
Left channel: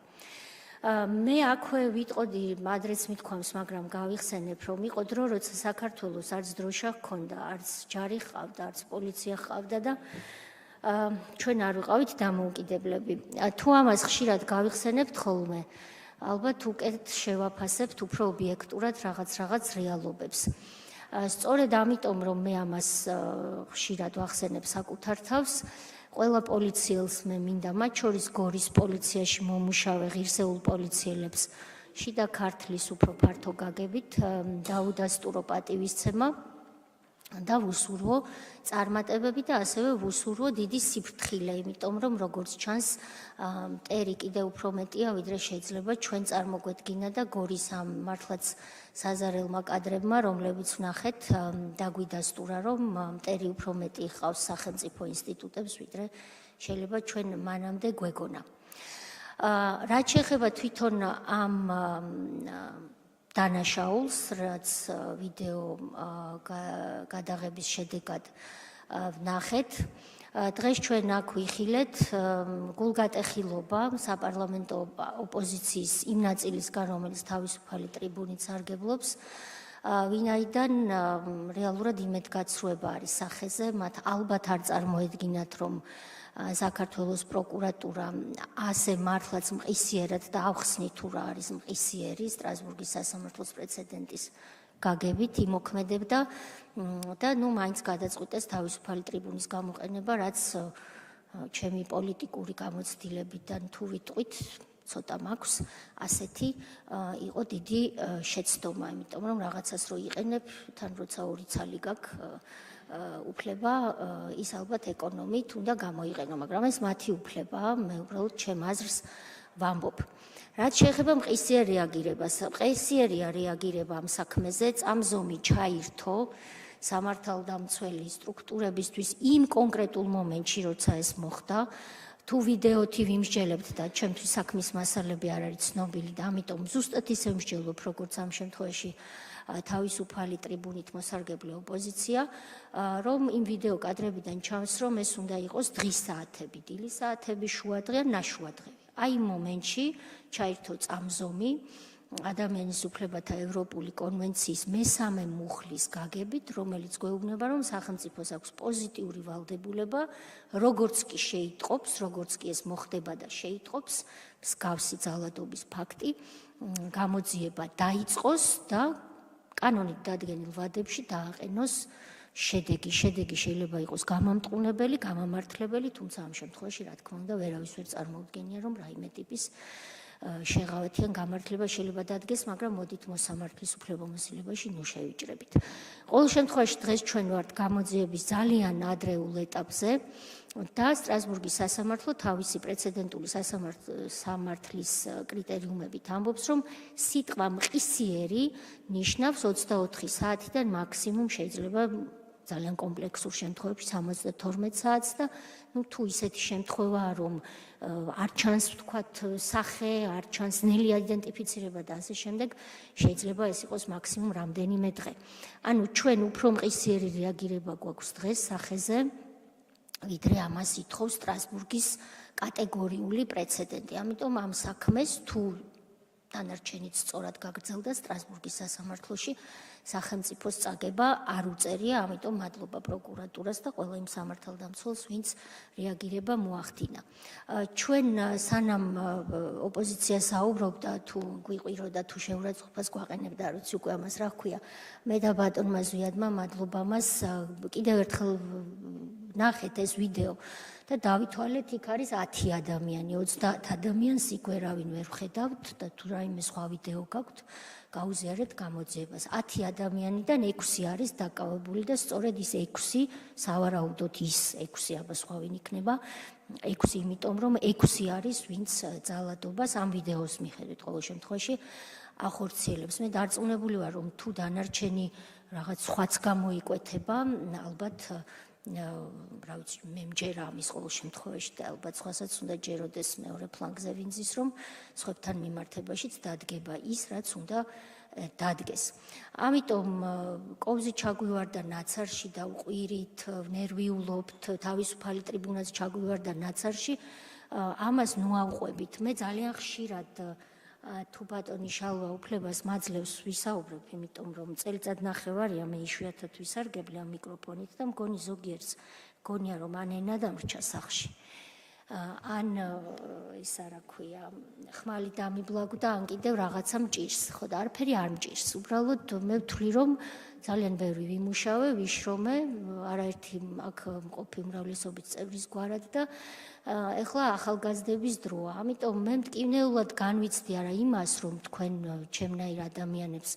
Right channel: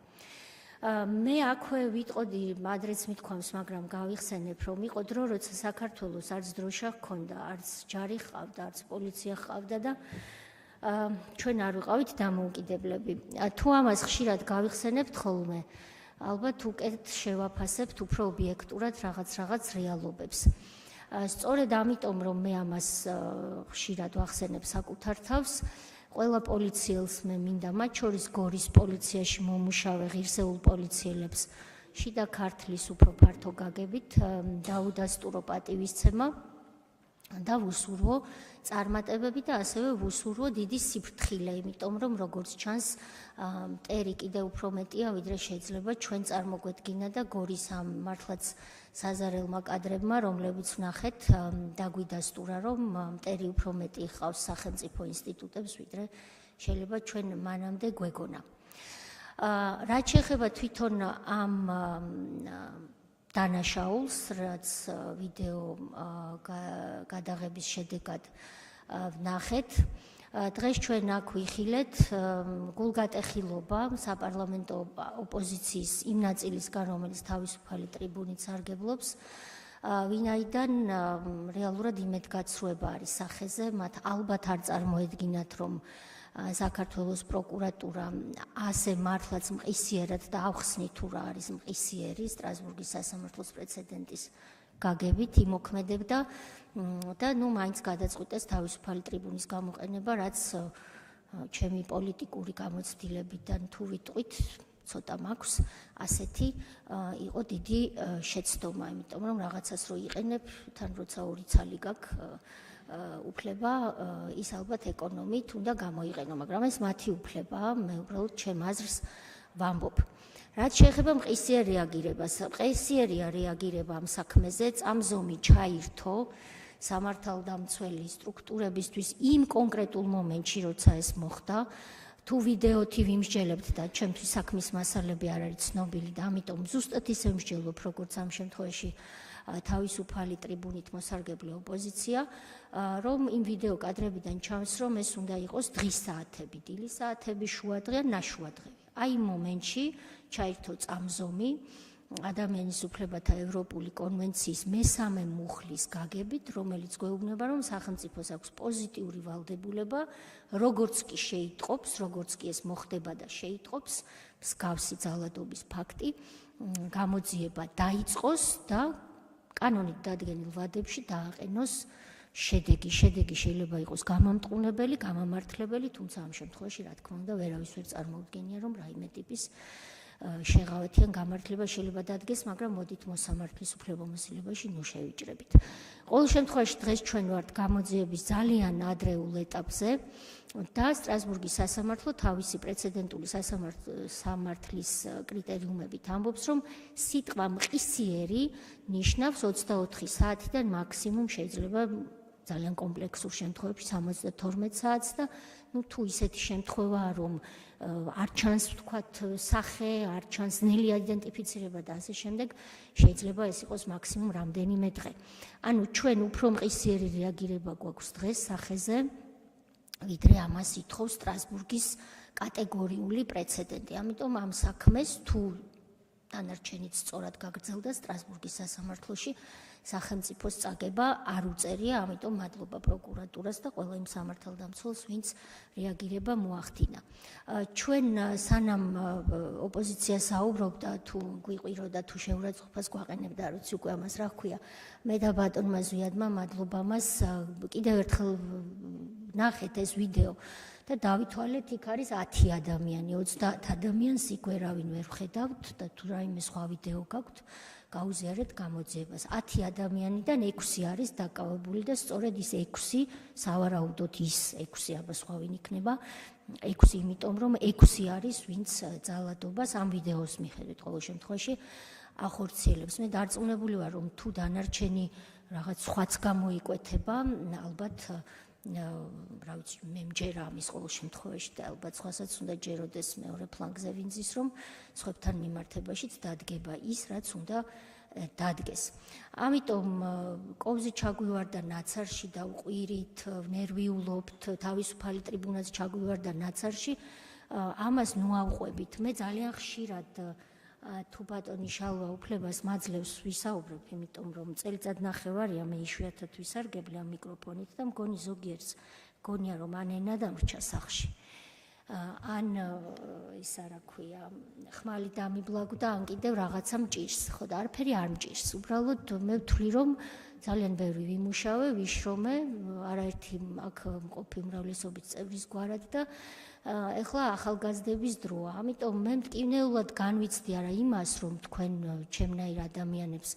მე აქვე ვიტყოდი, ადრეც მithქვამს, მაგრამ გავიხსენებ, რომ იყო დრო, როცა საქართველოს არც დროშა ჰქონდა, არც ჯარი ჰყავდა, არც პოლიცია ჰყავდა და ჩვენ არ ვიყავით დამოუკიდებლები. თუ ამას ხშირად გავიხსენებთ ხოლმე, ალბათ უკეთ შევაფასებთ უფრო ობიექტურად რაღაც რეალობებს. სწორედ ამიტომ, რომ მე ამას ხშირად ვახსენებ საკუთარ თავს, ყველა პოლიციელს მე მინდა, მათ შორის გორის პოლიციაში მომუშავე ღირსეულ პოლიციელებს შიდა ქართლის უფრო ფართო გაგებით დაუდასტურო პატივისცემა და ვუსურვო წარმატებები და ასევე ვუსურვო დიდი სიფრთხილე, იმიტომ რომ როგორც ჩანს, მტერი კიდევ უფრო მეტია, ვიდრე შეიძლება ჩვენ წარმოგვედგინა და გორის ამ მართლაც საზარელმა კადრებმა, რომლებიც ვნახეთ, დაგვიდასტურა, რომ მტერი უფრო მეტი ჰყავს სახელმწიფო ინსტიტუტებს, ვიდრე შეიძლება ჩვენ მანამდე გვეგონა. რაც შეეხება თვითონ ამ დანაშაულს, რაც ვიდეო გადაღების შედეგად ვნახეთ, დღეს ჩვენ აქ ვიხილეთ გულგატეხილობა საპარლამენტო ოპოზიციის იმ ნაწილისგან, რომელიც თავისუფალი ტრიბუნით სარგებლობს, ვინაიდან რეალურად იმედგაცრუება არის სახეზე, მათ ალბათ არ წარმოედგინათ, რომ საქართველოს პროკურატურა ასე მართლაც მყისიერად და ავხსნით თუ რა არის მყისიერი სტრასბურგის სასამართლოს პრეცედენტის გაგებით იმოქმედებდა და მაინც გადაწყვიტეს თავისუფალი ტრიბუნის გამოყენება, რაც ჩემი პოლიტიკური გამოცდილებიდან თუ ვიტყვით, ცოტა მაქვს ასეთი იყო დიდი შეცდომა, იმიტომ რომ რაღაცას რო იყენებ, თან როცა ორი ცალი გაქვს უფლება ის ალბათ ეკონომით უნდა გამოიყენო, მაგრამ ეს მათი უფლებაა, მე უბრალოდ ჩემ აზრს ვამბობ. რაც შეეხება მყისიერ რეაგირებას, მყისიერია რეაგირება ამ საქმეზე, წამზომი ჩაირთო სამართალდამცველი სტრუქტურებისთვის იმ კონკრეტულ მომენტში, როცა ეს მოხდა, თუ ვიდეოთი ვიმსჯელებთ და ჩემთვის საქმის მასალები არ არის ცნობილი და ამიტომ ზუსტად ისე ვმსჯელობ, როგორც ამ შემთხვევაში თავისუფალი ტრიბუნით მოსარგებლე ოპოზიცია, რომ იმ ვიდეო კადრებიდან ჩანს, რომ ეს უნდა იყოს დღის საათები, დილის საათები, შუადღე, ნაშუადღე. აი იმ მომენტში ჩაირთო წამზომი ადამიანის უფლებათა ევროპული კონვენციის მესამე მუხლის გაგებით, რომელიც გვეუბნება, რომ სახელმწიფოს აქვს პოზიტიური ვალდებულება, როგორც კი შეიტყობს, როგორც კი ეს მოხდება და შეიტყობს, მსგავსი ძალადობის ფაქტი, გამოძიება დაიწყოს და კანონით დადგენილ ვადებში დააყენოს შედეგი. შედეგი შეიძლება იყოს გამამტყუნებელი, გამამართლებელი, თუმცა ამ შემთხვევაში, რა თქმა უნდა, ვერავის ვერ წარმოუდგენია, რომ რაიმე ტიპის შეღავათიან გამართლება შეიძლება დადგეს, მაგრამ მოდით მოსამართლის უფლებამოსილებაში ნუ შევიჭრებით. ყოველ შემთხვევაში დღეს ჩვენ ვართ გამოძიების ძალიან ადრეულ ეტაპზე და სტრასბურგის სასამართლო თავისი პრეცედენტული სამართლის კრიტერიუმებით ამბობს, რომ სიტყვა მყისიერი ნიშნავს 24 საათიდან მაქსიმუმ შეიძლება ძალიან კომპლექსურ შემთხვევებში 72 საათს და თუ ისეთი შემთხვევაა, რომ არ ჩანს ვთქვათ სახე, არ ჩანს ნელი აიდენტიფიცირება და ასე შემდეგ, შეიძლება ეს იყოს მაქსიმუმ რამდენიმე დღე. ანუ ჩვენ უფრო მყისიერი რეაგირება გვაქვს დღეს სახეზე, ვიდრე ამას ითხოვს სტრასბურგის კატეგორიული პრეცედენტი. ამიტომ ამ საქმეს თუ დანარჩენიც სწორად გაგრძელდა სტრასბურგის სასამართლოში, სახელმწიფოს წაგება არ უწერია, ამიტომ მადლობა პროკურატურას და ყველა იმ სამართალდამცველს, ვინც რეაგირება მოახდინა. ჩვენ სანამ ოპოზიცია საუბრობდა, თუ გვიყვირო და თუ შეურაცხყოფას გვაყენებდა, არ ვიცი უკვე ამას რა ჰქვია, მე და ბატონმა ზვიადმა მადლობა მას კიდევ ერთხელ ნახეთ ეს ვიდეო და დავითვალეთ, იქ არის 10 ადამიანი, 30 ადამიანს იქ ვერავინ ვერ ხედავთ და თუ რაიმე სხვა ვიდეო გაქვთ, გაუზიარეთ გამოძიებას. 10 ადამიანიდან 6 არის დაკავებული და სწორედ ის 6, სავარაუდოდ ის 6, აბა სხვა ვინ იქნება, 6, იმიტომ რომ 6 არის, ვინც ძალადობას ამ ვიდეოს მიხედვით ყოველ შემთხვევაში ახორციელებს. მე დარწმუნებული ვარ, რომ თუ დანარჩენი რაღაც სხვაც გამოიკვეთება, ალბათ რა ვიცი, მე მჯერა ამის ყოველ შემთხვევაში და ალბათ სხვასაც უნდა ჯეროდეს მეორე ფლანგზე ვინცის, რომ სხვებთან მიმართებაშიც დადგება ის, რაც უნდა დადგეს. ამიტომ კოვზი ჩაგვივარდა ნაცარში და უყვირით, ნერვიულობთ, თავისუფალი ტრიბუნაც ჩაგვივარდა ნაცარში, ამას ნუავყვებით. მე ძალიან ხშირად თუ ბატონი შალვა უფლებას მაძლევს ვისაუბრებ, იმიტომ რომ წელიწად ნახევარია მე იშვიათად ვისარგებლე ამ მიკროფონით და მგონი ზოგიერთს გონია რომ ან ენა დამრჩა სახლში. ან ისა რა ქვია, ხმალი დამიბლაგო და ან კიდევ რაღაცა მჭირს, ხო და არაფერი არ მჭირს. უბრალოდ მე ვთვლი რომ ძალიან ბევრი ვიმუშავე, ვიშრომე, არაერთი აქ მყოფი უმრავლესობის წევრის გვარად და ეხლა ახალგაზრდების დროა. ამიტომ მე მტკივნეულად განვიცდი არა იმას, რომ თქვენ ჩემნაირ ადამიანებს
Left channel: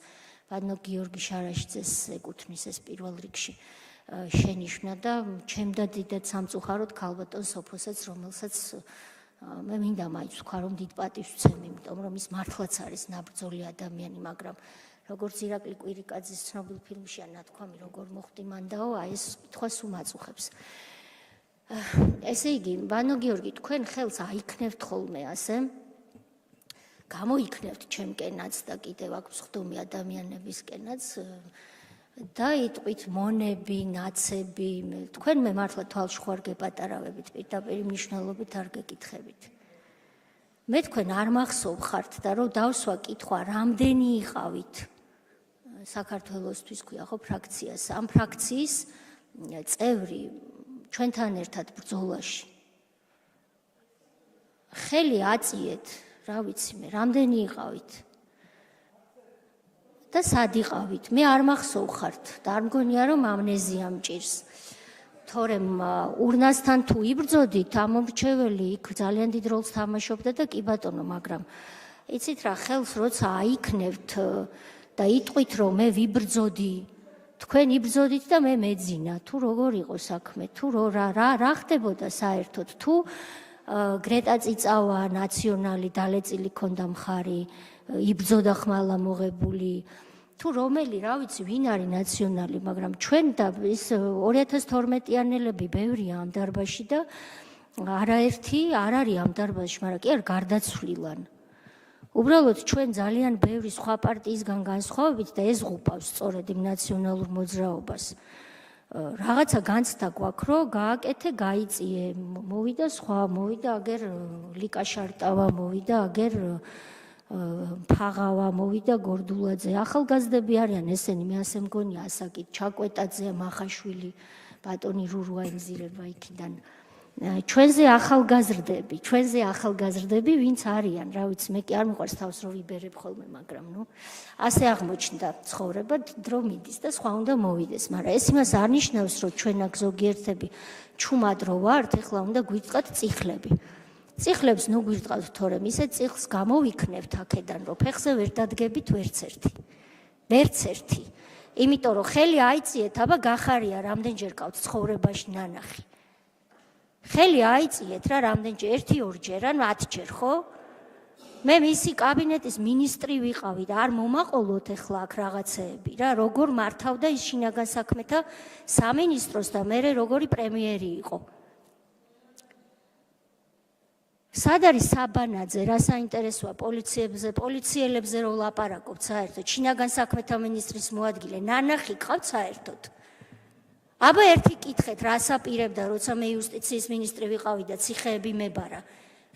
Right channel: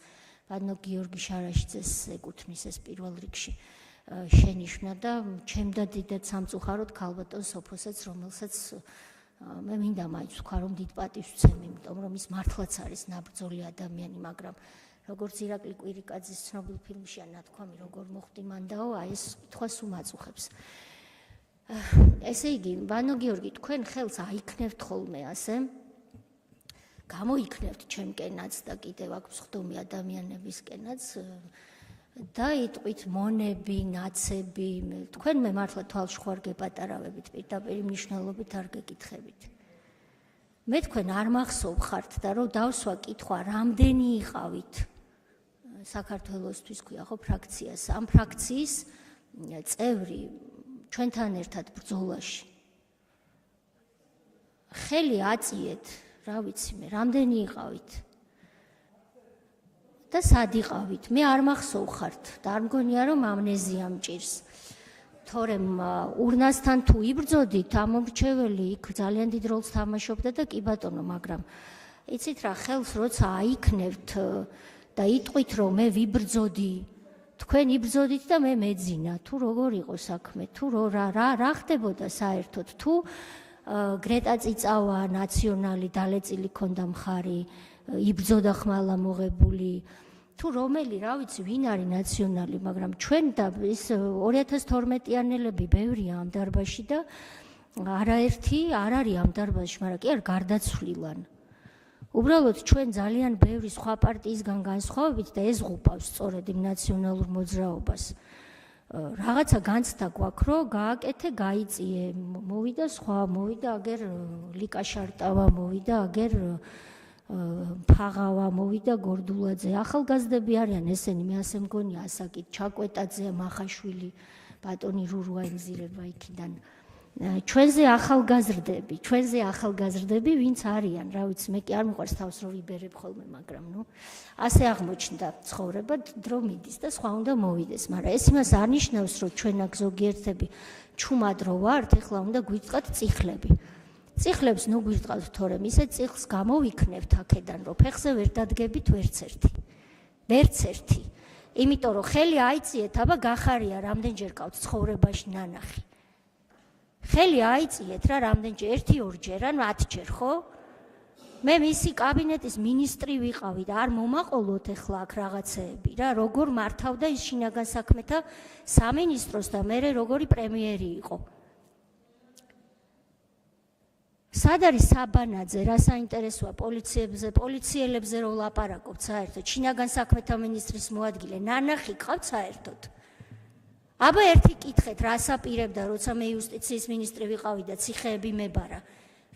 ბატონო გიორგი შარაშიძეს ეკუთვნის ეს პირველ რიგში შენიშვნა და ჩემ და დიდად სამწუხაროდ ქალბატონ სოფოსაც, რომელსაც მე მინდა მაინც ვქვა, რომ დიდ პატივს ვცემ, იმიტომ რომ ის მართლაც არის ნაბრძოლი ადამიანი, მაგრამ როგორც ირაკლი კვირიკაძის ცნობილ ფილმშია ნათქვამი, როგორ მოხდი მანდაო, აი ეს კითხვას უმაწუხებს. ესე იგი, ბანო გიორგი, თქვენ ხელს აიქნევთ ხოლმე ასე, გამოიქნევთ ჩემკენაც და კიდევ აქ მსხდომი ადამიანებისკენაც და იტყვით მონები, ნაცები, თქვენ მე მართლა თვალში ხوار გეპატარავებით, პირდაპირ მნიშვნელობით არ გეკითხებით. მე თქვენ არ მახსოვხართ და რომ დავსვა კითხვა, რამდენი იყავით საქართველოსთვის ქვია ხო ფრაქციას, ამ ფრაქციის წევრი ჩვენთან ერთად ბრძოლაში. ხელი აწიეთ, რა ვიცი მე, რამდენი იყავით? და სად იყავით? მე არ მახსოვხართ და არ მგონია რომ ამნეზია მჭირს. თორემ ურნასთან თუ იბრძოდით, ამომრჩეველი იქ ძალიან დიდ როლს თამაშობდა და კი ბატონო, მაგრამ იცით რა, ხელს როცა აიქნევთ და იტყვით რომ მე ვიბრძოდი, თქვენ იბრძოდით და მე მეძინა, თუ როგორ იყო საქმე, თუ რა ხდებოდა საერთოდ, თუ გრეტა წიწავა ნაციონალი დალეწილი ქონდა მხარი, იბრძოდა ხმალა მოღებული, თუ რომელი, რა ვიცი, ვინ არის ნაციონალი, მაგრამ ჩვენ და ის 2012-იანელები ბევრია ამ დარბაზში და არაერთი არ არის ამ დარბაზში, მაგრამ კი არ გარდაცვლილან. უბრალოდ ჩვენ ძალიან ბევრი სხვა პარტიისგან განსხვავებით და ეს ღუპავს სწორედ იმ ნაციონალურ მოძრაობას. რაღაცა განცდა გვაქვს, რომ გააკეთე, გაიწიე, მოვიდა სხვა, მოვიდა აგერ ლიკა შარტავა, მოვიდა აგერ ფაღავა, მოვიდა გორდულაძე. ახალგაზრდები არიან ესენი, მე ასე მგონია, ასაკით, ჩაკვეტაძე, მახაშვილი, ბატონი რურვა ემზირება იქიდან. ჩვენზე ახალგაზრდები, ვინც არიან, რა ვიცი, მე კი არ მიყვარს თავს რომ ვიბერებ ხოლმე, მაგრამ ასე აღმოჩნდა ცხოვრება, დრო მიდის და სხვა უნდა მოვიდეს, მაგრამ ეს იმას არ ნიშნავს, რომ ჩვენ აქ ზოგიერთები ჩუმად რო ვართ, ეხლა უნდა გვიწყათ წიხლები. წიხლებს ნუ გვიწყათ, თორემ ისე წიხლს გამოვიქნევთ აქედან, რომ ფეხზე ვერ დადგებით ვერც ერთი. იმიტომ რომ ხელი აიწიეთ, აბა გახარია რამდენჯერ ყავთ ცხოვრებაში ნანახი. ხელი აიწიეთ რა რამდენჯერ, 1-2 ან 10 ხო? მე მისი კაბინეტის მინისტრი ვიყავი და არ მომაყოლოთ ეხლა აქ რაღაცეები რა, როგორ მართავდა ის შინაგან საქმეთა სამინისტროს და მერე როგორი პრემიერი იყო. სად არის საბანაძე, რა საინტერესოა პოლიციელებზე რო ლაპარაკობთ საერთოდ, შინაგან საქმეთა მინისტრის მოადგილე, ნანახი ყავთ საერთოდ. აბა ერთი კითხეთ, რას აპირებდა, როცა მე იუსტიციის მინისტრი ვიყავი და ციხეები მებარა,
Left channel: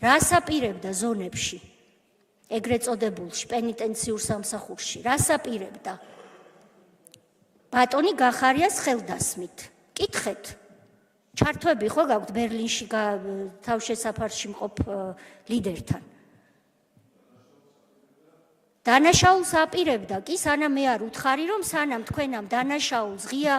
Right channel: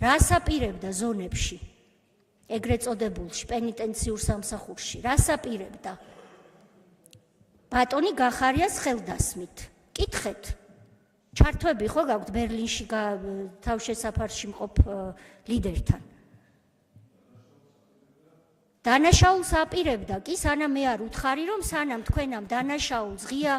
რას აპირებდა ზონებში, ეგრეთ წოდებულში, პენიტენციურ სამსახურში, რას აპირებდა? ბატონი გახარიას ხელდასმით. კითხეთ. ჩართვები ხო გაქვთ ბერლინში თავშესაფარში მყოფ ლიდერთან. დანაშაულს აპირებდა კი, სანამ მე არ უთხარი, რომ სანამ თქვენამ დანაშაულს ღია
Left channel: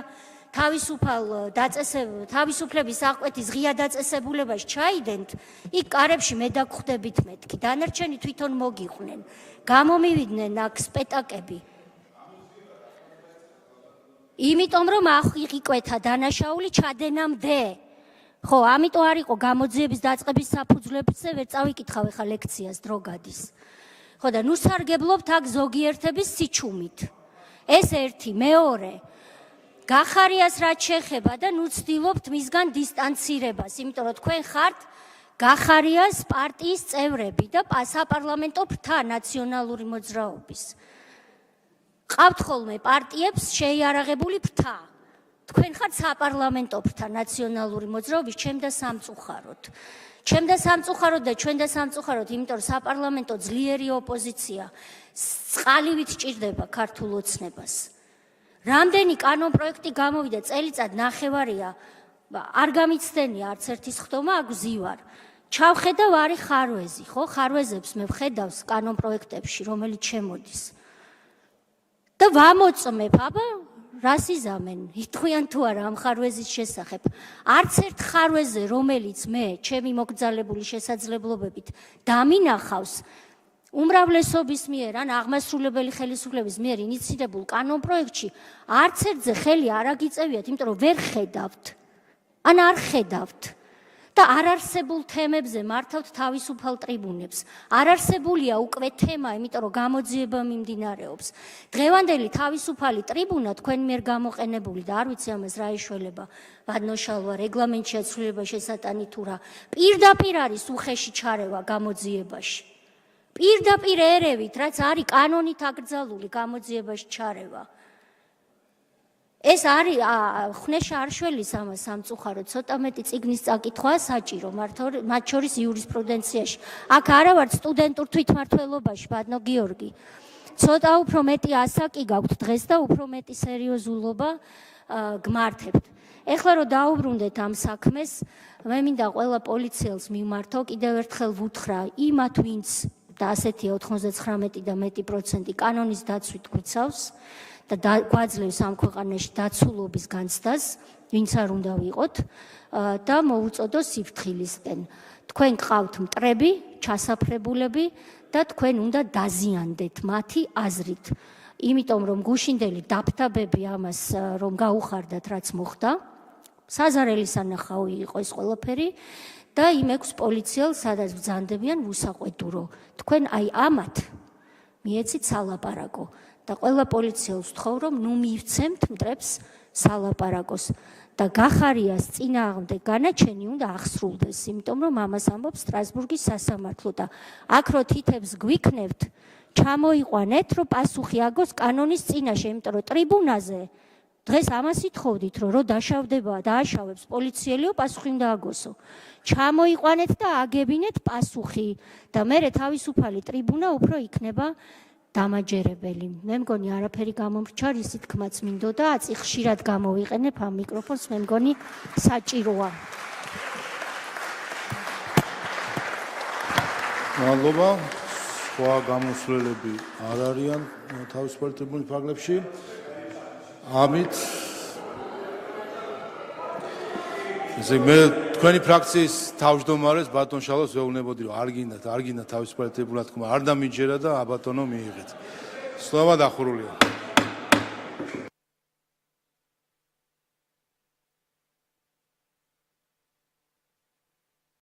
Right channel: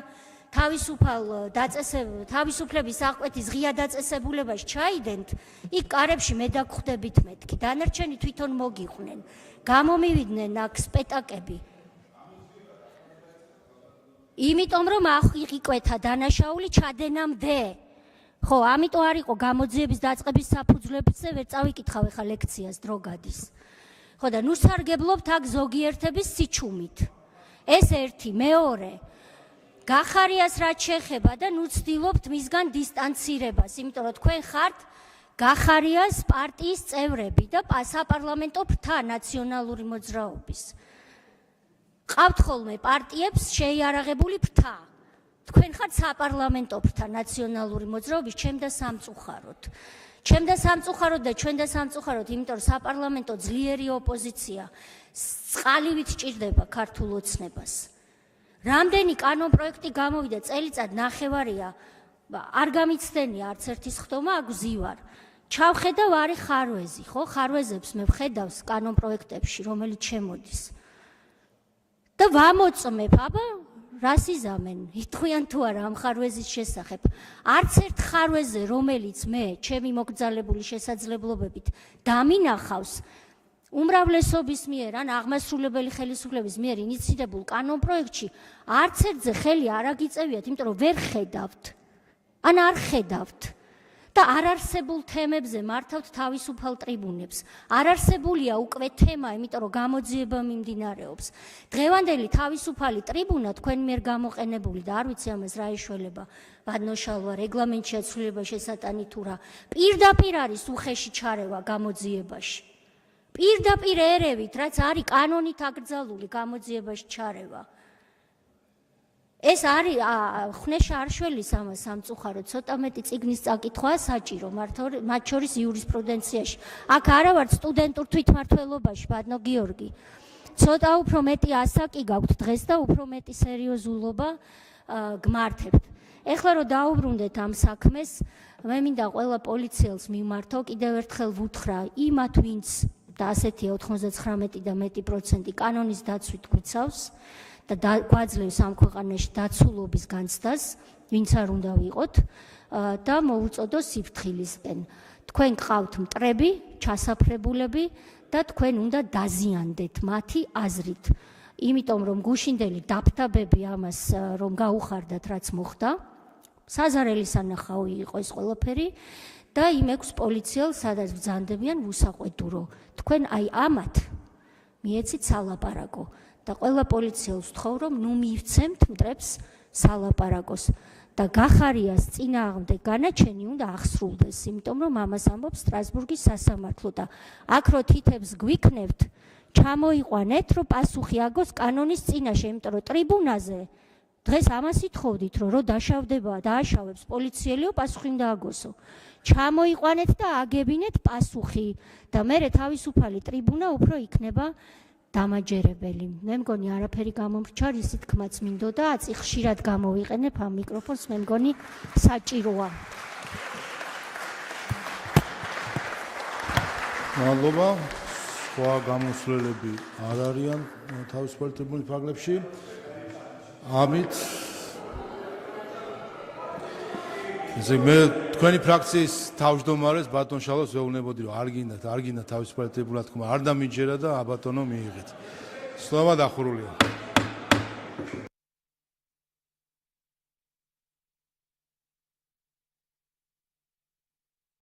თავისუფლების აღკვეთის ღია დაწესებულებაში ჩაიდენთ, იქ კარებში მე დაგხვდებით მეთქი, დანარჩენი თვითონ მოგიყვნენ, გამომივიდნენ აქ სპეტაკები. იმიტომ რომ აღიყვეთა დანაშაული ჩადენამდე. ხო, ამიტომ არ იყო გამოძიების დაწყების საფუძვლებზე, ვერ წავიკითხავ ახლა ლექციას, დრო გადის. ხო და ნუ სარგებლობთ აქ ზოგიერთების სიჩუმით. ეს ერთი, მეორე. გახარიას რაც შეეხება და ნუ ცდილობთ მისგან დისტანცირებას, იმიტომ რომ თქვენ ხართ გახარიას პარტიის წევრები და საპარლამენტო ფრთა ნაციონალური მოძრაობის. ყავთ ხოლმე პარტიებს შეიარაღებული ფრთა. თქვენ ხართ საპარლამენტო ფრთა ნაციონალური მოძრაობის ჩემ და სამწუხაროდ. ჩემ და სამწუხაროდ და ჩვენ და სამწუხაროდ, იმიტომ რომ საპარლამენტო ძლიერი ოპოზიცია წყალივით ჭირდება ქართულ ოცნებას. რამდენი კანონპროექტი გამოვიდა წელიწად ნახევარია, არ გამიცდენია არც ერთის ხდომა, აქ ვზივარ. ჩავხედავ არის ხარვეზი, ხო? ხარვეზებს მე ვხედავს კანონპროექტებში, რომელიც შემოდის. და ვამოწმებ, აბა, რას იზამენ? ითქვიან თუ არა ამ ხარვეზის შესახებ. არც ერთ ხარვეზე, რომელიც მე ჩემი მოგზალებული შესაძლებლობებით დამინახავს, უმრავლესობის მიერ ან აღმასრულებელი ხელისუფლების მიერ ინიცირებულ კანონპროექტში არც ერთზე ხელი არ აგიწევიათ, იმიტომ რომ ვერ ხედავთ. ან არ ხედავთ. და არ არსებულ თემებზე მართავთ თავისუფალ ტრიბუნებს. არ არსებულია უკვე თემა, იმიტომ რომ გამოძიება მიმდინარეობს. დღევანდელი თავისუფალი ტრიბუნა თქვენ მიერ გამოყენებული და არ ვიცი ამას რა ეშველება, ვადნოშალვა რეგლამენტში აცვლილება შესატანი თუ რა. პირდაპირ არის უხეში ჩარევა გამოძიებაში. პირდაპირ ერევით, რაც არის კანონით აკრძალული გამოძიებაში ჩარევა. ეს არის ხნეშა არშველის ამას სამწუხაროდ, ცოტა მეტი წიგნის წაკითხვაა საჭირო, მათ შორის იურისპრუდენციაში. აქ არა ვართ სტუდენტურ თვითმმართველობაში, ბატონო გიორგი. ცოტა უფრო მეტი ასაკი გაქვთ დღეს და უფრო მეტი სერიოზულობა გმართებთ. ეხლა რომ დაუბრუნდეთ ამ საქმეს, მე მინდა ყველა პოლიციელს მიმართო, კიდევ ერთხელ ვუთხრა იმათ, ვინც და ასეთია 99 და მეტი პროცენტი კანონის დაცვით გვიცავს და გვაძლევს ამ ქვეყანაში დაცულობის განცდას, ვინც არ უნდა ვიყოთ და მოუწოდო სიფრთხილისკენ. თქვენ გყავთ მტრები, ჩასაფრებულები და თქვენ უნდა დაზიანდეთ მათი აზრით. იმიტომ რომ გუშინდელი დაფთაბები ამას რომ გაუხარდათ რაც მოხდა, საზარელი სანახაო იყო ეს ყველაფერი და იმ 6 პოლიციელს სადაც ბრძანდებიან უსაყვედურო. თქვენ აი ამათ მიეცით სალაპარაკო. და ყველა პოლიციელს ვთხოვ, რომ ნუ მივცემთ მტრებს სალაპარაკოს და გახარიას წინააღმდეგ განაჩენი უნდა ახსრულდეს, იმიტომ რომ ამას ამბობს სტრასბურგის სასამართლო და აქ რო თითებს გვიქნებთ, ჩამოიყვანეთ, რომ პასუხი აგოს კანონის წინაშე, იმიტომ რომ ტრიბუნაზე დღეს ამას ითხოვდით, რომ დაშავდება და აშავებს პოლიციელიო, პასუხი უნდა აგოსო. ჩამოიყვანეთ და აგებინეთ პასუხი და მერე თავისუფალი ტრიბუნა უფრო იქნება დამაჯერებელი. მე მგონი არაფერი გამომრჩა, ისი თქმაც მინდოდა, აწი ხშირად გამოვიყენებ ამ მიკროფონს, მე მგონი საჭიროა. მადლობა. სხვა გამოსვლელები არ არიან თავისუფალი ტრიბუნის ფარგლებში. ამით მე თქვენი ფრაქციის თავმჯდომარეს ბატონ შალოს ვეუბნებოდი, რომ არ გინდა თავისუფალი ტრიბუნა თქმა, არ დამიჯერა და აბატონო მიიღეთ. სლავა დახურულია.